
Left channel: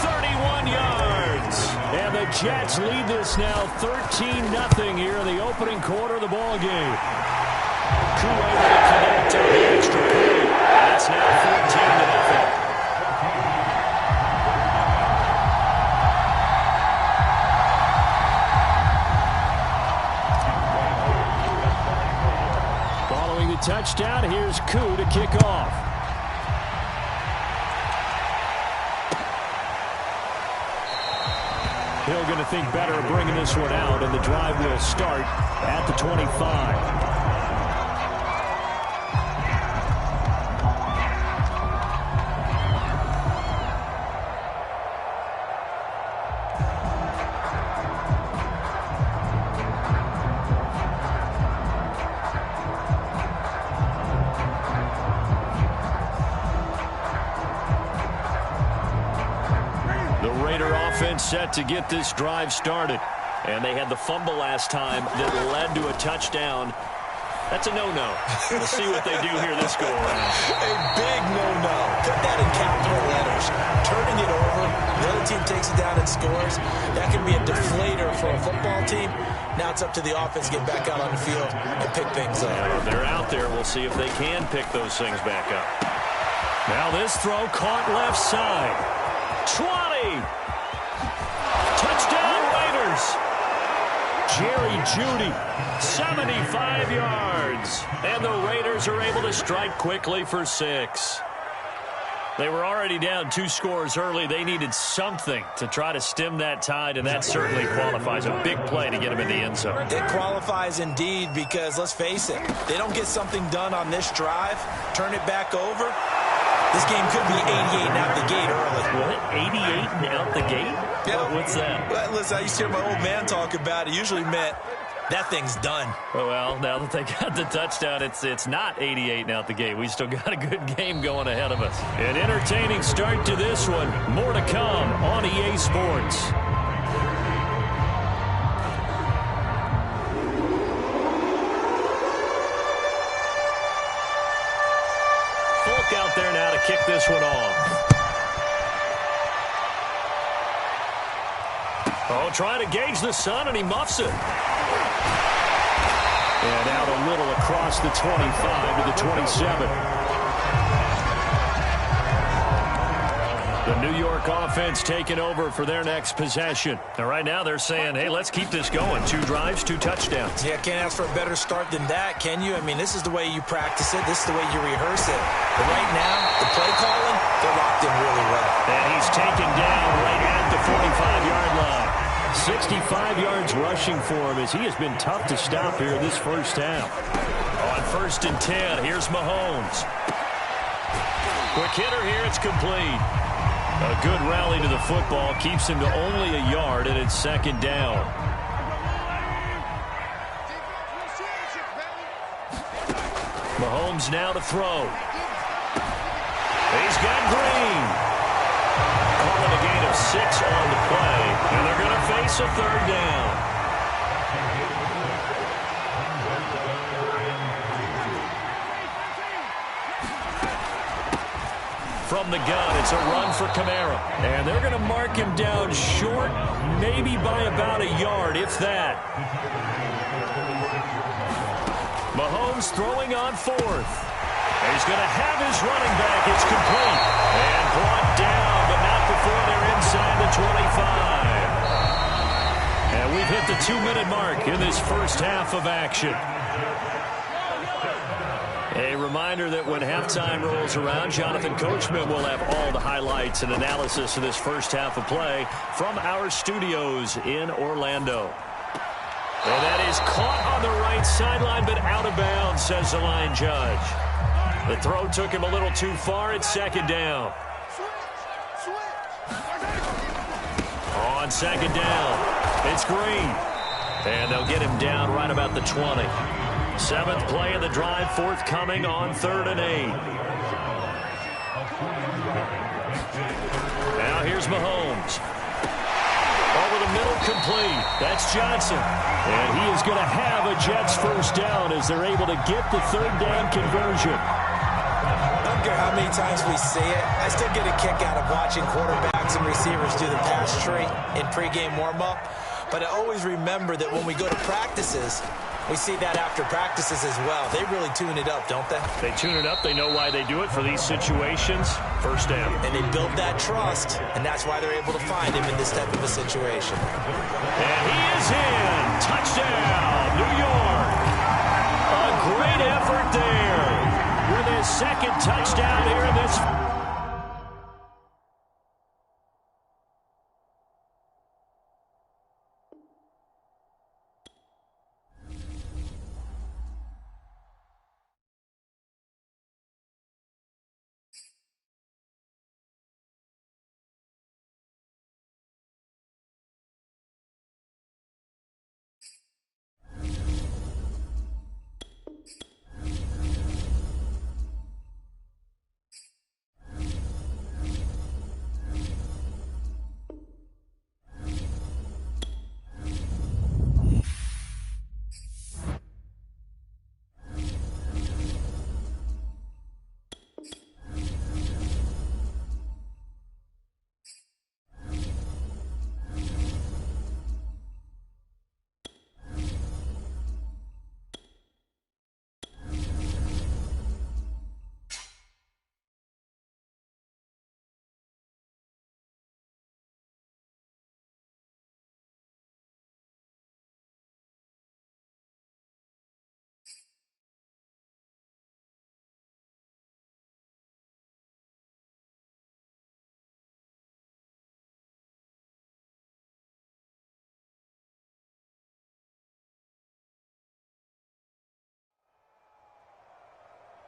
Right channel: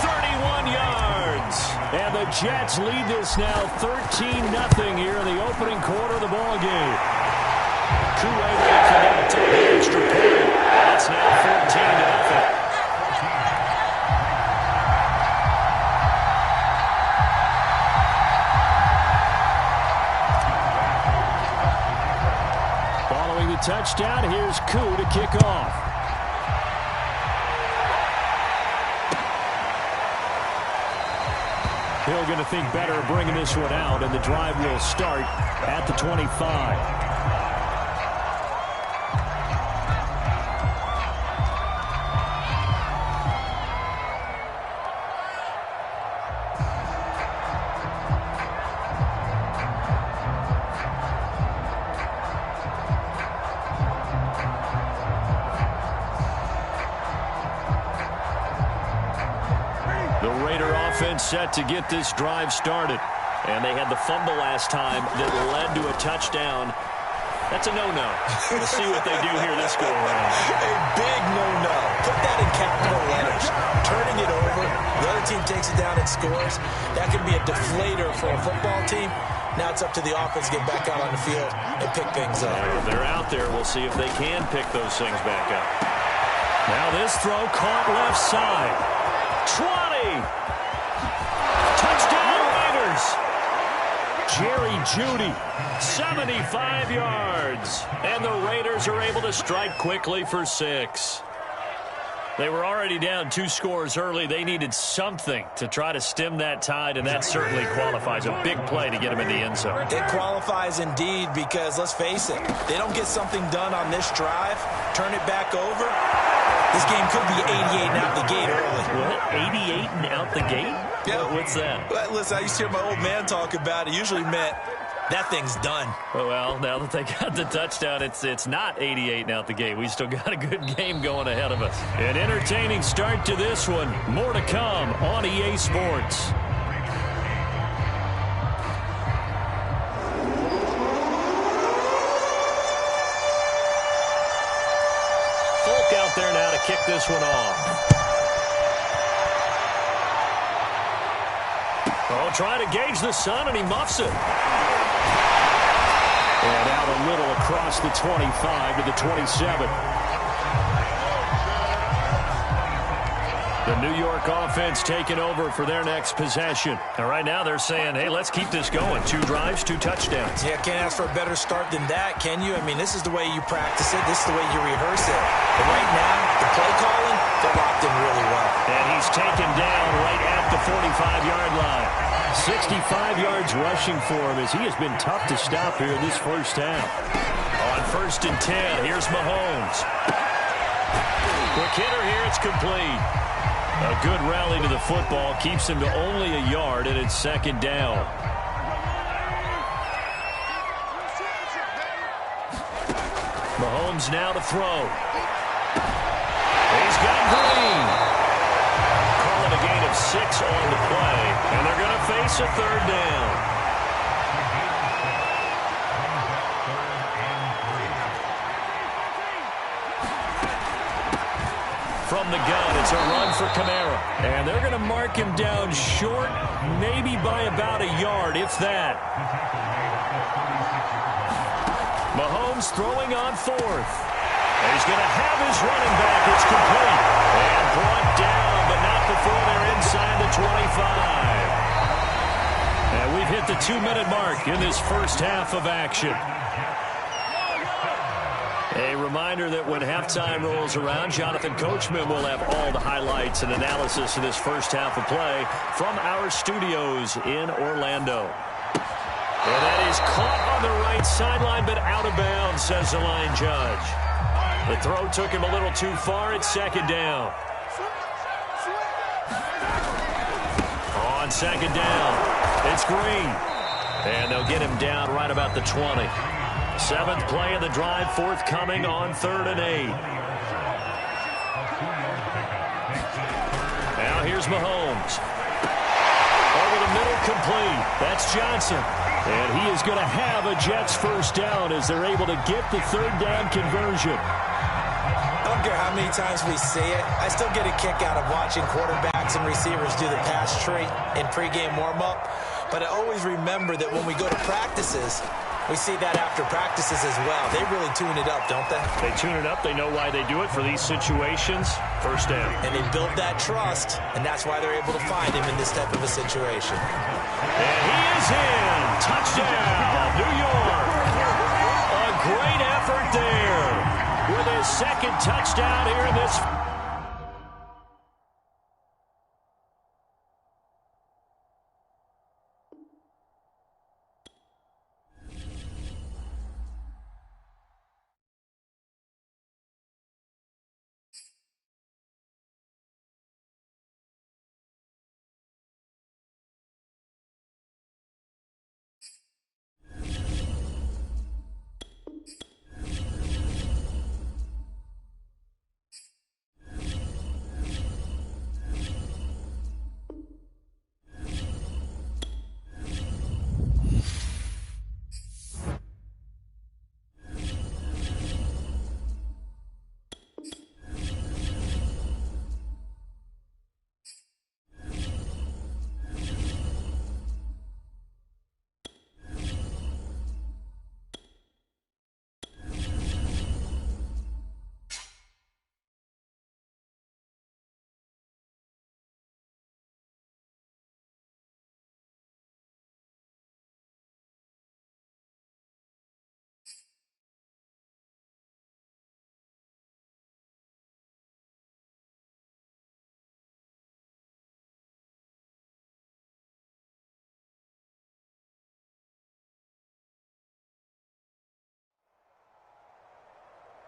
31 yards. And the Jets lead this now 13-0 here in the opening quarter of the ball game. Koo able to connect on the extra point. And it's now 14-0. Following the touchdown, here's Koo to kick off. Hill going to think better of bringing this one out, and the drive will start at the 25. The Raider offense set to get this drive started. And they had the fumble last time that led to a touchdown. That's a no-no. We'll see what they do here this go-around. A big no-no. Put that in capital letters. Turning it over, the other team takes it down and scores. That can be a deflator for a football team. Now it's up to the offense to get back out on the field and pick things up. If they're out there, we'll see if they can pick those things back up. Now this throw caught left side. 20. Touchdown Raiders. Jerry Jeudy, 75 yards. And the Raiders are able to strike quickly for 6. They were already down 2 scores early. They needed something to try to stem that tide, and that certainly qualifies. A big play to get them in the end zone. It qualifies indeed because, let's face it, they don't get something done on this drive, turn it back over, this game could be 88 and out the gate early. What? 88 and out the gate? Yeah. What's that? Well, listen, I used to hear my old man talk about it. Usually meant That thing's done. Well, now that they got the touchdown, it's not 88 now at the game. We still got a good game going ahead of us. An entertaining start to this one. More to come on EA Sports. Folk out there now to kick this one off. Oh, trying to gauge the sun, and he muffs it. And out a little across the 25 to the 27. The New York offense taking over for their next possession. And right now they're saying, hey, let's keep this going. 2 drives, 2 touchdowns. Yeah, can't ask for a better start than that, can you? I mean, this is the way you practice it. This is the way you rehearse it. But right now, the play calling, they're locked in really well. And he's taken down right at the 45-yard line. 65 yards rushing for him as he has been tough to stop here in this first half. On 1st and 10, here's Mahomes. Quick hitter here, it's complete. A good rally to the football keeps him to only a yard, and it's 2nd down. Mahomes now to throw. He's got Green. Calling a gain of 6 on the play, and they're going to face a 3rd down. From the gun, it's a run for Kamara. And they're going to mark him down short, maybe by about a yard, if that. Mahomes throwing on 4th. He's going to have his running back. It's complete. And brought down, but not before they're inside the 25. And we've hit the 2-minute mark in this first half of action. A reminder that when halftime rolls around, Jonathan Coachman will have all the highlights and analysis of this first half of play from our studios in Orlando. And that is caught on the right sideline, but out of bounds, says the line judge. The throw took him a little too far. It's 2nd down. On 2nd down, it's Green. And they'll get him down right about the 20. 7th play of the drive, forthcoming on 3rd and 8. Now here's Mahomes. Over the middle, complete. That's Johnson. And he is going to have a Jets first down as they're able to get the 3rd down conversion. I don't care how many times we see it. I still get a kick out of watching quarterbacks and receivers do the pass tree in pregame warm-up. But I always remember that when we go to practices, we see that after practices as well. They really tune it up, don't they? They tune it up. They know why they do it for these situations. First down. And they build that trust, and that's why they're able to find him in this type of a situation. And he is in. Touchdown, New York. A great effort there with his 2nd touchdown here in this.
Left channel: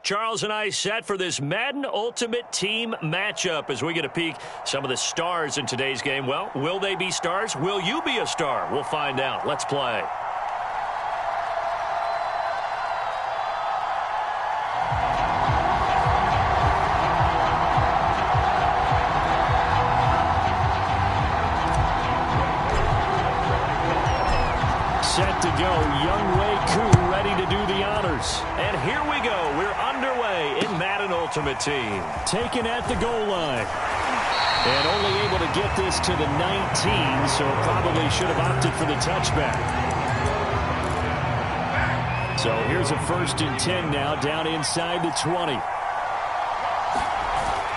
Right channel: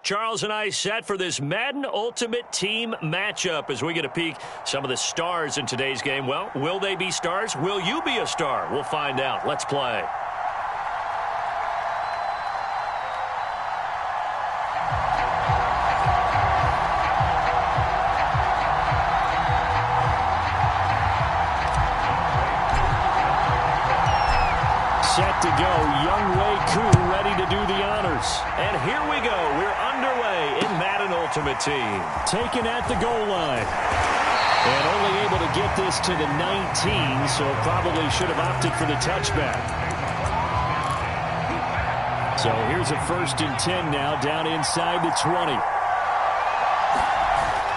Charles and I set for this Madden Ultimate Team matchup as we get a peek some of the stars in today's game. Well, will they be stars? Will you be a star? We'll find out. Let's play. go. Young Wei Koo ready to do the honors. And here we go. We're underway in Madden Ultimate Team. Taken at the goal line. And only able to get this to the 19, so probably should have opted for the touchback. So here's a 1st and 10 now, down inside the 20.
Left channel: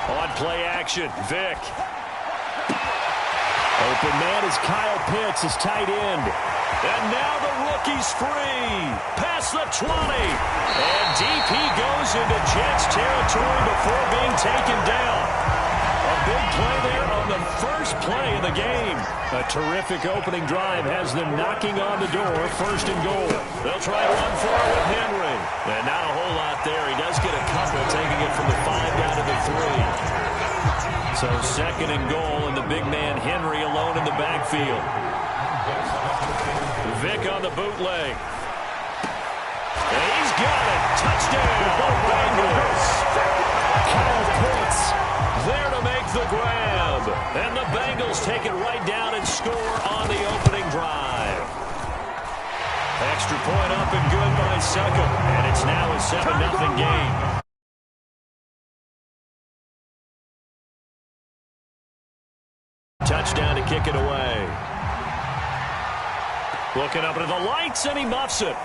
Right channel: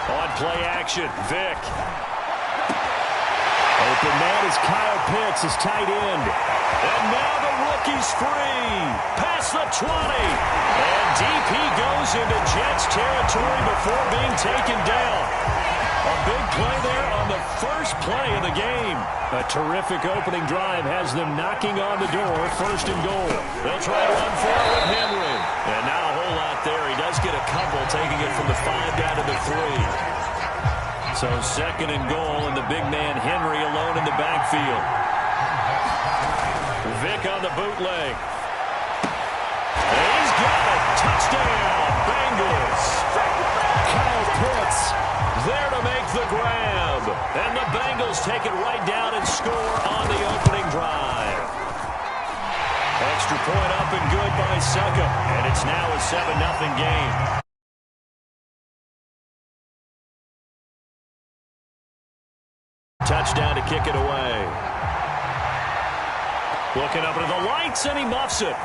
On play action, Vic. Open man is Kyle Pitts, his tight end. And now the rookie's free. Past the 20. And deep he goes into Jets territory before being taken down. A big play there on the first play of the game. A terrific opening drive has them knocking on the door, 1st and goal. They'll try to run for it with Henry. And not a whole lot there. He does get a couple, taking it from the 5 down to the 3. So 2nd and goal, and the big man Henry alone in the backfield. Vic on the bootleg. And he's got it. Touchdown, Bengals. Kyle Pitts there to make the grab. And the Bengals take it right down and score on the opening drive. Extra point up and good by Suckup. And it's now a 7-0 game. Touchdown to kick it away. Looking up into the lights, and he muffs it.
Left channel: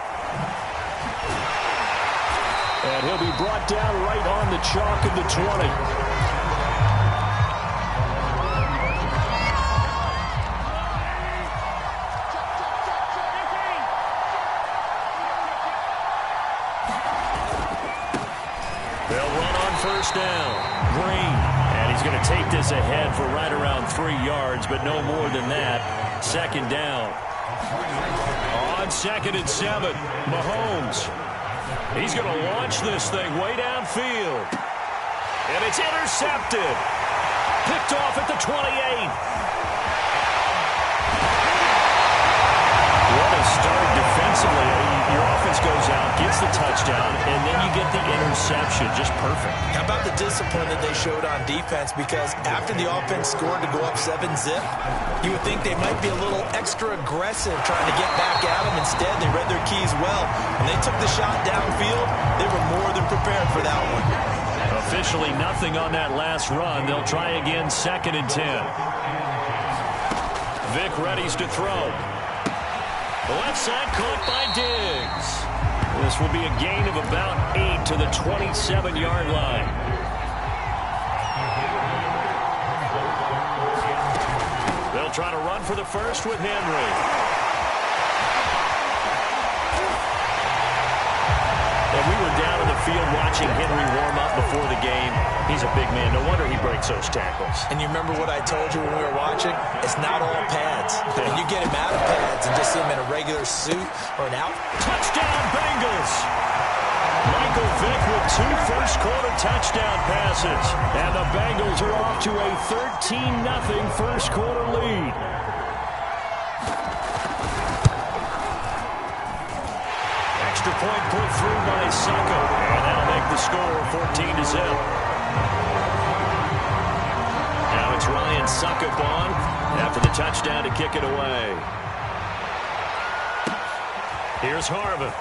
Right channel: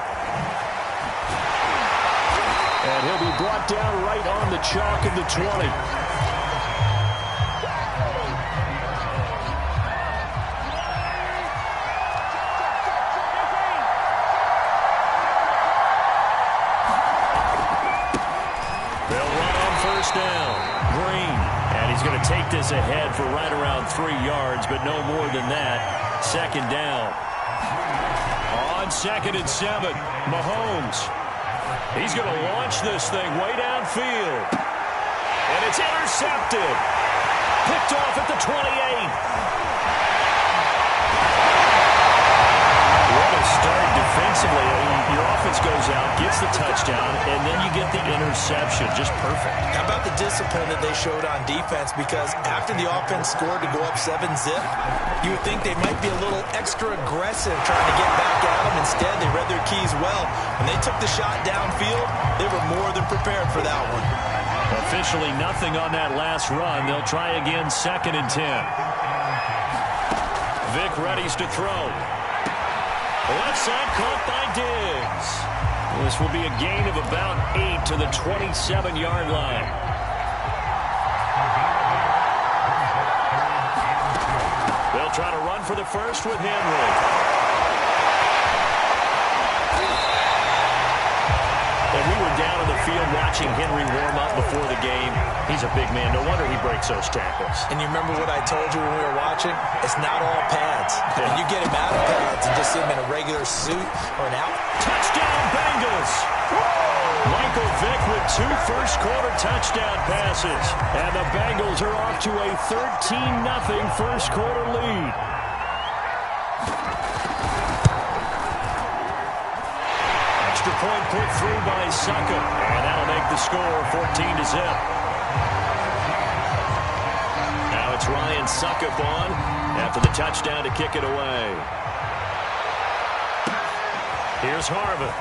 And he'll be brought down right on the chalk of the 20. They'll run on 1st down. Green. And he's going to take this ahead for right around 3 yards, but no more than that. 2nd down. On 2nd and 7, Mahomes. He's going to launch this thing way downfield. And it's intercepted. Picked off at the 28. What a start defensively. Your offense goes out, gets the touchdown, and then you get the interception. Just perfect. How about the discipline that they showed on defense? Because after the offense scored to go up 7-zip, you would think they might be a little extra aggressive trying to get back at them. Instead, they read their keys well. When they took the shot downfield, they were more than prepared for that one. Officially nothing on that last run. They'll try again 2nd and 10. Vic readies to throw. The left side caught by Diggs. This will be a gain of about 8 to the 27-yard line. They'll try to run for the first with Henry. And we were down in the field watching Henry warm up before the game. He's a big man. No wonder he breaks those tackles. And you remember what I told you when we were watching? It's not all pads. Yeah. And you get him out of pads and just see him in a regular suit or an out. Touchdown, Bengals! Michael Vick with 2 first-quarter touchdown passes. And the Bengals are off to a 13-0 first-quarter lead. Extra point put through by Suckup. And that'll make the score 14-0. Now it's Ryan Suckup on after the touchdown to kick it away. Here's Harvin.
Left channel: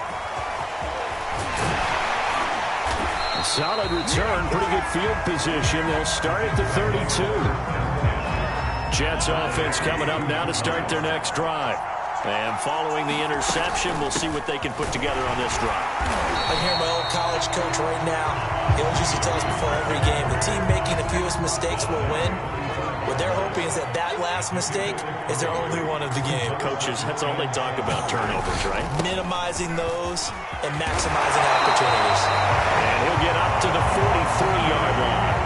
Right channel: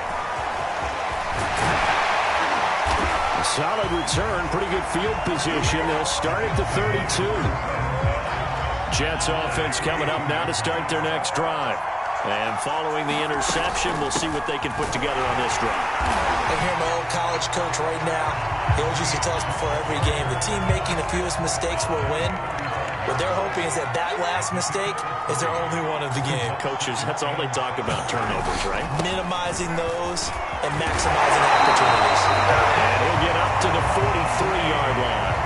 A solid return, pretty good field position. They'll start at the 32. Jets offense coming up now to start their next drive. And following the interception, we'll see what they can put together on this drive. I hear my old college coach right now. He always used to tell us before every game, the team making the fewest mistakes will win. What they're hoping is that that last mistake is their only one of the game. Coaches, that's all they talk about, turnovers, right? Minimizing those and maximizing opportunities. And he'll get up to the 43-yard line.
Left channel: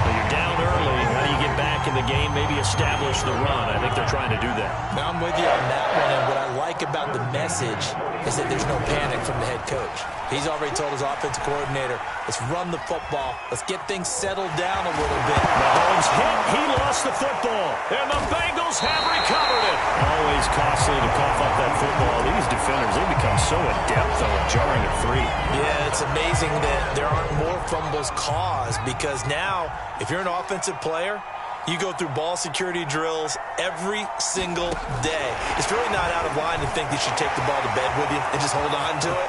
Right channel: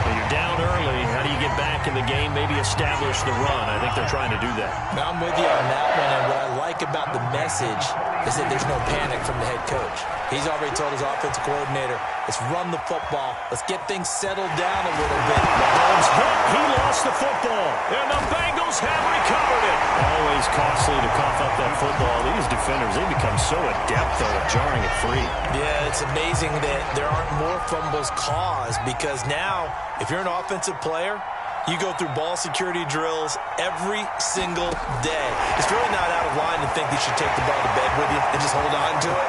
Well, you're down early. How do you get back in the game? Maybe establish the run. I think they're trying to do that. Now, I'm with you on that one, and what I like about the message is that there's no panic from the head coach. He's already told his offensive coordinator, let's run the football. Let's get things settled down a little bit. Mahomes hit. He lost the football. And the Bengals have recovered it. Always costly to cough up that football. These defenders, they become so adept, though, at jarring it free. Yeah, it's amazing that there aren't more fumbles caused because now, if you're an offensive player, You go through ball security drills every single day. It's really not out of line to think you should take the ball to bed with you and just hold on to it.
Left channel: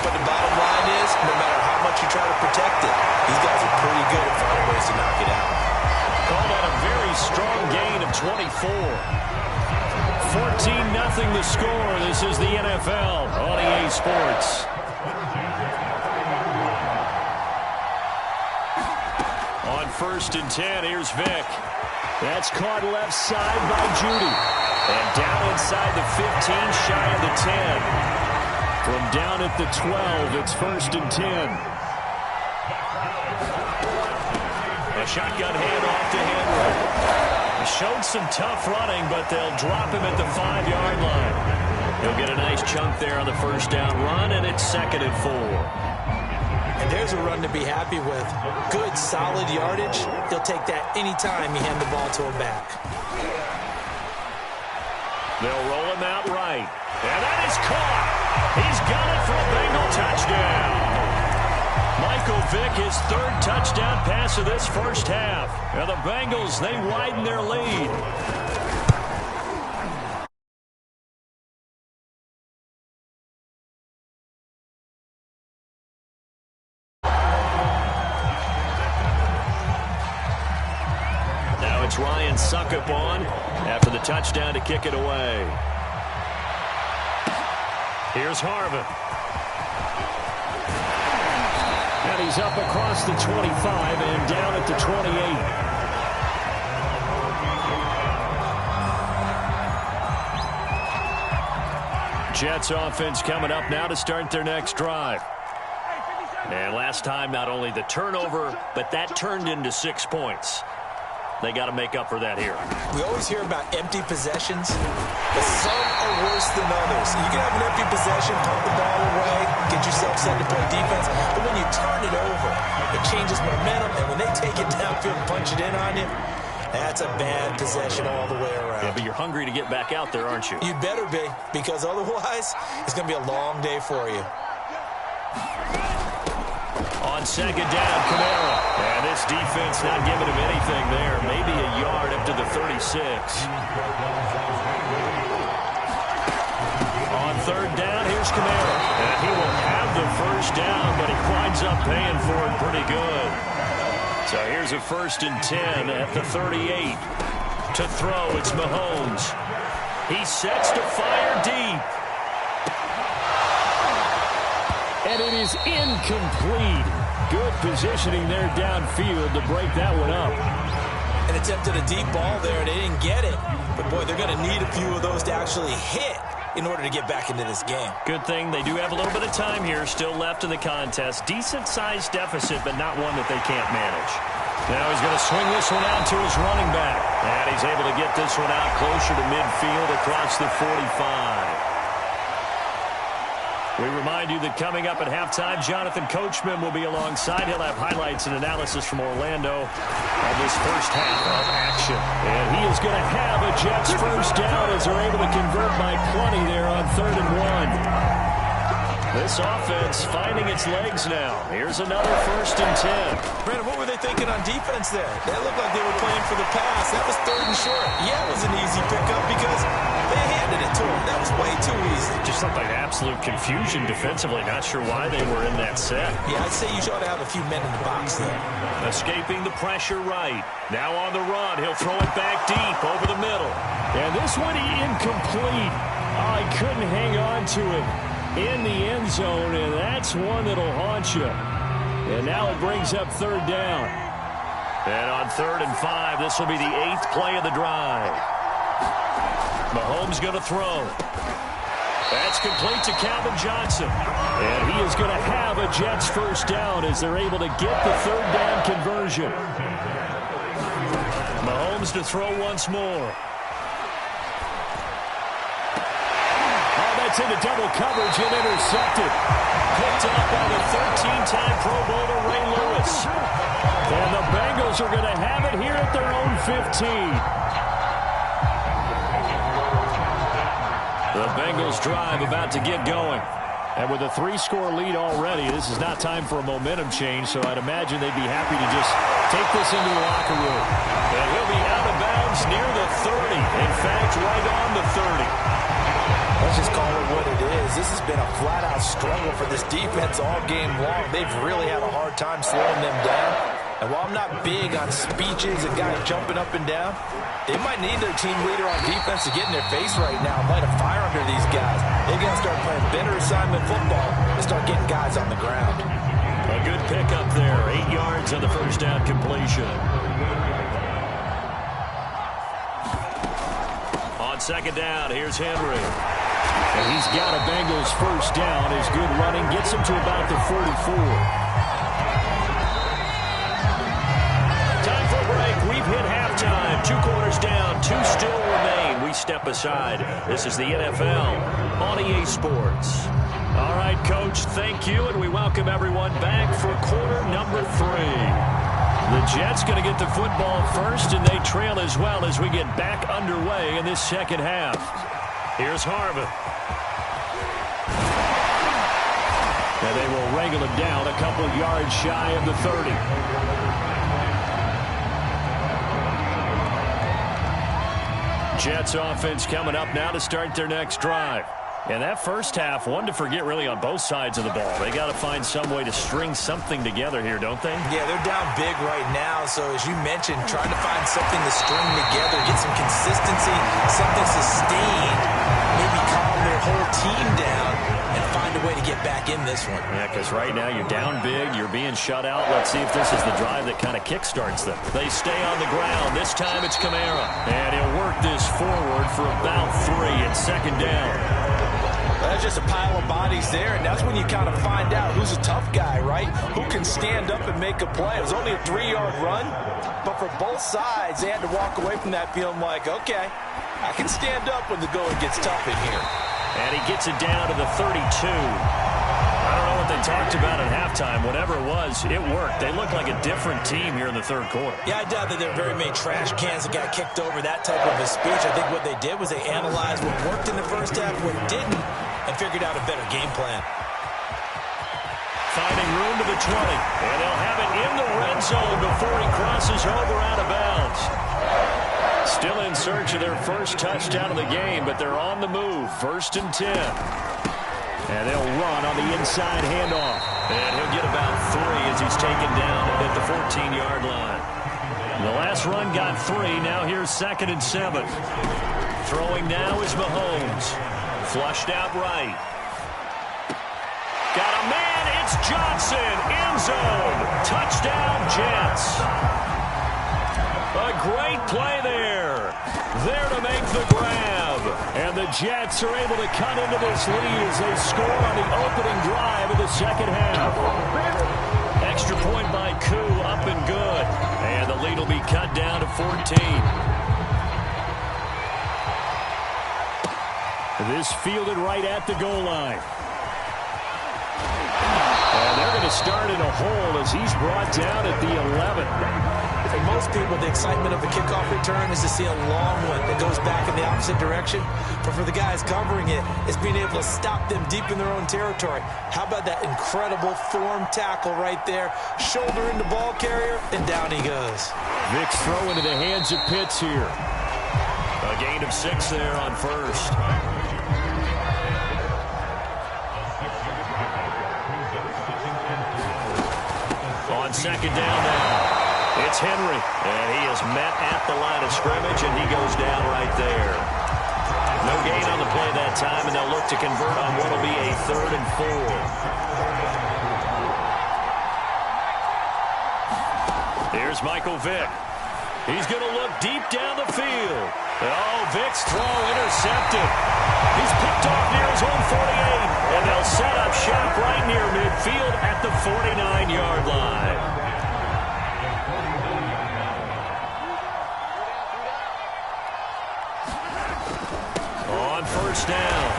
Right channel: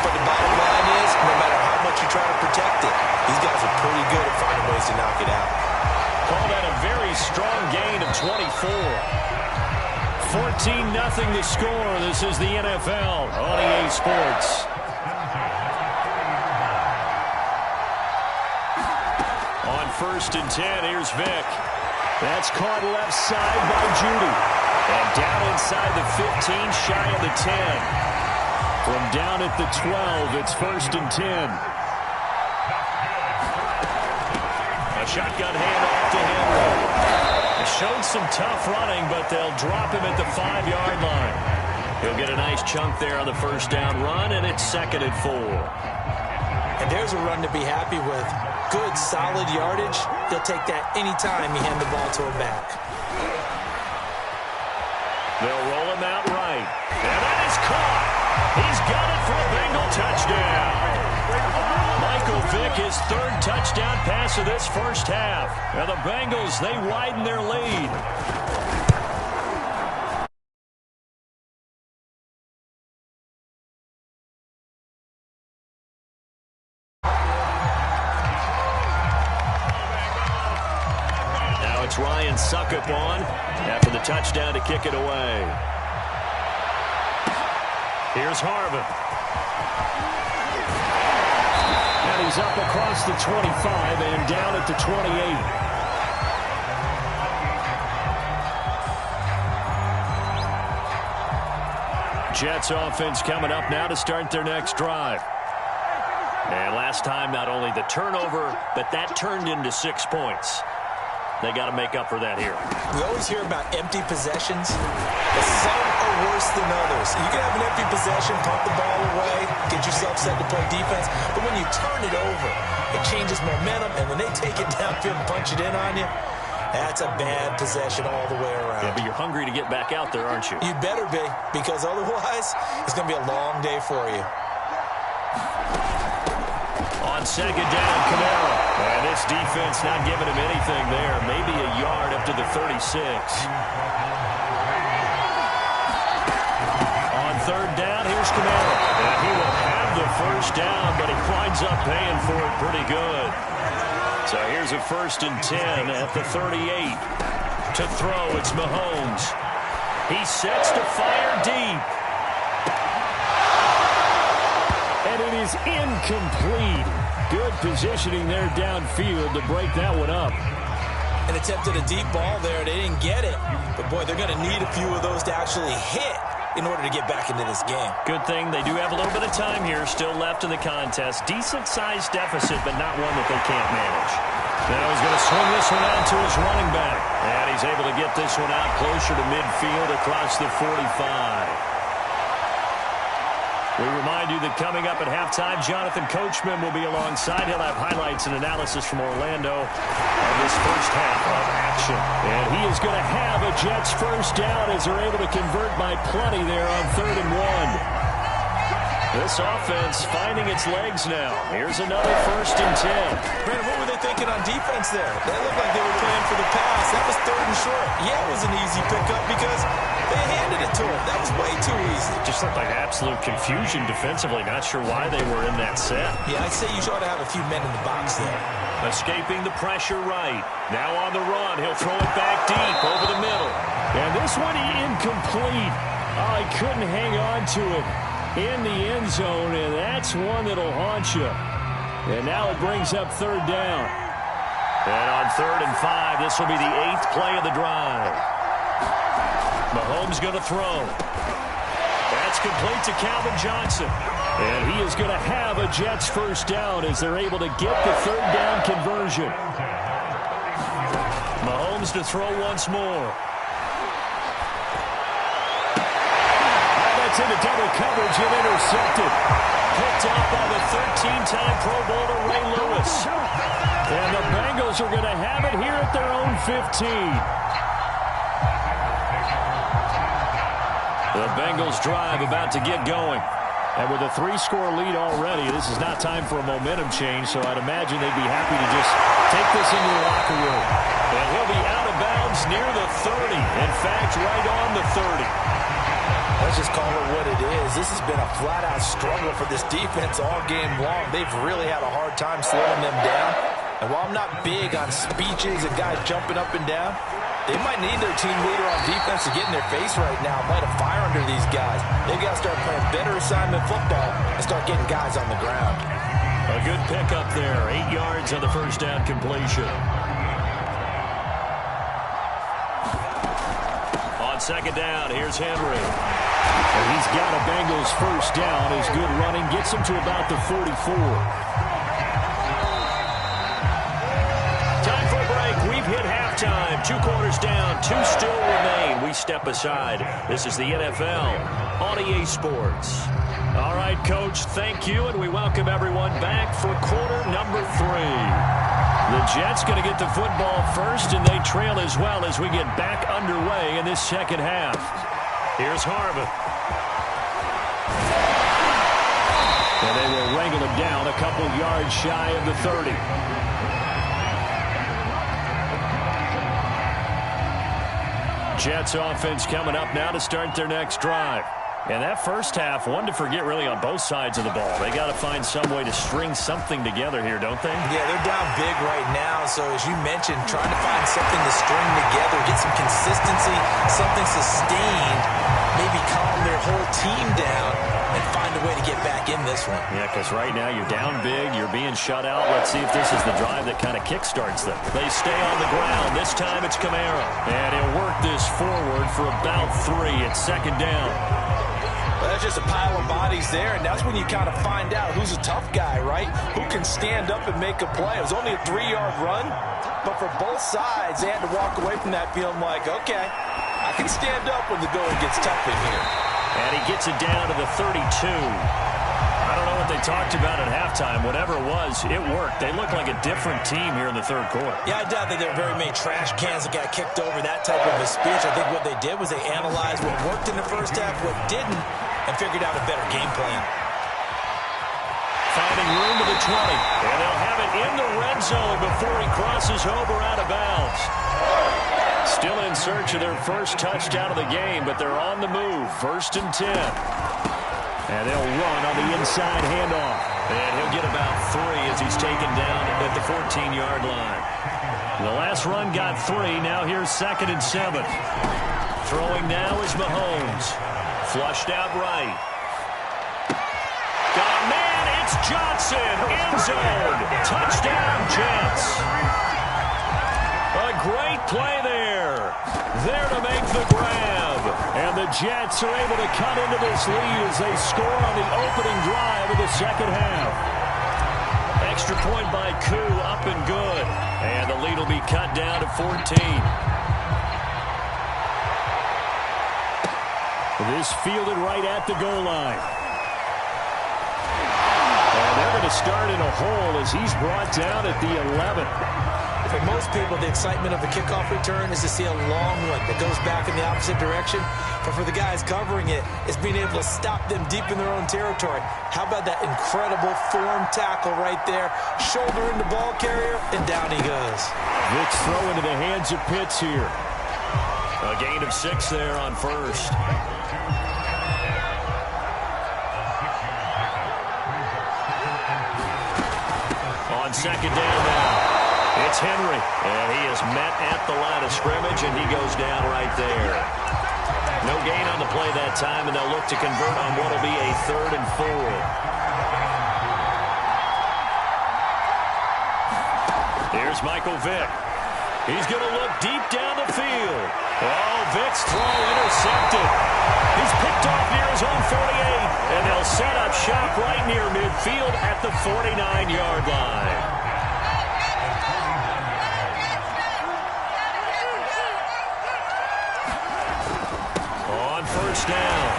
But the bottom line is, no matter how much you try to protect it, these guys are pretty good at finding ways to knock it out. Call that a very strong gain of 24. 14-0 the score. This is the NFL on EA Sports. On 1st and 10, here's Vick. That's caught left side by Judy. And down inside the 15, shy of the 10. From down at the 12, it's 1st and 10. A shotgun handoff to Henry. He showed some tough running, but they'll drop him at the 5-yard line. He'll get a nice chunk there on the first down run, and it's 2nd and 4. And there's a run to be happy with. Good, solid yardage. He'll take that any time you hand the ball to him back. They'll roll him out right. And that is caught. He's got it for a Bengal touchdown. Michael Vick, his 3rd touchdown pass of this first half. And the Bengals, they widen their lead. It's Ryan Suckup on after the touchdown to kick it away. Here's Harvin. And he's up across the 25 and down at the 28. Jets offense coming up now to start their next drive. And last time, not only the turnover, but that turned into 6 points. They got to make up for that here. We always hear about empty possessions, but some are worse than others. You can have an empty possession, pump the ball away, get yourself set to play defense, but when you turn it over, it changes momentum, and when they take it downfield and punch it in on you, that's a bad possession all the way around. Yeah, but you're hungry to get back out there, aren't you? You'd better be, because otherwise, it's going to be a long day for you. On 2nd down, Kamara. And this defense not giving him anything there. Maybe a yard up to the 36. On 3rd down, here's Kamara. And he will have the first down, but he winds up paying for it pretty good. So here's a 1st and 10 at the 38. To throw, it's Mahomes. He sets to fire deep. And it is incomplete. Good positioning there downfield to break that one up. And attempted a deep ball there. They didn't get it. But, boy, they're going to need a few of those to actually hit in order to get back into this game. Good thing they do have a little bit of time here still left in the contest. Decent-sized deficit, but not one that they can't manage. Now he's going to swing this one out to his running back. And he's able to get this one out closer to midfield across the 45. We remind you that coming up at halftime, Jonathan Coachman will be alongside. He'll have highlights and analysis from Orlando of this first half of action. And he is going to have a Jets first down as they're able to convert by plenty there on 3rd and 1. This offense finding its legs now. Here's another 1st and 10. Brandon, what were they thinking on defense there? They looked like they were playing for the pass. That was 3rd and short. Yeah, it was an easy pickup because they handed it to him. That was way too easy. Just looked like absolute confusion defensively. Not sure why they were in that set. Yeah, I'd say you ought to have a few men in the box there. Escaping the pressure right. Now on the run. He'll throw it back deep over the middle. And this one incomplete. Oh, he couldn't hang on to it in the end zone, and that's one that'll haunt you. And now it brings up 3rd down. And on 3rd and 5, this will be the 8th play of the drive. Mahomes going to throw. That's complete to Calvin Johnson. And he is going to have a Jets first down as they're able to get the 3rd down conversion. Mahomes to throw once more. That's into double coverage and intercepted. Picked off by the 13-time Pro Bowler Ray Lewis. And the Bengals are going to have it here at their own 15. The Bengals drive about to get going. And with a 3-score lead already, this is not time for a momentum change, so I'd imagine they'd be happy to just take this into the locker room. And he'll be out of bounds near the 30. In fact, right on the 30. Let's just call it what it is. This has been a flat-out struggle for this defense all game long. They've really had a hard time slowing them down. And while I'm not big on speeches and guys jumping up and down, they might need their team leader on defense to get in their face right now and light a fire under these guys. They've got to start playing better assignment football and start getting guys on the ground. A good pickup there. 8 yards on the first down completion. On second down, here's Henry. And he's got a Bengals first down. His good running gets him to about the 44. Time for a break. We've hit halftime. 2 quarters down. 2 still remain. We step aside. This is the NFL on EA Sports. All right, Coach, thank you, and we welcome everyone back for quarter number 3. The Jets going to get the football first, and they trail as well as we get back underway in this second half. Here's Harvin. And they will wrangle him down a couple yards shy of the 30. Jets offense coming up now to start their next drive. And that first half, one to forget really on both sides of the ball. They got to find some way to string something together here, don't they? Yeah, they're down big right now. So as you mentioned, trying to find something to string together, get some consistency, something sustained, maybe calm their whole team down and find a way to get back in this one. Yeah, because right now you're down big, you're being shut out. Let's see if this is the drive that kind of kickstarts them. They stay on the ground. This time it's Kamara. And he'll work this forward for about 3 at second down. Well, that's just a pile of bodies there, and that's when you kind of find out who's a tough guy, right? Who can stand up and make a play. It was only a 3-yard run, but for both sides, they had to walk away from that feeling like, okay, I can stand up when the going gets tough in here. And he gets it down to the 32. I don't know what they talked about at halftime. Whatever it was, it worked. They look like a different team here in the third quarter. Yeah, I doubt that there were very many trash cans that got kicked over, that type of a speech. I think what they did was they analyzed what worked in the first half, what didn't, and figured out a better game plan. Finding room to the 20. And they'll have it in the red zone before he crosses over out of bounds. Still in search of their first touchdown of the game, but they're on the move. 1st and 10. And they'll run on the inside handoff. And he'll get about 3 as he's taken down at the 14-yard line. The last run got 3. Now here's 2nd and 7. Throwing now is Mahomes. Flushed out right. Got a man. It's Johnson. End zone. Touchdown, Jets. A great play there. There to make the grab. And the Jets are able to cut into this lead as they score on the opening drive of the second half. Extra point by Koo, up and good. And the lead will be cut down to 14. This fielded right at the goal line. And they're going to start in a hole as he's brought down at the 11. For most people, the excitement of a kickoff return is to see a long one that goes back in the opposite direction. But for the guys covering it, it's being able to stop them deep in their own territory. How about that incredible form tackle right there? Shoulder into ball carrier, and down he goes. Vick's throw into the hands of Pitts here. A gain of 6 there on first. On second down now. It's Henry, and he is met at the line of scrimmage, and he goes down right there. No gain on the play that time, and they'll look to convert on what will be a 3rd and 4. Here's Michael Vick. He's going to look deep down the field. Oh, Vick's throw intercepted. He's picked off near his own 48, and they'll set up shop right near midfield at the 49-yard line. On first down,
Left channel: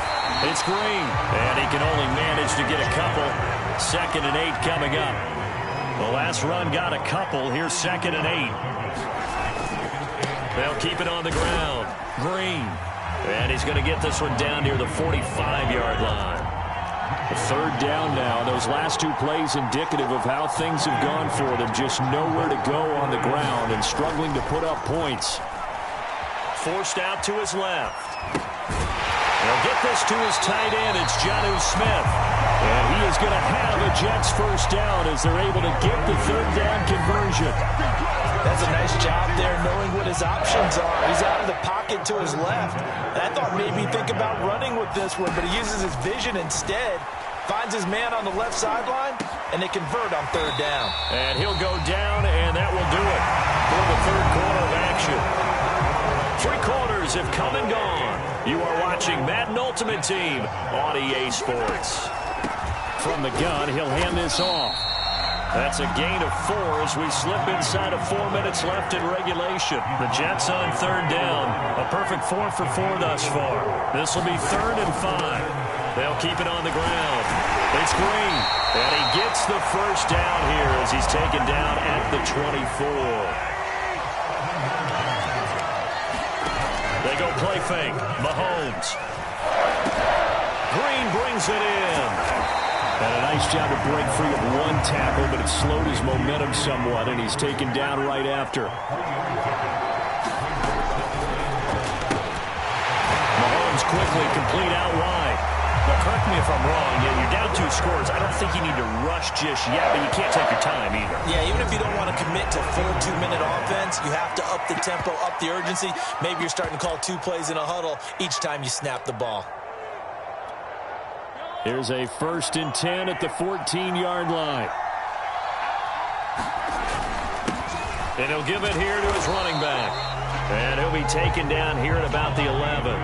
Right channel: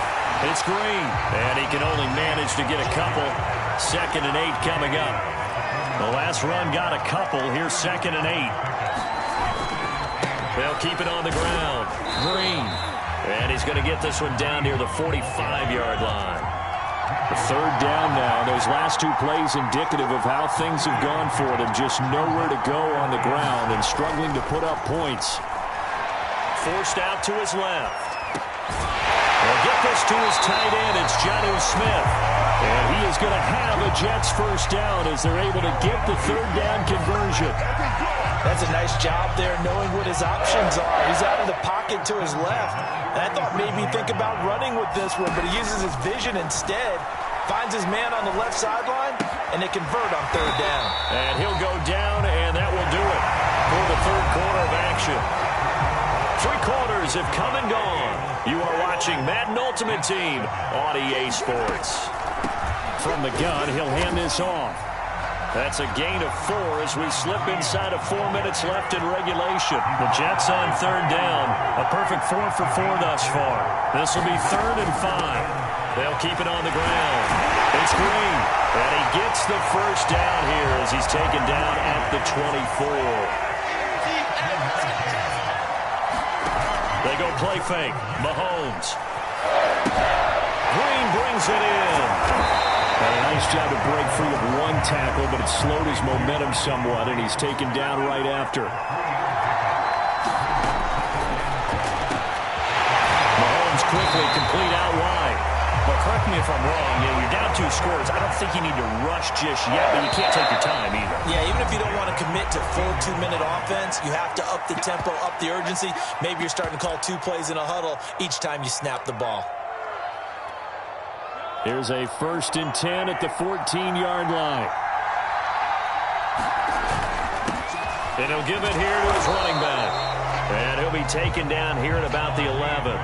it's Green, and he can only manage to get a couple. 2nd and 8 coming up. The last run got a couple. Here's 2nd and 8. They'll keep it on the ground. Green. And he's going to get this one down near the 45-yard line. Third down now. Those last two plays indicative of how things have gone for them. Just nowhere to go on the ground and struggling to put up points. Forced out to his left. He'll get this to his tight end. It's Jonnu Smith. And he is going to have a Jets first down as they're able to get the third down conversion. That's a nice job there knowing what his options are. He's out of the pocket to his left. And I thought maybe think about running with this one, but he uses his vision instead. Finds his man on the left sideline, and they convert on third down. And he'll go down, and that will do it for the third quarter of action. 3 quarters have come and gone. You are watching Madden Ultimate Team on EA Sports. From the gun, he'll hand this off. That's a gain of 4 as we slip inside of 4 minutes left in regulation. The Jets on third down. A perfect 4 for 4 thus far. This will be 3rd and 5. They'll keep it on the ground. It's Green. And he gets the first down here as he's taken down at the 24. They go play fake. Mahomes. Green brings it in. And a nice job to break free of one tackle, but it slowed his momentum somewhat, and he's taken down right after. Mahomes quickly complete out wide. But correct me if I'm wrong, you're down 2 scores. I don't think you need to rush just yet, but you can't take your time either. Yeah, even if you don't want to commit to full 2-minute offense, you have to up the tempo, up the urgency. Maybe you're starting to call 2 plays in a huddle each time you snap the ball. Here's a 1st and 10 at the 14-yard line. And he'll give it here to his running back. And he'll be taken down here at about the 11.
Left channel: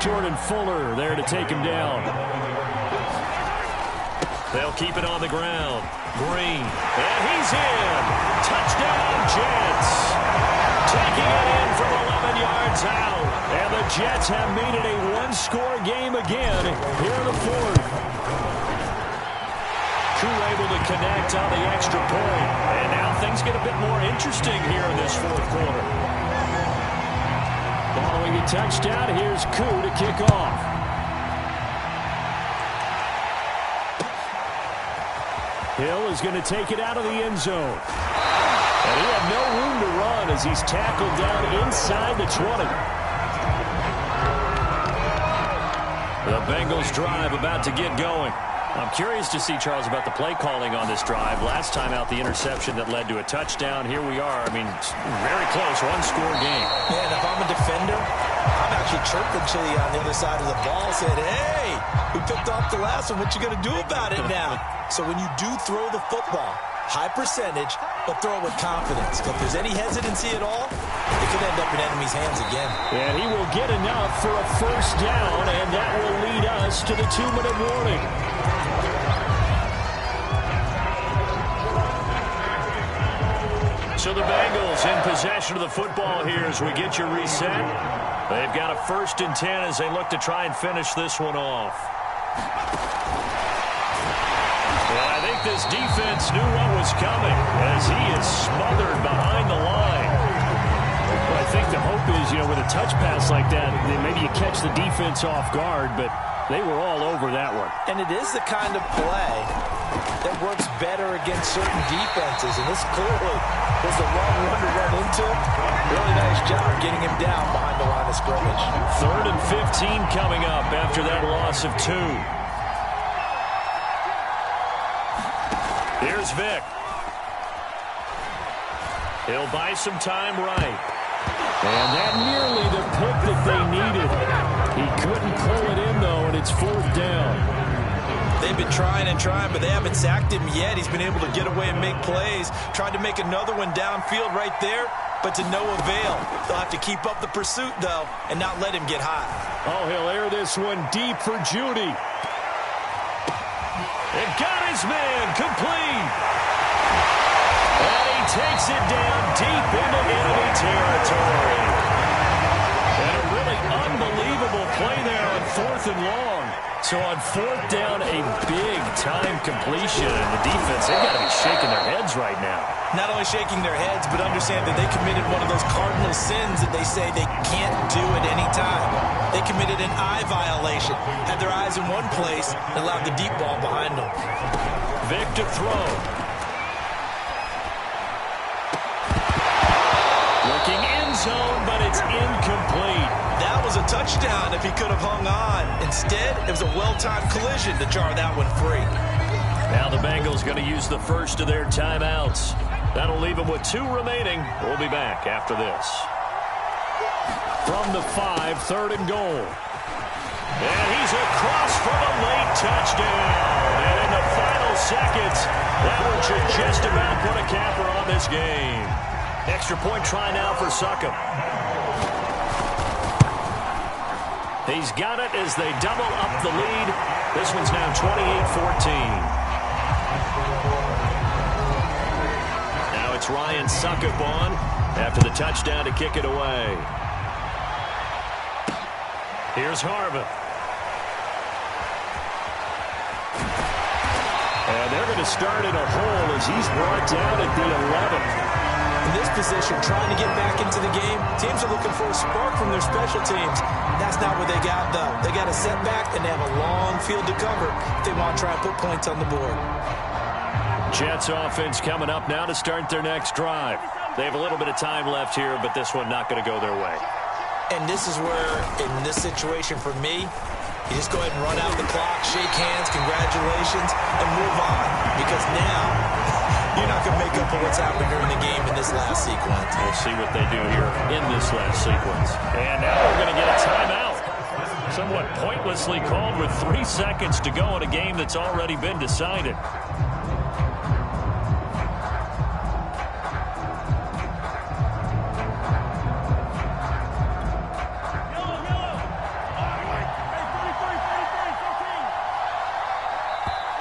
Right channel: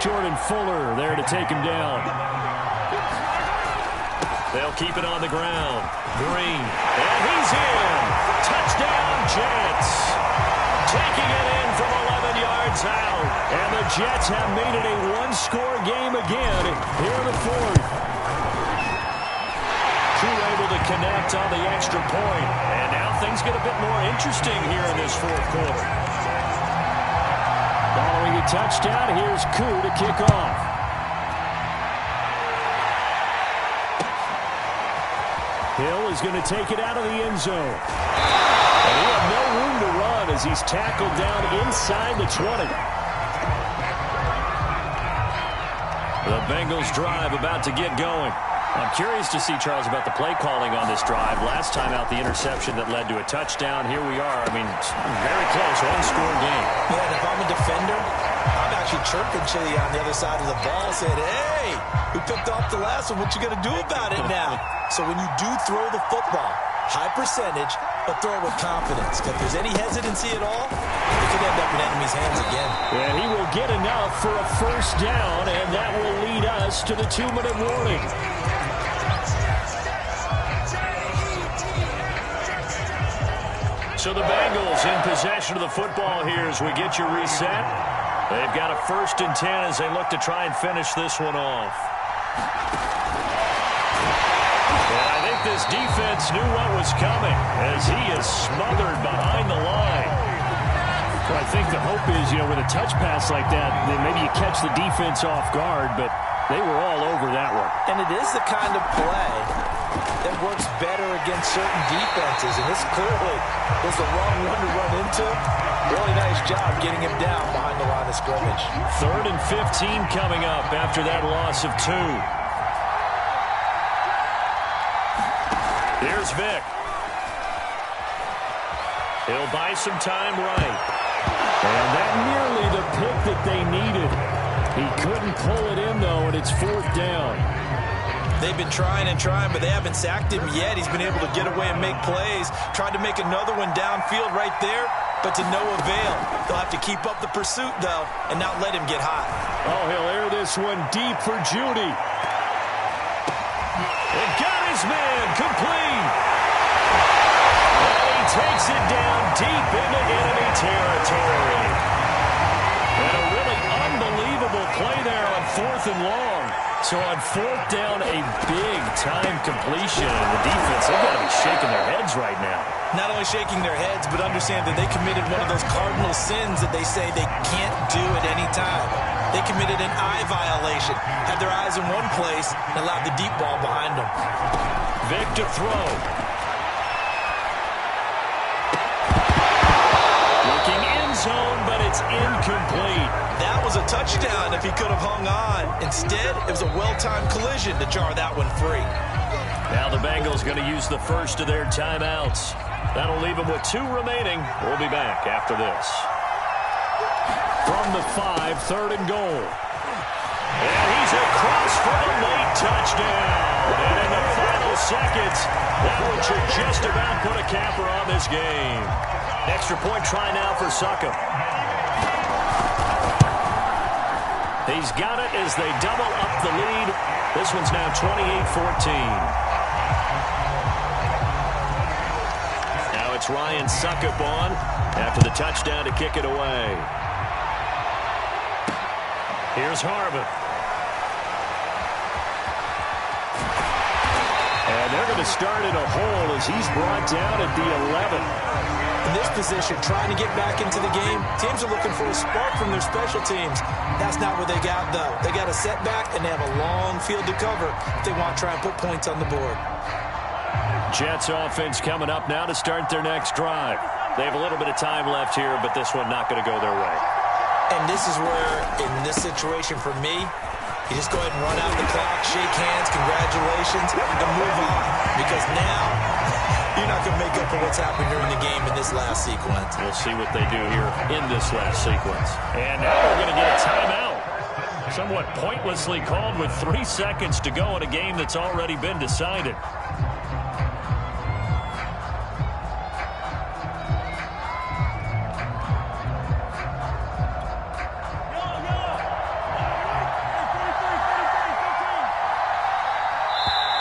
Jordan Fuller there to take him down. They'll keep it on the ground. Green. And he's in. Touchdown, Jets. Taking it in from 11 yards out. And the Jets have made it a 1-score game again here in the 4th. Koo able to connect on the extra point. And now things get a bit more interesting here in this 4th quarter. Following a touchdown, here's Koo to kick off. Hill is going to take it out of the end zone. And he had no room to run as he's tackled down inside the 20. The Bengals drive about to get going. I'm curious to see, Charles, about the play calling on this drive. Last time out, the interception that led to a touchdown. Here we are. I mean, very close, 1-score game. Yeah, and if I'm a defender, I'm actually chirping Chili on the other side of the ball, saying, hey, we picked off the last one. What you going to do about it now? So when you do throw the football, high percentage, but throw it with confidence. If there's any hesitancy at all, it could end up in enemy's hands again. And he will get enough for a first down, and that will lead us to the 2-minute warning. So the Bengals in possession of the football here as we get you reset. They've got a 1st and 10 as they look to try and finish this one off. And I think this defense knew what was coming as he is smothered behind the line. Well, I think the hope is, with a touch pass like that, then maybe you catch the defense off guard, but they were all over that one. And it is the kind of play that works better against certain defenses, and this clearly was the wrong one to run into. Really nice job getting him down behind the line of scrimmage. 3rd and 15 coming up after that loss of 2. Here's Vic. He'll buy some time right. And that nearly the pick that they needed. He couldn't pull it in, though, and it's 4th down. They've been trying and trying, but they haven't sacked him yet. He's been able to get away and make plays. Tried to make another one downfield right there, but to no avail. They'll have to keep up the pursuit, though, and not let him get hot. Oh, he'll air this one deep for Judy. And got his man complete. And he takes it down deep into enemy territory. And a really unbelievable play there on 4th and long. So on 4th down, a big-time completion. And the defense, they've got to be shaking their heads right now. Not only shaking their heads, but understand that they committed one of those cardinal sins that they say they can't do at any time. They committed an eye violation, had their eyes in one place, and allowed the deep ball behind them. Vic to throw. Looking end zone, but it's incomplete. That was a touchdown if he could have hung on. Instead, it was a well-timed collision to jar that one free. Now the Bengals going to use the first of their timeouts. That'll leave them with 2 remaining. We'll be back after this. From the 5, 3rd and goal. And he's across for the late touchdown. And in the final seconds, that one should just about put a capper on this game. Extra point try now for Succop. He's got it as they double up the lead. This one's now 28-14. Now it's Ryan Succop on after the touchdown to kick it away. Here's Harvin. And they're going to start in a hole as he's brought down at the 11. In this position, trying to get back into the game, teams are looking for a spark from their special teams. That's not what they got, though. They got a setback, and they have a long field to cover if they want to try and put points on the board. Jets offense coming up now to start their next drive. They have a little bit of time left here, but this one not going to go their way. And this is where, in this situation for me, you just go ahead and run out the clock, shake hands, congratulations, and move on. Because now, you're not going to make up for what's happened during the game in this last sequence. We'll see what they do here in this last sequence. And now we're going to get a timeout. Somewhat pointlessly called with 3 seconds to go in a game that's already been decided.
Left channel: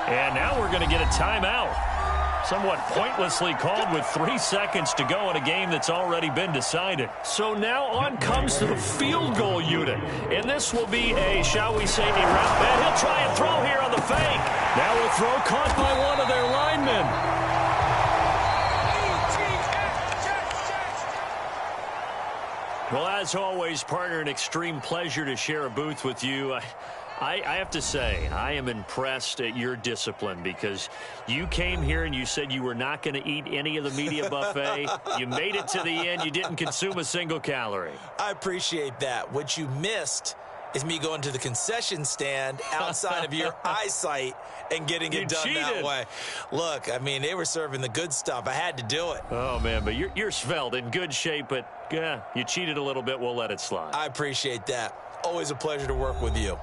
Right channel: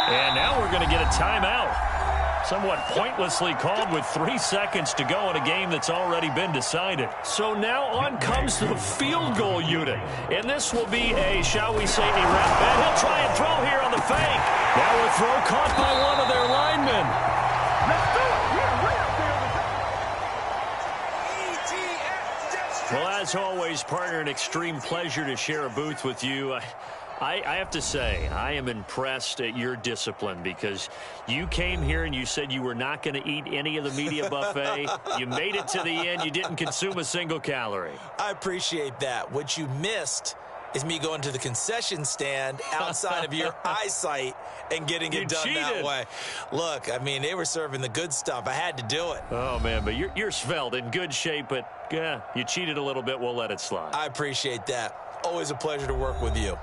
And now we're going to get a timeout. Somewhat pointlessly called with 3 seconds to go in a game that's already been decided. So now on comes the field goal unit. And this will be a, shall we say, a wrap. And he'll try and throw here on the fake. Now a throw caught by one of their linemen. Well, as always, partner, an extreme pleasure to share a booth with you. I have to say, I am impressed at your discipline because you came here and you said you were not going to eat any of the media buffet. You made it to the end. You didn't consume a single calorie. I appreciate that. What you missed is me going to the concession stand outside of your eyesight and getting it done that way. Look, I mean, they were serving the good stuff. I had to do it. Oh, man, but you're svelte, in good shape, but yeah, you cheated a little bit. We'll let it slide. I appreciate that. Always a pleasure to work with you.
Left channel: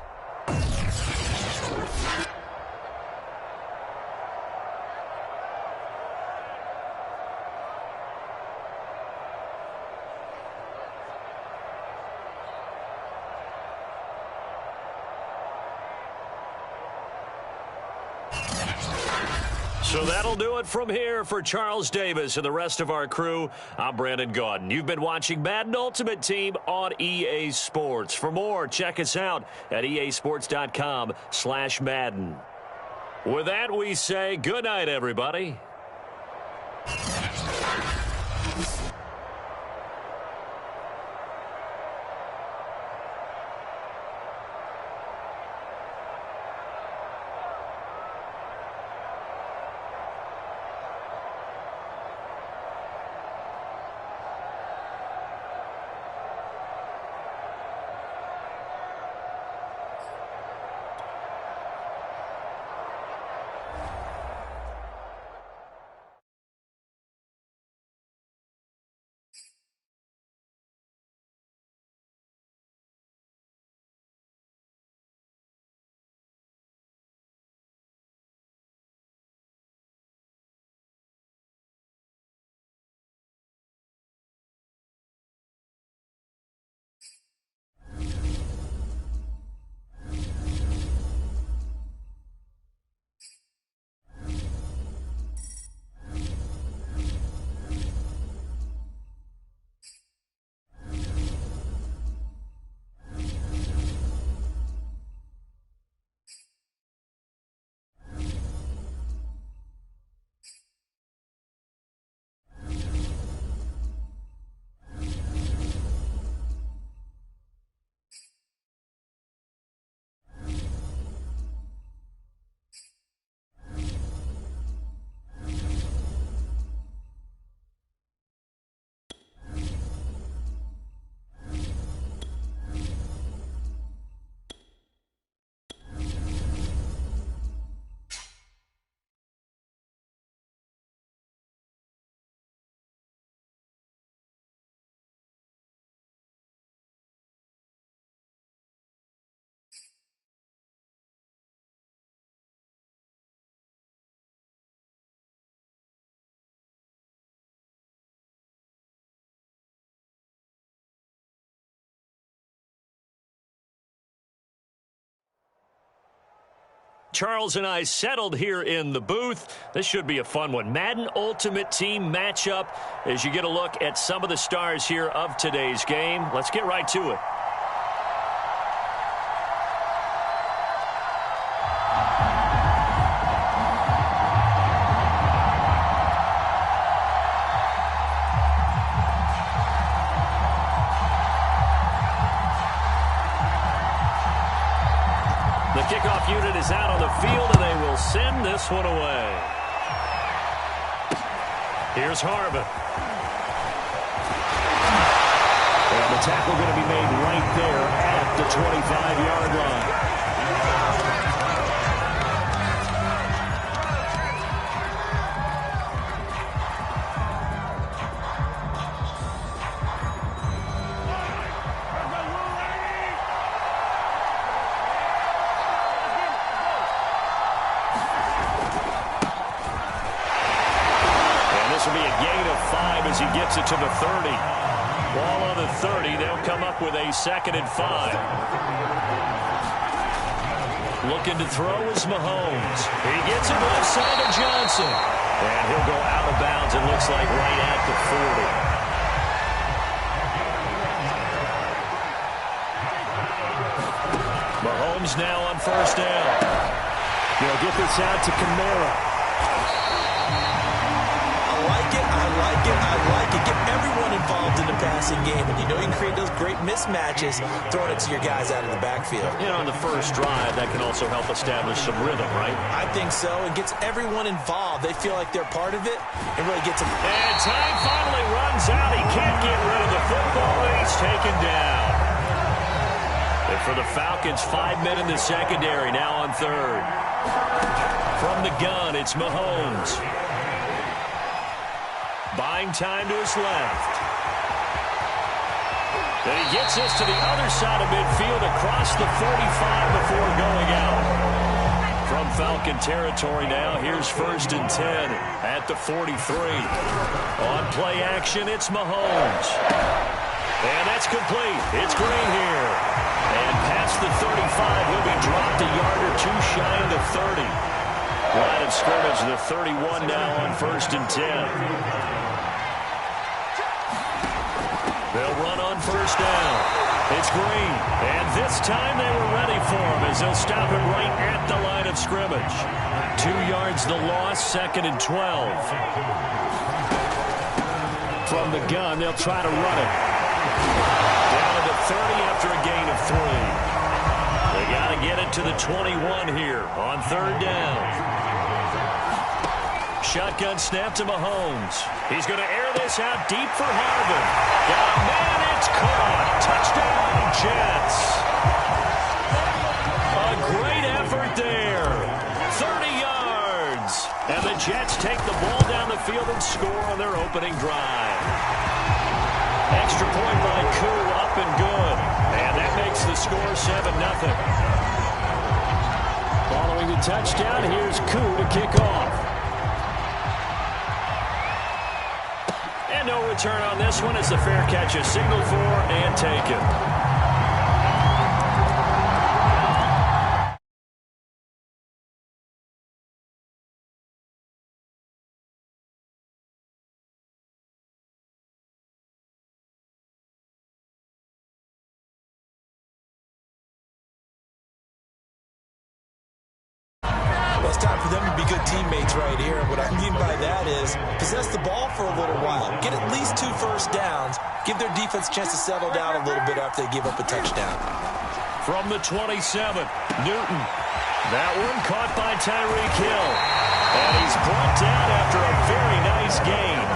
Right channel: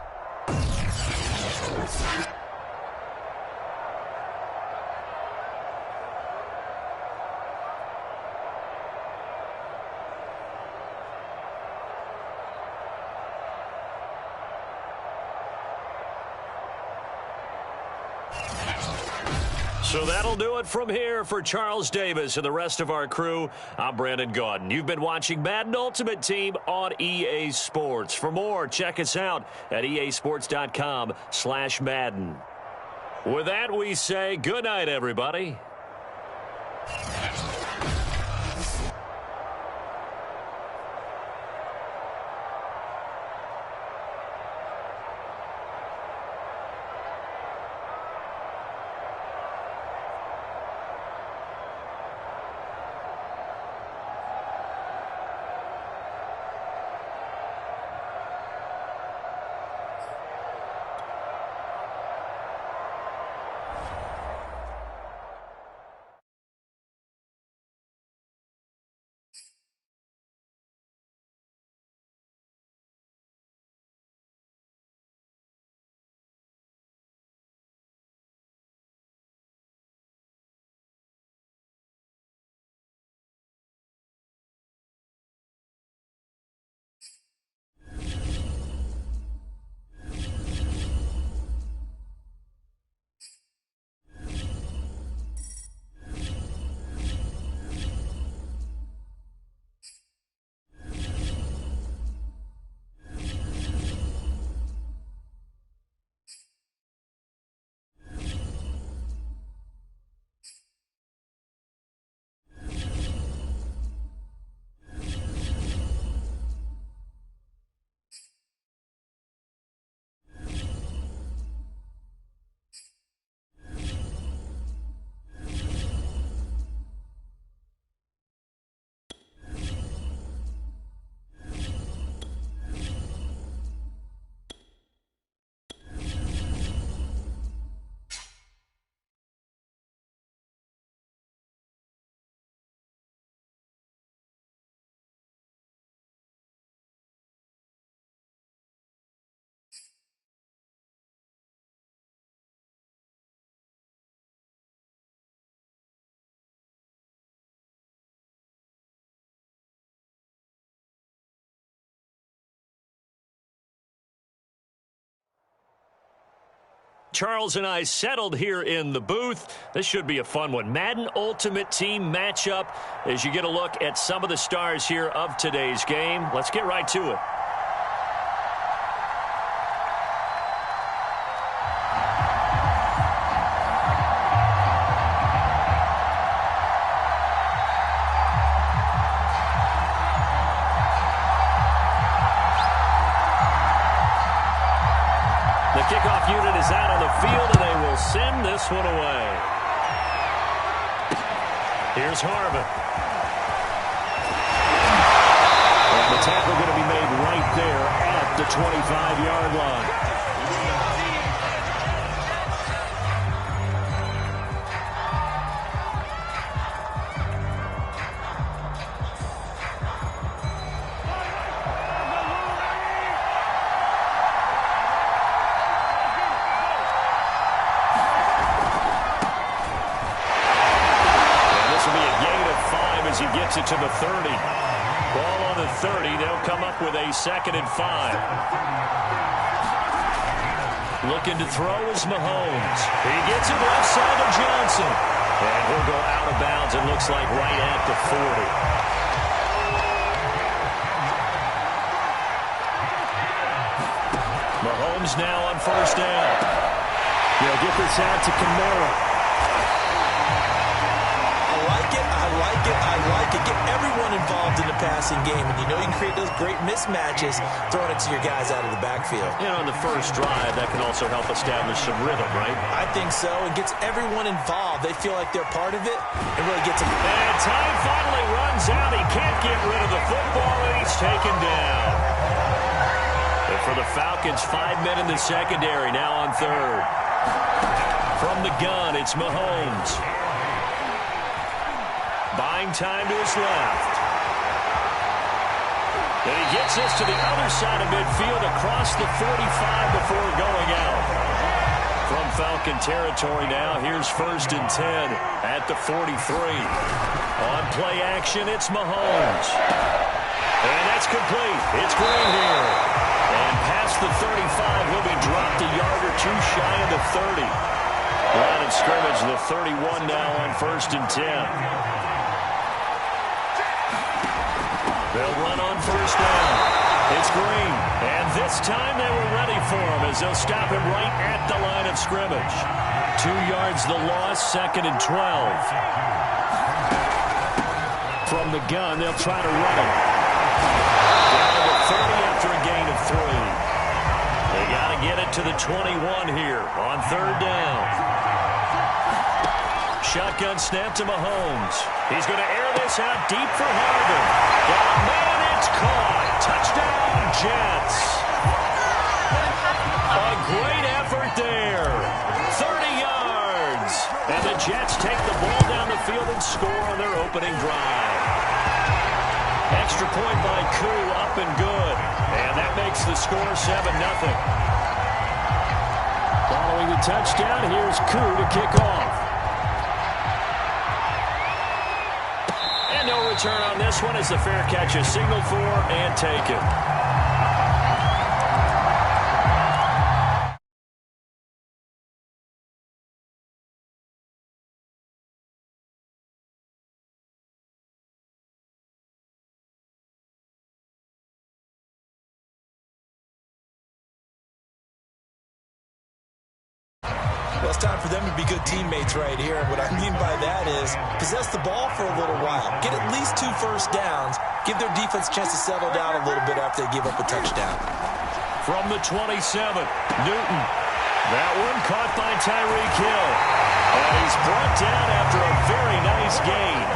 So that'll do it from here for Charles Davis and the rest of our crew. I'm Brandon Gaudin. You've been watching Madden Ultimate Team on EA Sports. For more, check us out at easports.com/Madden. With that, we say good night, everybody. Charles and I settled here in the booth. This should be a fun one. Madden Ultimate Team matchup as you get a look at some of the stars here of today's game. Let's get right to it. The kickoff unit is out on the field, and they will send this one away. Here's Harvin. And the tackle going to be made right there at the 25-yard line. As he gets it to the 30. Ball on the 30. They'll come up with a 2nd and 5. Looking to throw is Mahomes. He gets it left side to Johnson. And he'll go out of bounds, it looks like, right at the 40. Mahomes now on 1st down. They'll get this out to Kamara. I like it. Get everyone involved in the passing game. And you know you can create those great mismatches throwing it to your guys out of the backfield. And on the first drive, that can also help establish some rhythm, right? I think so. It gets everyone involved. They feel like they're part of it. It really gets them. And time finally runs out. He can't get rid of the football, and he's taken down. And for the Falcons, 5 men in the secondary, now on 3rd. From the gun, it's Mahomes. Buying time to his left. And he gets this to the other side of midfield across the 45 before going out. From Falcon territory now, here's 1st and 10 at the 43. On play action, it's Mahomes. And that's complete. It's Green here. And past the 35, he'll be dropped a yard or two shy of the 30. Line of scrimmage, the 31 now on 1st and 10. They'll run on 1st down. It's Green. And this time they were ready for him as they'll stop him right at the line of scrimmage. 2 yards the loss, 2nd and 12. From the gun, they'll try to run it. Down to the 30 after a gain of 3. They got to get it to the 21 here on 3rd down. Shotgun snap to Mahomes. He's going to air this out deep for Harvin. Got a man, it's caught. Touchdown, Jets. A great effort there. 30 yards. And the Jets take the ball down the field and score on their opening drive. Extra point by Koo, up and good. And that makes the score 7-0. Following the touchdown, here's Koo to kick off. And no return on this one as the fair catch is signaled for and taken. Well, it's time for them to be good teammates right here. What I mean by that is possess the ball for a little while. Get at least 2 first downs. Give their defense a chance to settle down a little bit after they give up a touchdown. From the 27, Newton. That one caught by Tyreek Hill. And he's brought down after a very nice gain.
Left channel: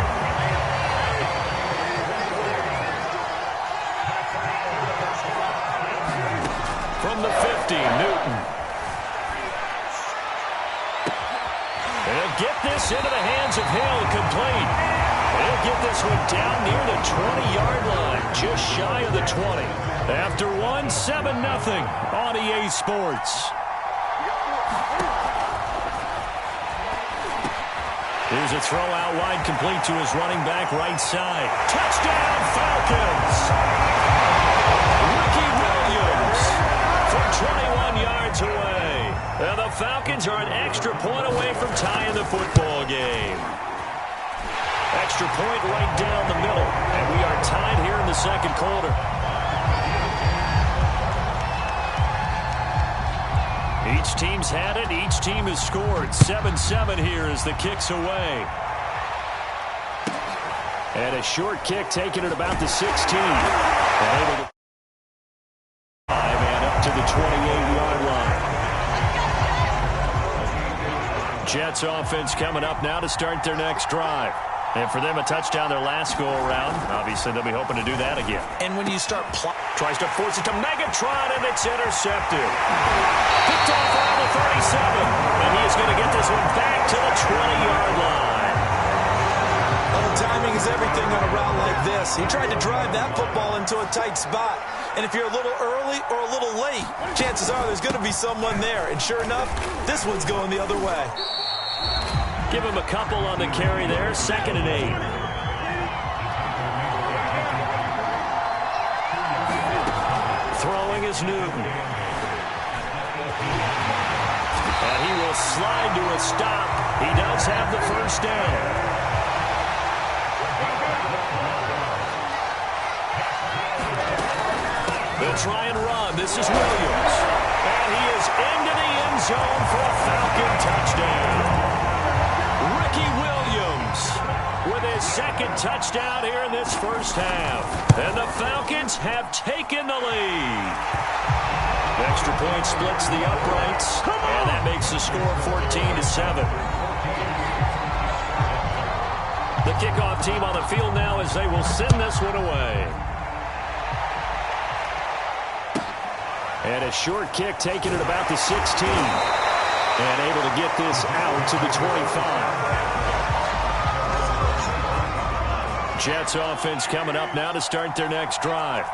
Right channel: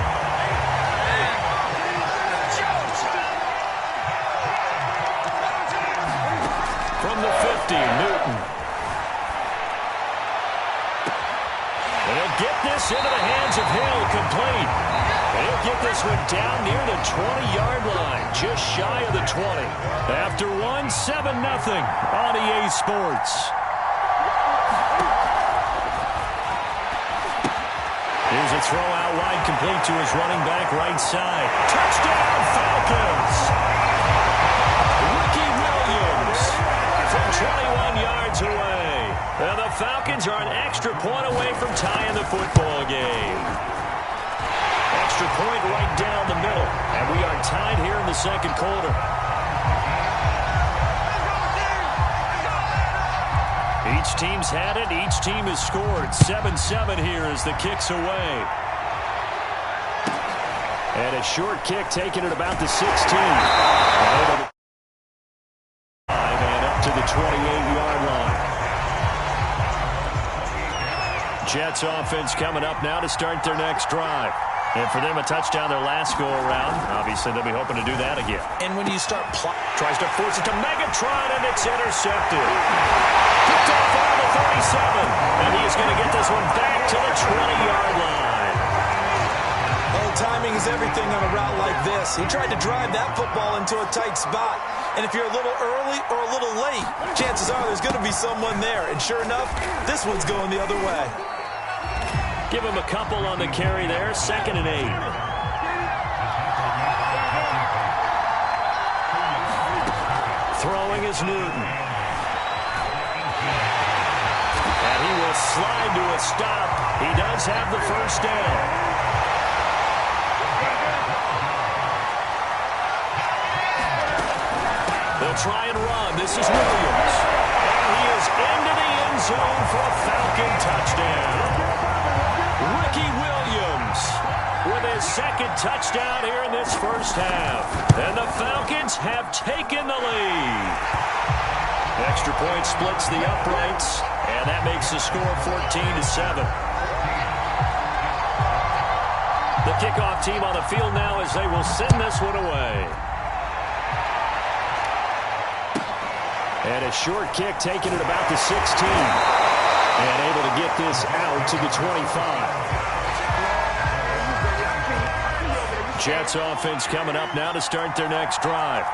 From the 50, Newton. And he'll get this into the hands of Hill, complete. And he'll get this one down near the 20-yard line, just shy of the 20. After one, 7-0 on EA Sports. Here's a throw out wide, complete to his running back right side. Touchdown, Falcons! Ricky Williams from 21 yards away. And the Falcons are an extra point away from tying the football game. Extra point right down the middle. And we are tied here in the second quarter. Each team's had it. Each team has scored. 7-7 here as the kick's away. And a short kick taken at about the 16. And able to 5 and up to the 28-yard line. Jets offense coming up now to start their next drive. And for them, a touchdown their last go-around. Obviously, they'll be hoping to do that again. And when you start tries to force it to Megatron, and it's intercepted. Picked off around the 37. And he is going to get this one back to the 20-yard line. Oh, timing is everything on a route like this. He tried to drive that football into a tight spot. And if you're a little early or a little late, chances are there's going to be someone there. And sure enough, this one's going the other way. Give him a couple on the carry there. 2nd and 8. Throwing is Newton. And he will slide to a stop. He does have the first down. They'll try and run. This is Williams. And he is into the end zone for a Falcon touchdown. Ricky Williams with his second touchdown here in this first half. And the Falcons have taken the lead. Extra point splits the uprights, and that makes the score 14-7. The kickoff team on the field now as they will send this one away. And a short kick taken at about the 16. And able to get this out to the 25. Jets offense coming up now to start their next drive.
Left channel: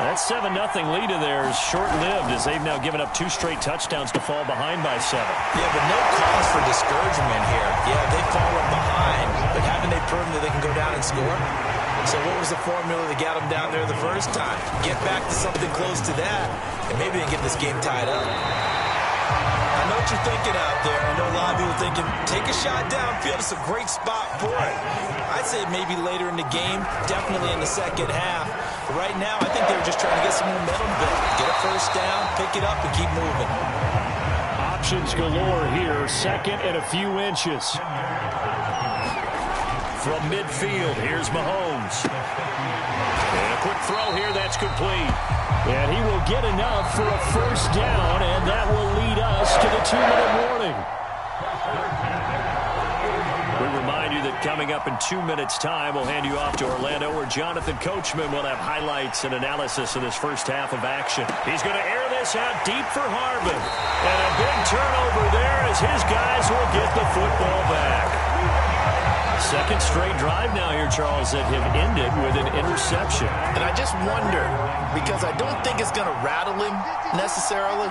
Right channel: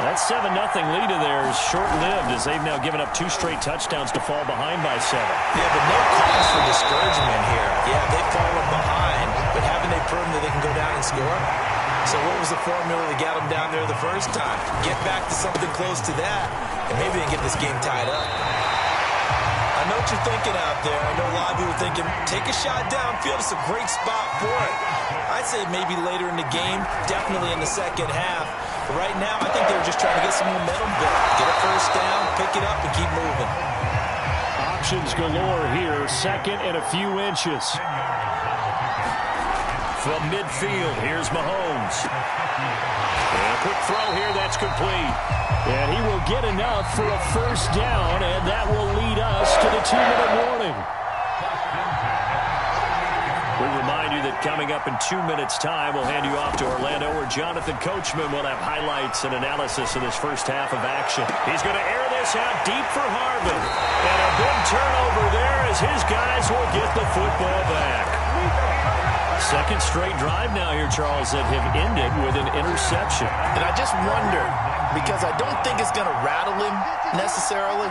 That 7-0 lead of theirs short-lived as they've now given up 2 straight touchdowns to fall behind by 7. Yeah, but no cause for discouragement here. Yeah, they've fallen behind, but haven't they proven that they can go down and score? So what was the formula that got them down there the first time? Get back to something close to that, and maybe they can get this game tied up. I know what you're thinking out there. I know a lot of people are thinking, take a shot downfield. It's a great spot for it. I'd say maybe later in the game, definitely in the second half. But right now, I think they were just trying to get some momentum built. Get a first down, pick it up, and keep moving. Options galore here. 2nd and a few inches. From midfield, here's Mahomes. And a quick throw here, that's complete. And he will get enough for a first down, and that will lead us to the 2-minute warning. We remind you that coming up in 2 minutes' time, we'll hand you off to Orlando, where Jonathan Coachman will have highlights and analysis of this first half of action. He's going to air this out deep for Harbin. And a big turnover there as his guys will get the football back. Second straight drive now here, Charles, that have ended with an interception. And I just wonder, because I don't think it's going to rattle him necessarily,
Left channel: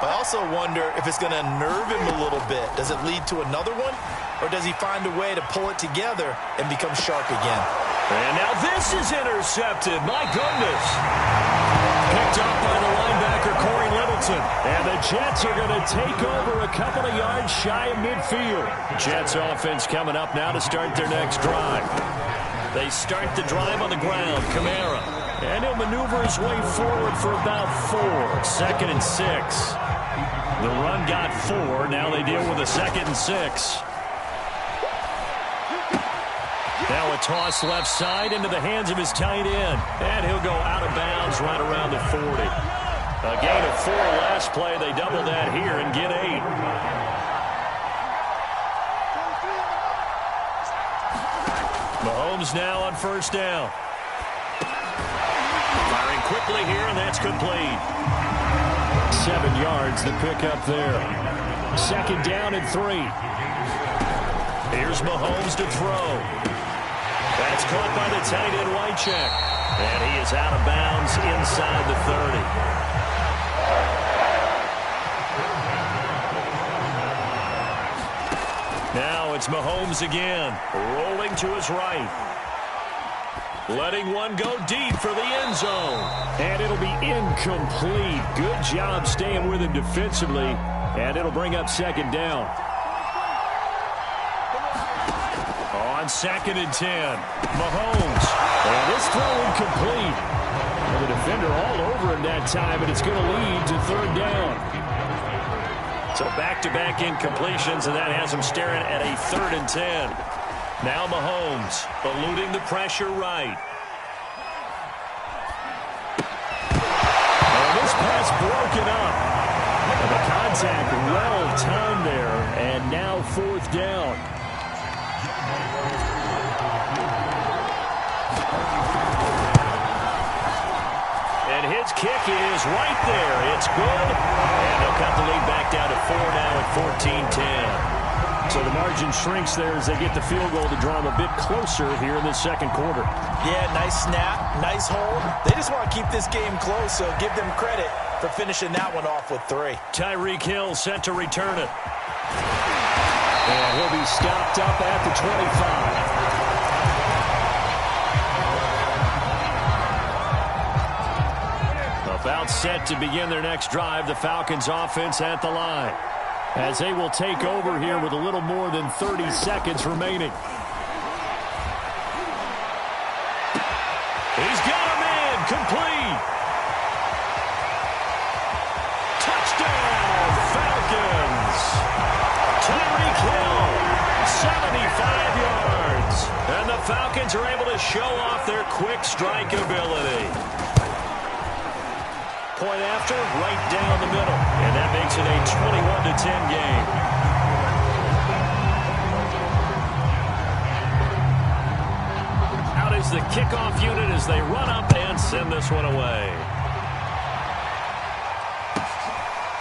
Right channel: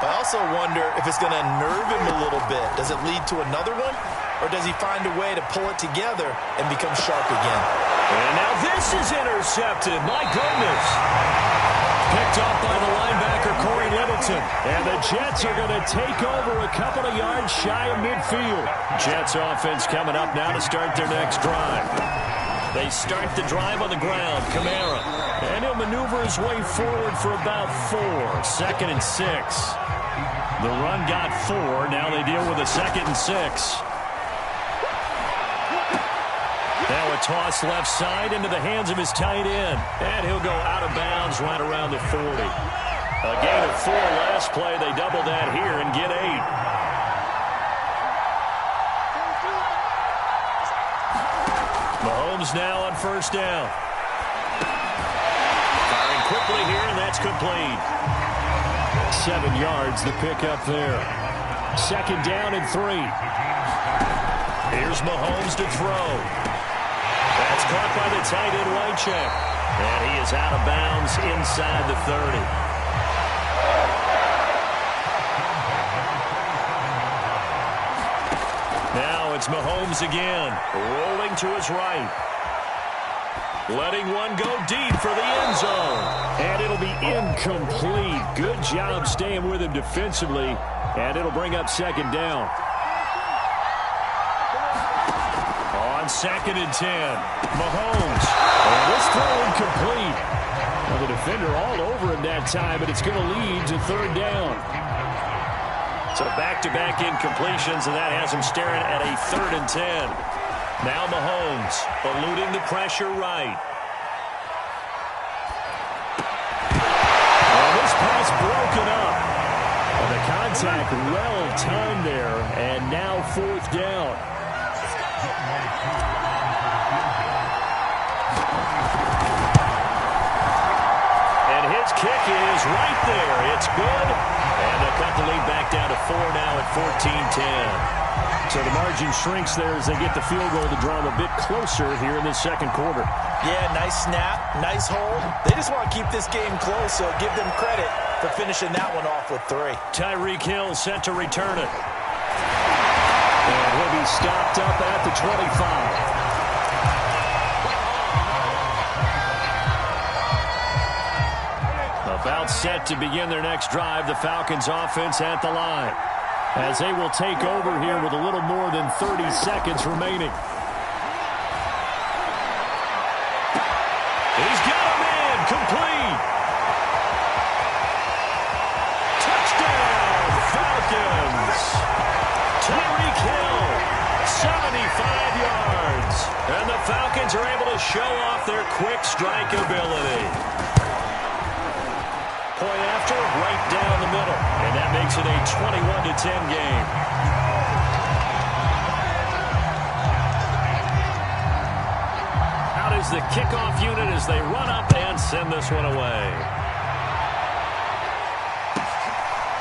but I also wonder if it's going to unnerve him a little bit. Does it lead to another one? Or does he find a way to pull it together and become sharp again? And now this is intercepted. My goodness. Picked up by the linebacker, Corey Littleton. And the Jets are going to take over a couple of yards shy of midfield. Jets offense coming up now to start their next drive. They start the drive on the ground. Kamara. And he'll maneuver his way forward for about 4. 2nd and 6. The run got 4. Now they deal with a 2nd and 6. Now a toss left side into the hands of his tight end. And he'll go out of bounds right around the 40. A gain of 4 last play. They double that here and get 8. Mahomes now on first down. Firing quickly here, and that's complete. 7 yards the pickup there. 2nd down and 3. Here's Mahomes to throw. That's caught by the tight end Wycheck. And he is out of bounds inside the 30. Now it's Mahomes again, rolling to his right. Letting one go deep for the end zone. And it'll be incomplete. Good job staying with him defensively. And it'll bring up second down. On 2nd and 10, Mahomes. And this throw incomplete. Well, the defender all over him that time, but it's going to lead to 3rd down. So back-to-back incompletions, and that has him staring at a 3rd and 10. Now Mahomes eluding the pressure right. And this pass broken up. And the contact well-timed there, and now 4th down. And his kick is right there. It's good. And they'll cut the lead back down to 4 now at 14-10. So the margin shrinks there as they get the field goal to draw them a bit closer here in this 2nd quarter. Yeah, nice snap, nice hold. They just want to keep this game close, so give them credit for finishing that one off with 3. Tyreek Hill sent to return it. And he'll be stopped up at the 25. About set to begin their next drive, the Falcons offense at the line, as they will take over here with a little more than 30 seconds remaining. He's got a man complete. Touchdown, Falcons. Tyreek Hill, 75 yards. And the Falcons are able to show off their quick strike ability. Point after, right down the middle. And that makes it a 21-10 game. Out is the kickoff unit as they run up and send this one away.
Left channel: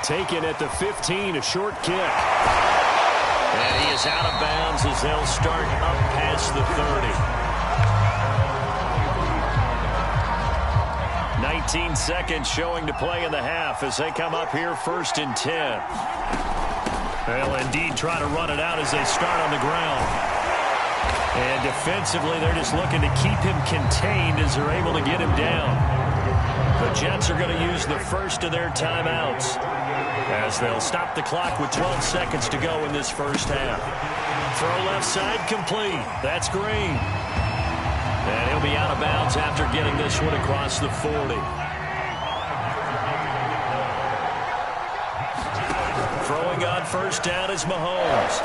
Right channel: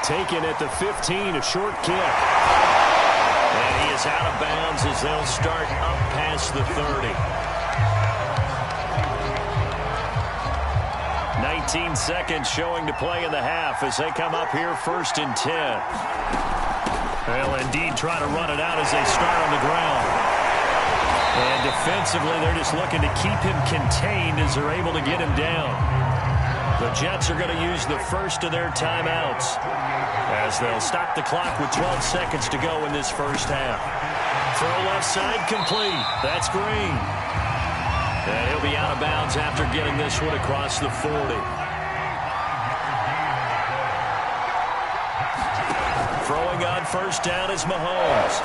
Taken at the 15, a short kick. And he is out of bounds as they'll start up past the 30. 19 seconds showing to play in the half as they come up here 1st and 10. They'll indeed try to run it out as they start on the ground. And defensively, they're just looking to keep him contained as they're able to get him down. The Jets are going to use the first of their timeouts as they'll stop the clock with 12 seconds to go in this first half. Throw left side complete. That's Green. And he'll be out of bounds after getting this one across the 40. Throwing on 1st down is Mahomes.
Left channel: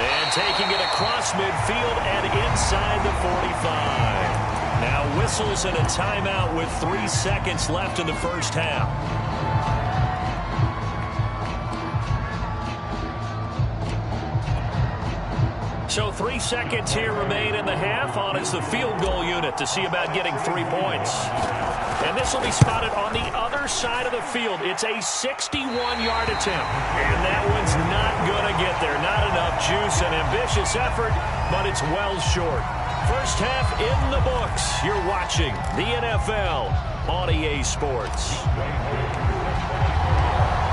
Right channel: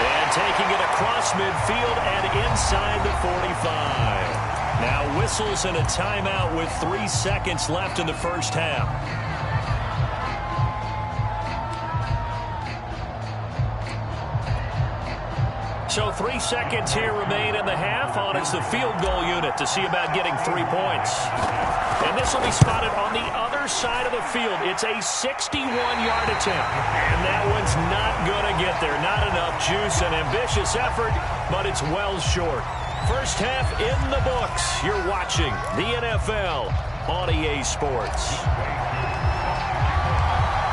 And taking it across midfield and inside the 45. Now whistles and a timeout with 3 seconds left in the first half. So 3 seconds here remain in the half. On is the field goal unit to see about getting 3 points. And this will be spotted on the other side of the field. It's a 61-yard attempt. And that one's not going to get there. Not enough juice, an ambitious effort, but it's well short. First half in the books. You're watching the NFL on EA Sports.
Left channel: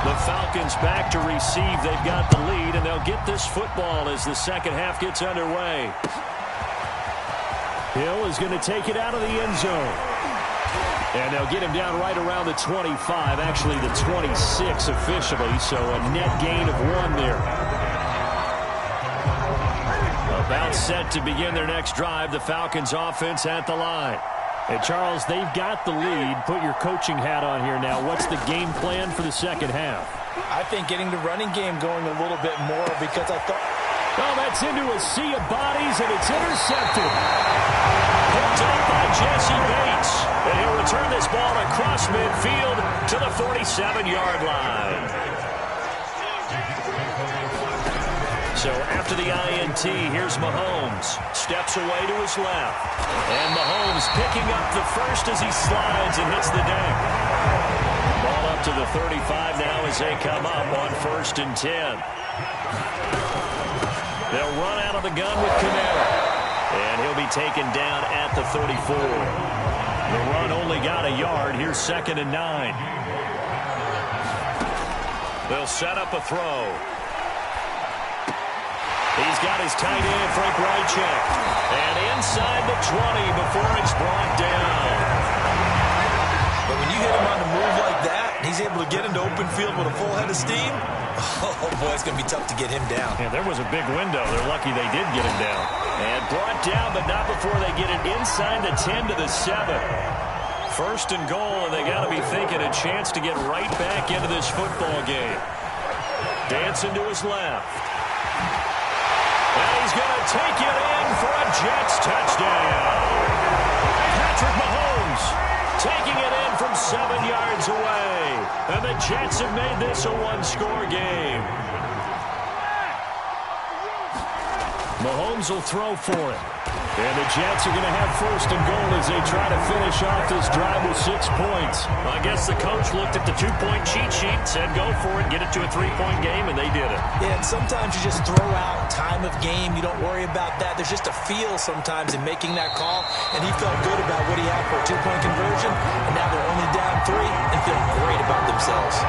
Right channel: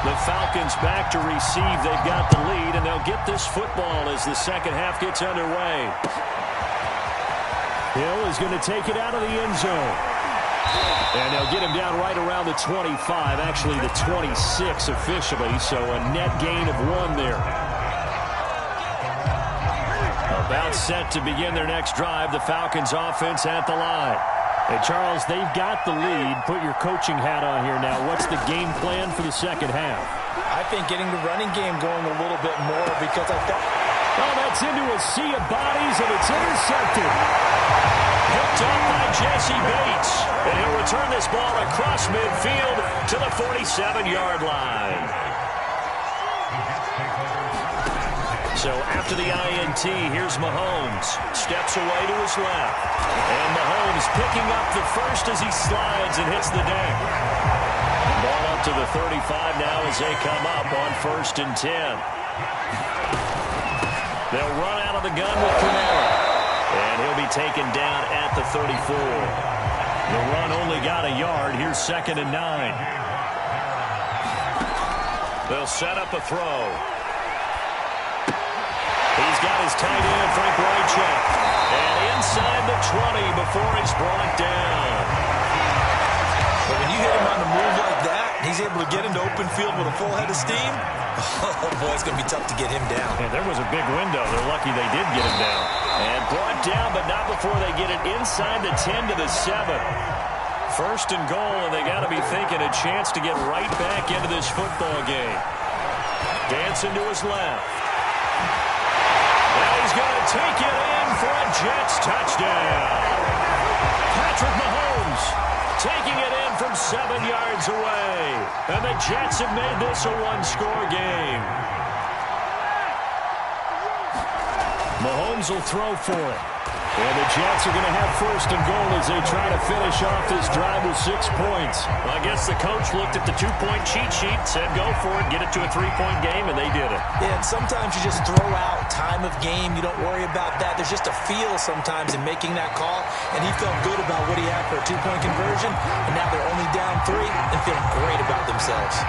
The Falcons back to receive. They've got the lead, and they'll get this football as the second half gets underway. Hill is going to take it out of the end zone. And they'll get him down right around the 25, actually the 26 officially, so a net gain of 1 there. About set to begin their next drive, the Falcons offense at the line. Hey, Charles, they've got the lead. Put your coaching hat on here now. What's the game plan for the second half? I think getting the running game going a little bit more because I thought... Oh, that's into a sea of bodies, and it's intercepted. Picked up by Jesse Bates. And he'll return this ball across midfield to the 47-yard line. So after the INT, here's Mahomes. Steps away to his left. And Mahomes picking up the first as he slides and hits the deck. Ball up to the 35 now as they come up on 1st and 10. They'll run out of the gun with Kamara. And he'll be taken down at the 34. The run only got a yard. Here's 2nd and 9. They'll set up a throw. He's got his tight end, Frank Wycheck. And inside the 20 before he's brought down. But when you hit him on the move like that, He's able to get into open field with a full head of steam. Oh, boy, it's going to be tough to get him down. And there was a big window. They're lucky they did get him down. And brought down, but not before they get it inside the 10 to the 7. First and goal, and they got to be thinking a chance to get right back into this football game. Dancing to his left. And he's going to take it in for a Jets touchdown. Patrick Mahomes taking it in from 7 yards away. And the Jets have made this a one-score game. Mahomes will throw for it. And the Jets are going to have first and goal as they try to finish off this drive with 6 points. Well, I guess the coach looked at the 2-point cheat sheet, said go for it, get it to a 3-point game, and they did it. Yeah, and sometimes you just throw out time of game. You don't worry about that. There's just a feel sometimes in making that call, and he felt good about what he had for a 2-point conversion, and now they're only down 3 and feeling great about themselves.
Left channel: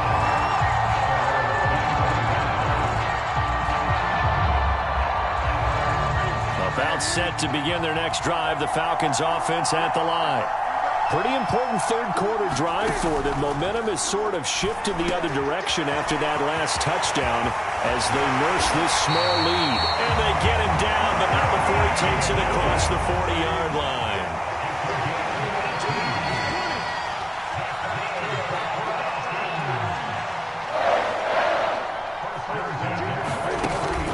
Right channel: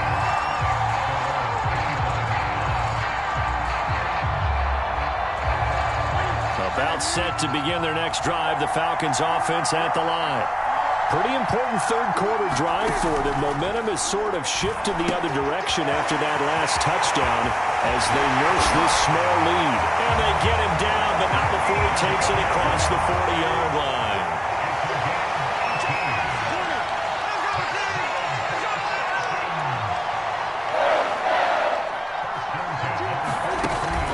About set to begin their next drive, the Falcons offense at the line. Pretty important third quarter drive for them. Momentum has sort of shifted the other direction after that last touchdown as they nurse this small lead. And they get him down, but not before he takes it across the 40-yard line.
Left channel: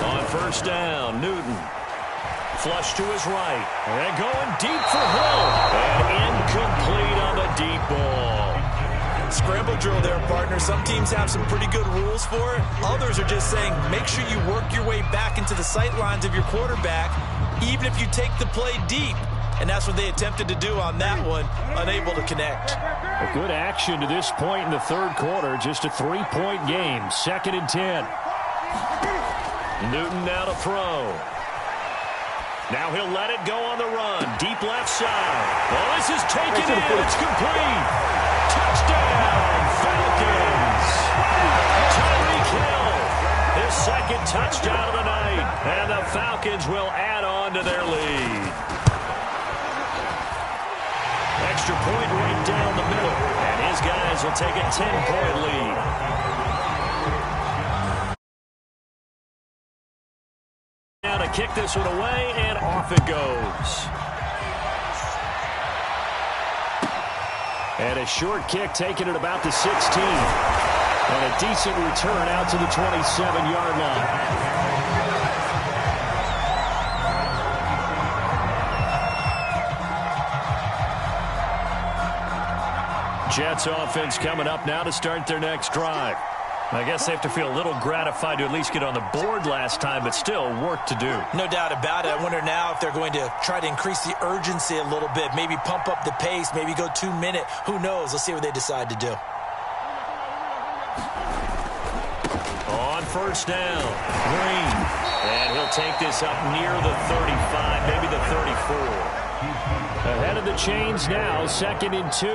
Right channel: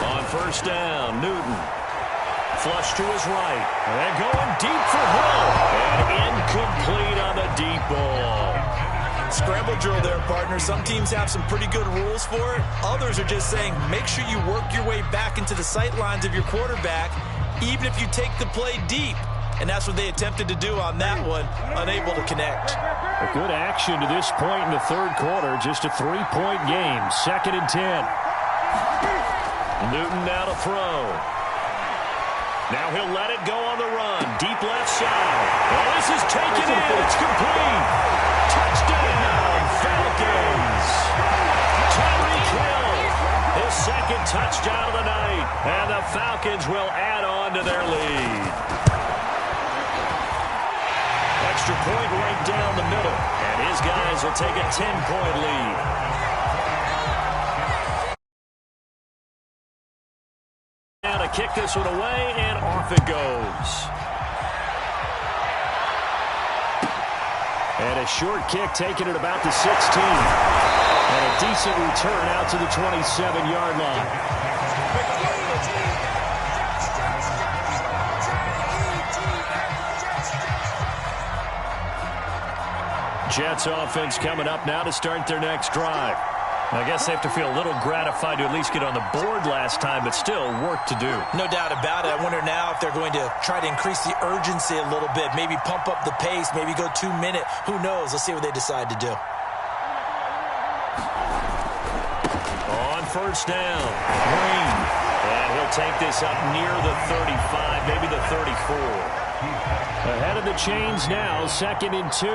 On first down, Newton. Flush to his right. And going deep for Hill. And incomplete on the deep ball. Scramble drill there, partner. Some teams have some pretty good rules for it. Others are just saying make sure you work your way back into the sight lines of your quarterback, even if you take the play deep. And that's what they attempted to do on that one, unable to connect. A good action to this point in the third quarter. Just a 3-point game. 2nd and 10. Newton now to throw. Now he'll let it go on the run. Deep left side. Well, this is taken in. It's complete. Touchdown, Falcons. Tyreek Hill, his 2nd touchdown of the night. And the Falcons will add on to their lead. Extra point right down the middle. And his guys will take a 10-point lead. Now to kick this one away, and off it goes. And a short kick taken at about the 16. And a decent return out to the 27-yard line. Jets offense coming up now to start their next drive. I guess they have to feel a little gratified to at least get on the board last time, but still work to do. No doubt about it. I wonder now if they're going to try to increase the urgency a little bit, maybe pump up the pace, maybe go 2-minute. Who knows? Let's see what they decide to do. On first down, Green. And he'll take this up near the 35, maybe the 34. Ahead of the chains now, 2nd and 2.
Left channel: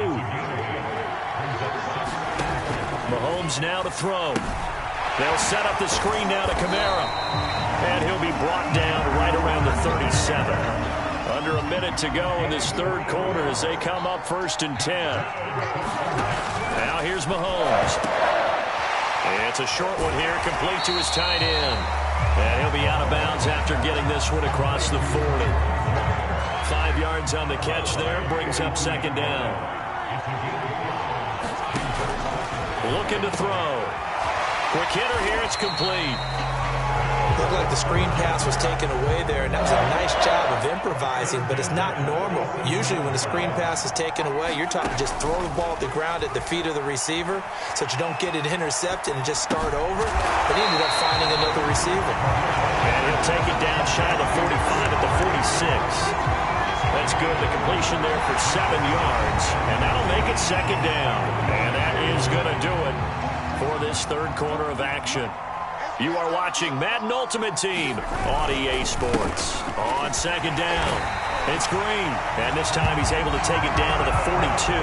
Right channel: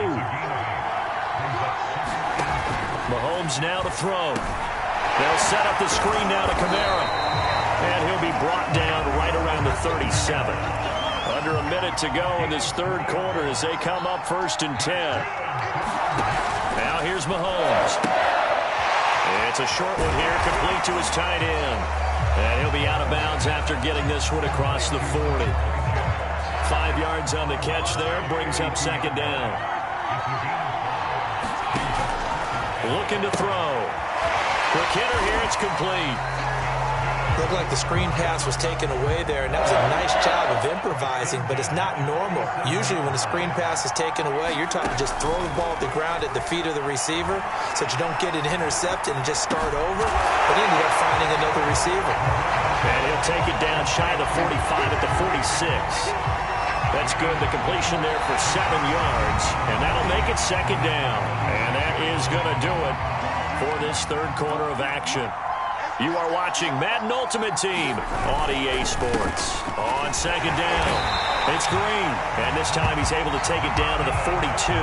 Mahomes now to throw. They'll set up the screen now to Kamara. And he'll be brought down right around the 37. Under a minute to go in this third quarter as they come up 1st and 10. Now here's Mahomes. It's a short one here, complete to his tight end. And he'll be out of bounds after getting this one across the 40. 5 yards on the catch there, brings up 2nd down. Looking to throw. Quick hitter here, it's complete. Looked like the screen pass was taken away there, and that was a nice job of improvising, but it's not normal. Usually when the screen pass is taken away, you're taught to just throw the ball at the ground at the feet of the receiver so that you don't get it intercepted and just start over. But he ended up finding another receiver. And he'll take it down shy of the 45 at the 46. That's good. The completion there for 7 yards. And that'll make it 2nd down. And that is going to do it for this third quarter of action. You are watching Madden Ultimate Team on EA Sports. On 2nd down, it's Green. And this time he's able to take it down to the 42.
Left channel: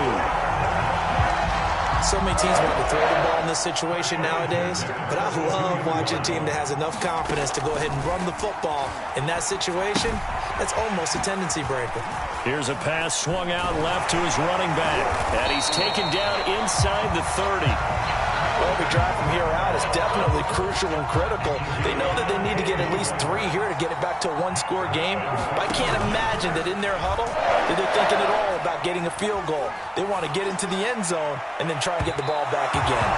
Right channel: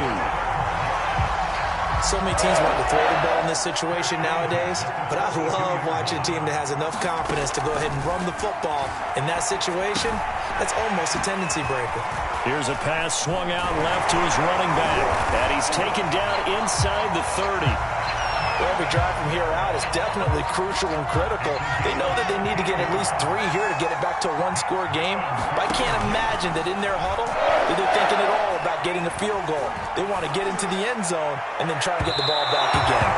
So many teams want to throw the ball in this situation nowadays, but I love watching a team that has enough confidence to go ahead and run the football in that situation. That's almost a tendency breaker. Here's a pass swung out left to his running back. And he's taken down inside the 30. Well, every drive from here out is definitely crucial and critical. They know that they need to get at least 3 here to get it back to a one-score game. But I can't imagine that in their huddle that they're thinking at all about getting a field goal. They want to get into the end zone and then try and get the ball back again.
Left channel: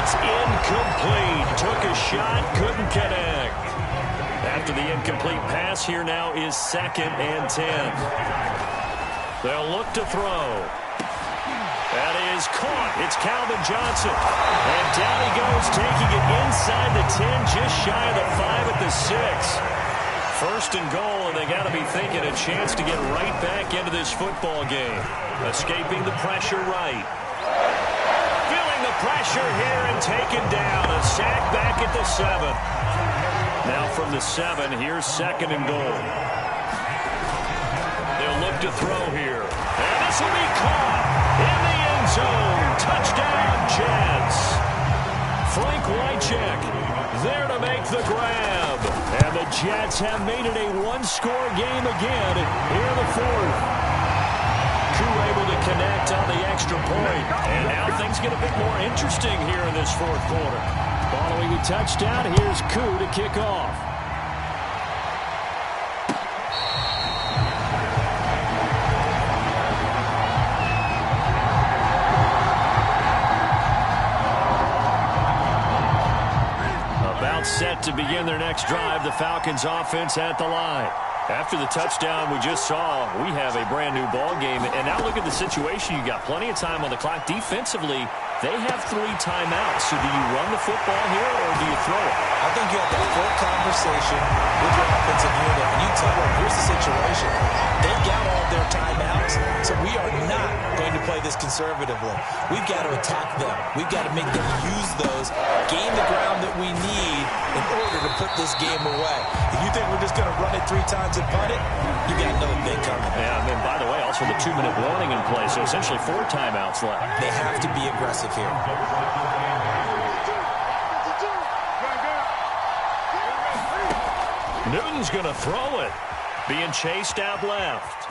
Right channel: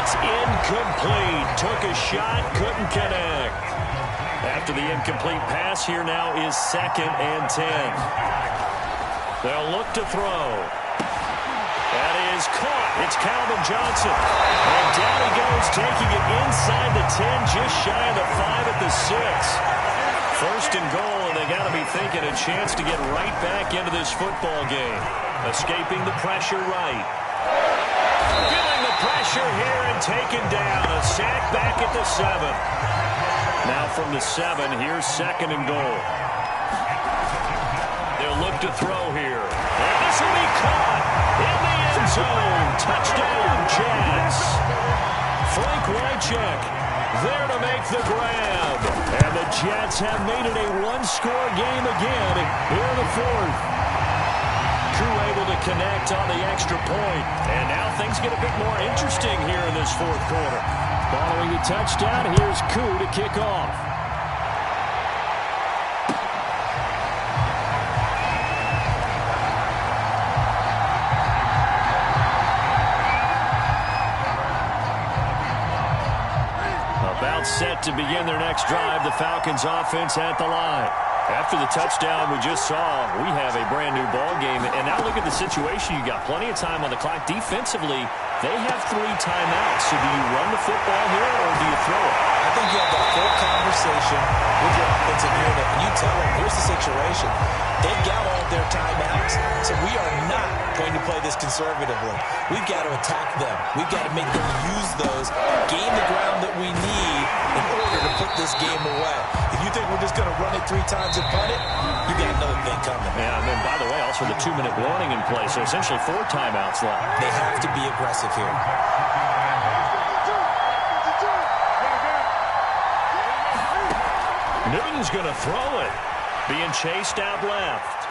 It's incomplete. Took a shot, couldn't connect. After the incomplete pass, here now is 2nd and 10. They'll look to throw. That is caught. It's Calvin Johnson. And down he goes, taking it inside the 10, just shy of the 5 at the 6. 1st and goal, and they got to be thinking a chance to get right back into this football game. Escaping the pressure right. Feeling the pressure here and taken down. A sack back at the 7. Now from the 7, here's 2nd and goal. They'll look to throw here. And this will be caught in the end zone. Touchdown, Jets. Frank Wycheck there to make the grab. And the Jets have made it a one-score game again here in the 4th. Crew able to connect on the extra point. And now things get a bit more interesting here in this 4th quarter. Following the touchdown, here's Koo to kick off. About set to begin their next drive, the Falcons offense at the line. After the touchdown we just saw, we have a brand new ball game. And now look at the situation. You got plenty of time on the clock. Defensively, they have 3 timeouts. So do you run the football here or do you throw it? I think you have that full conversation with your offensive unit, and you tell them, here's the situation. They've got all their timeouts, so we are not going to play this conservatively. We've got to attack them. We've got to make them use those, gain the ground that we need in order to put this game away. If you think we're just going to run it 3 times and punt it, you got another thing coming. Yeah, and then, by the way, also the 2-minute warning in play, so essentially 4 timeouts left. They have to be aggressive here. Newton's going to throw it. Being chased out left.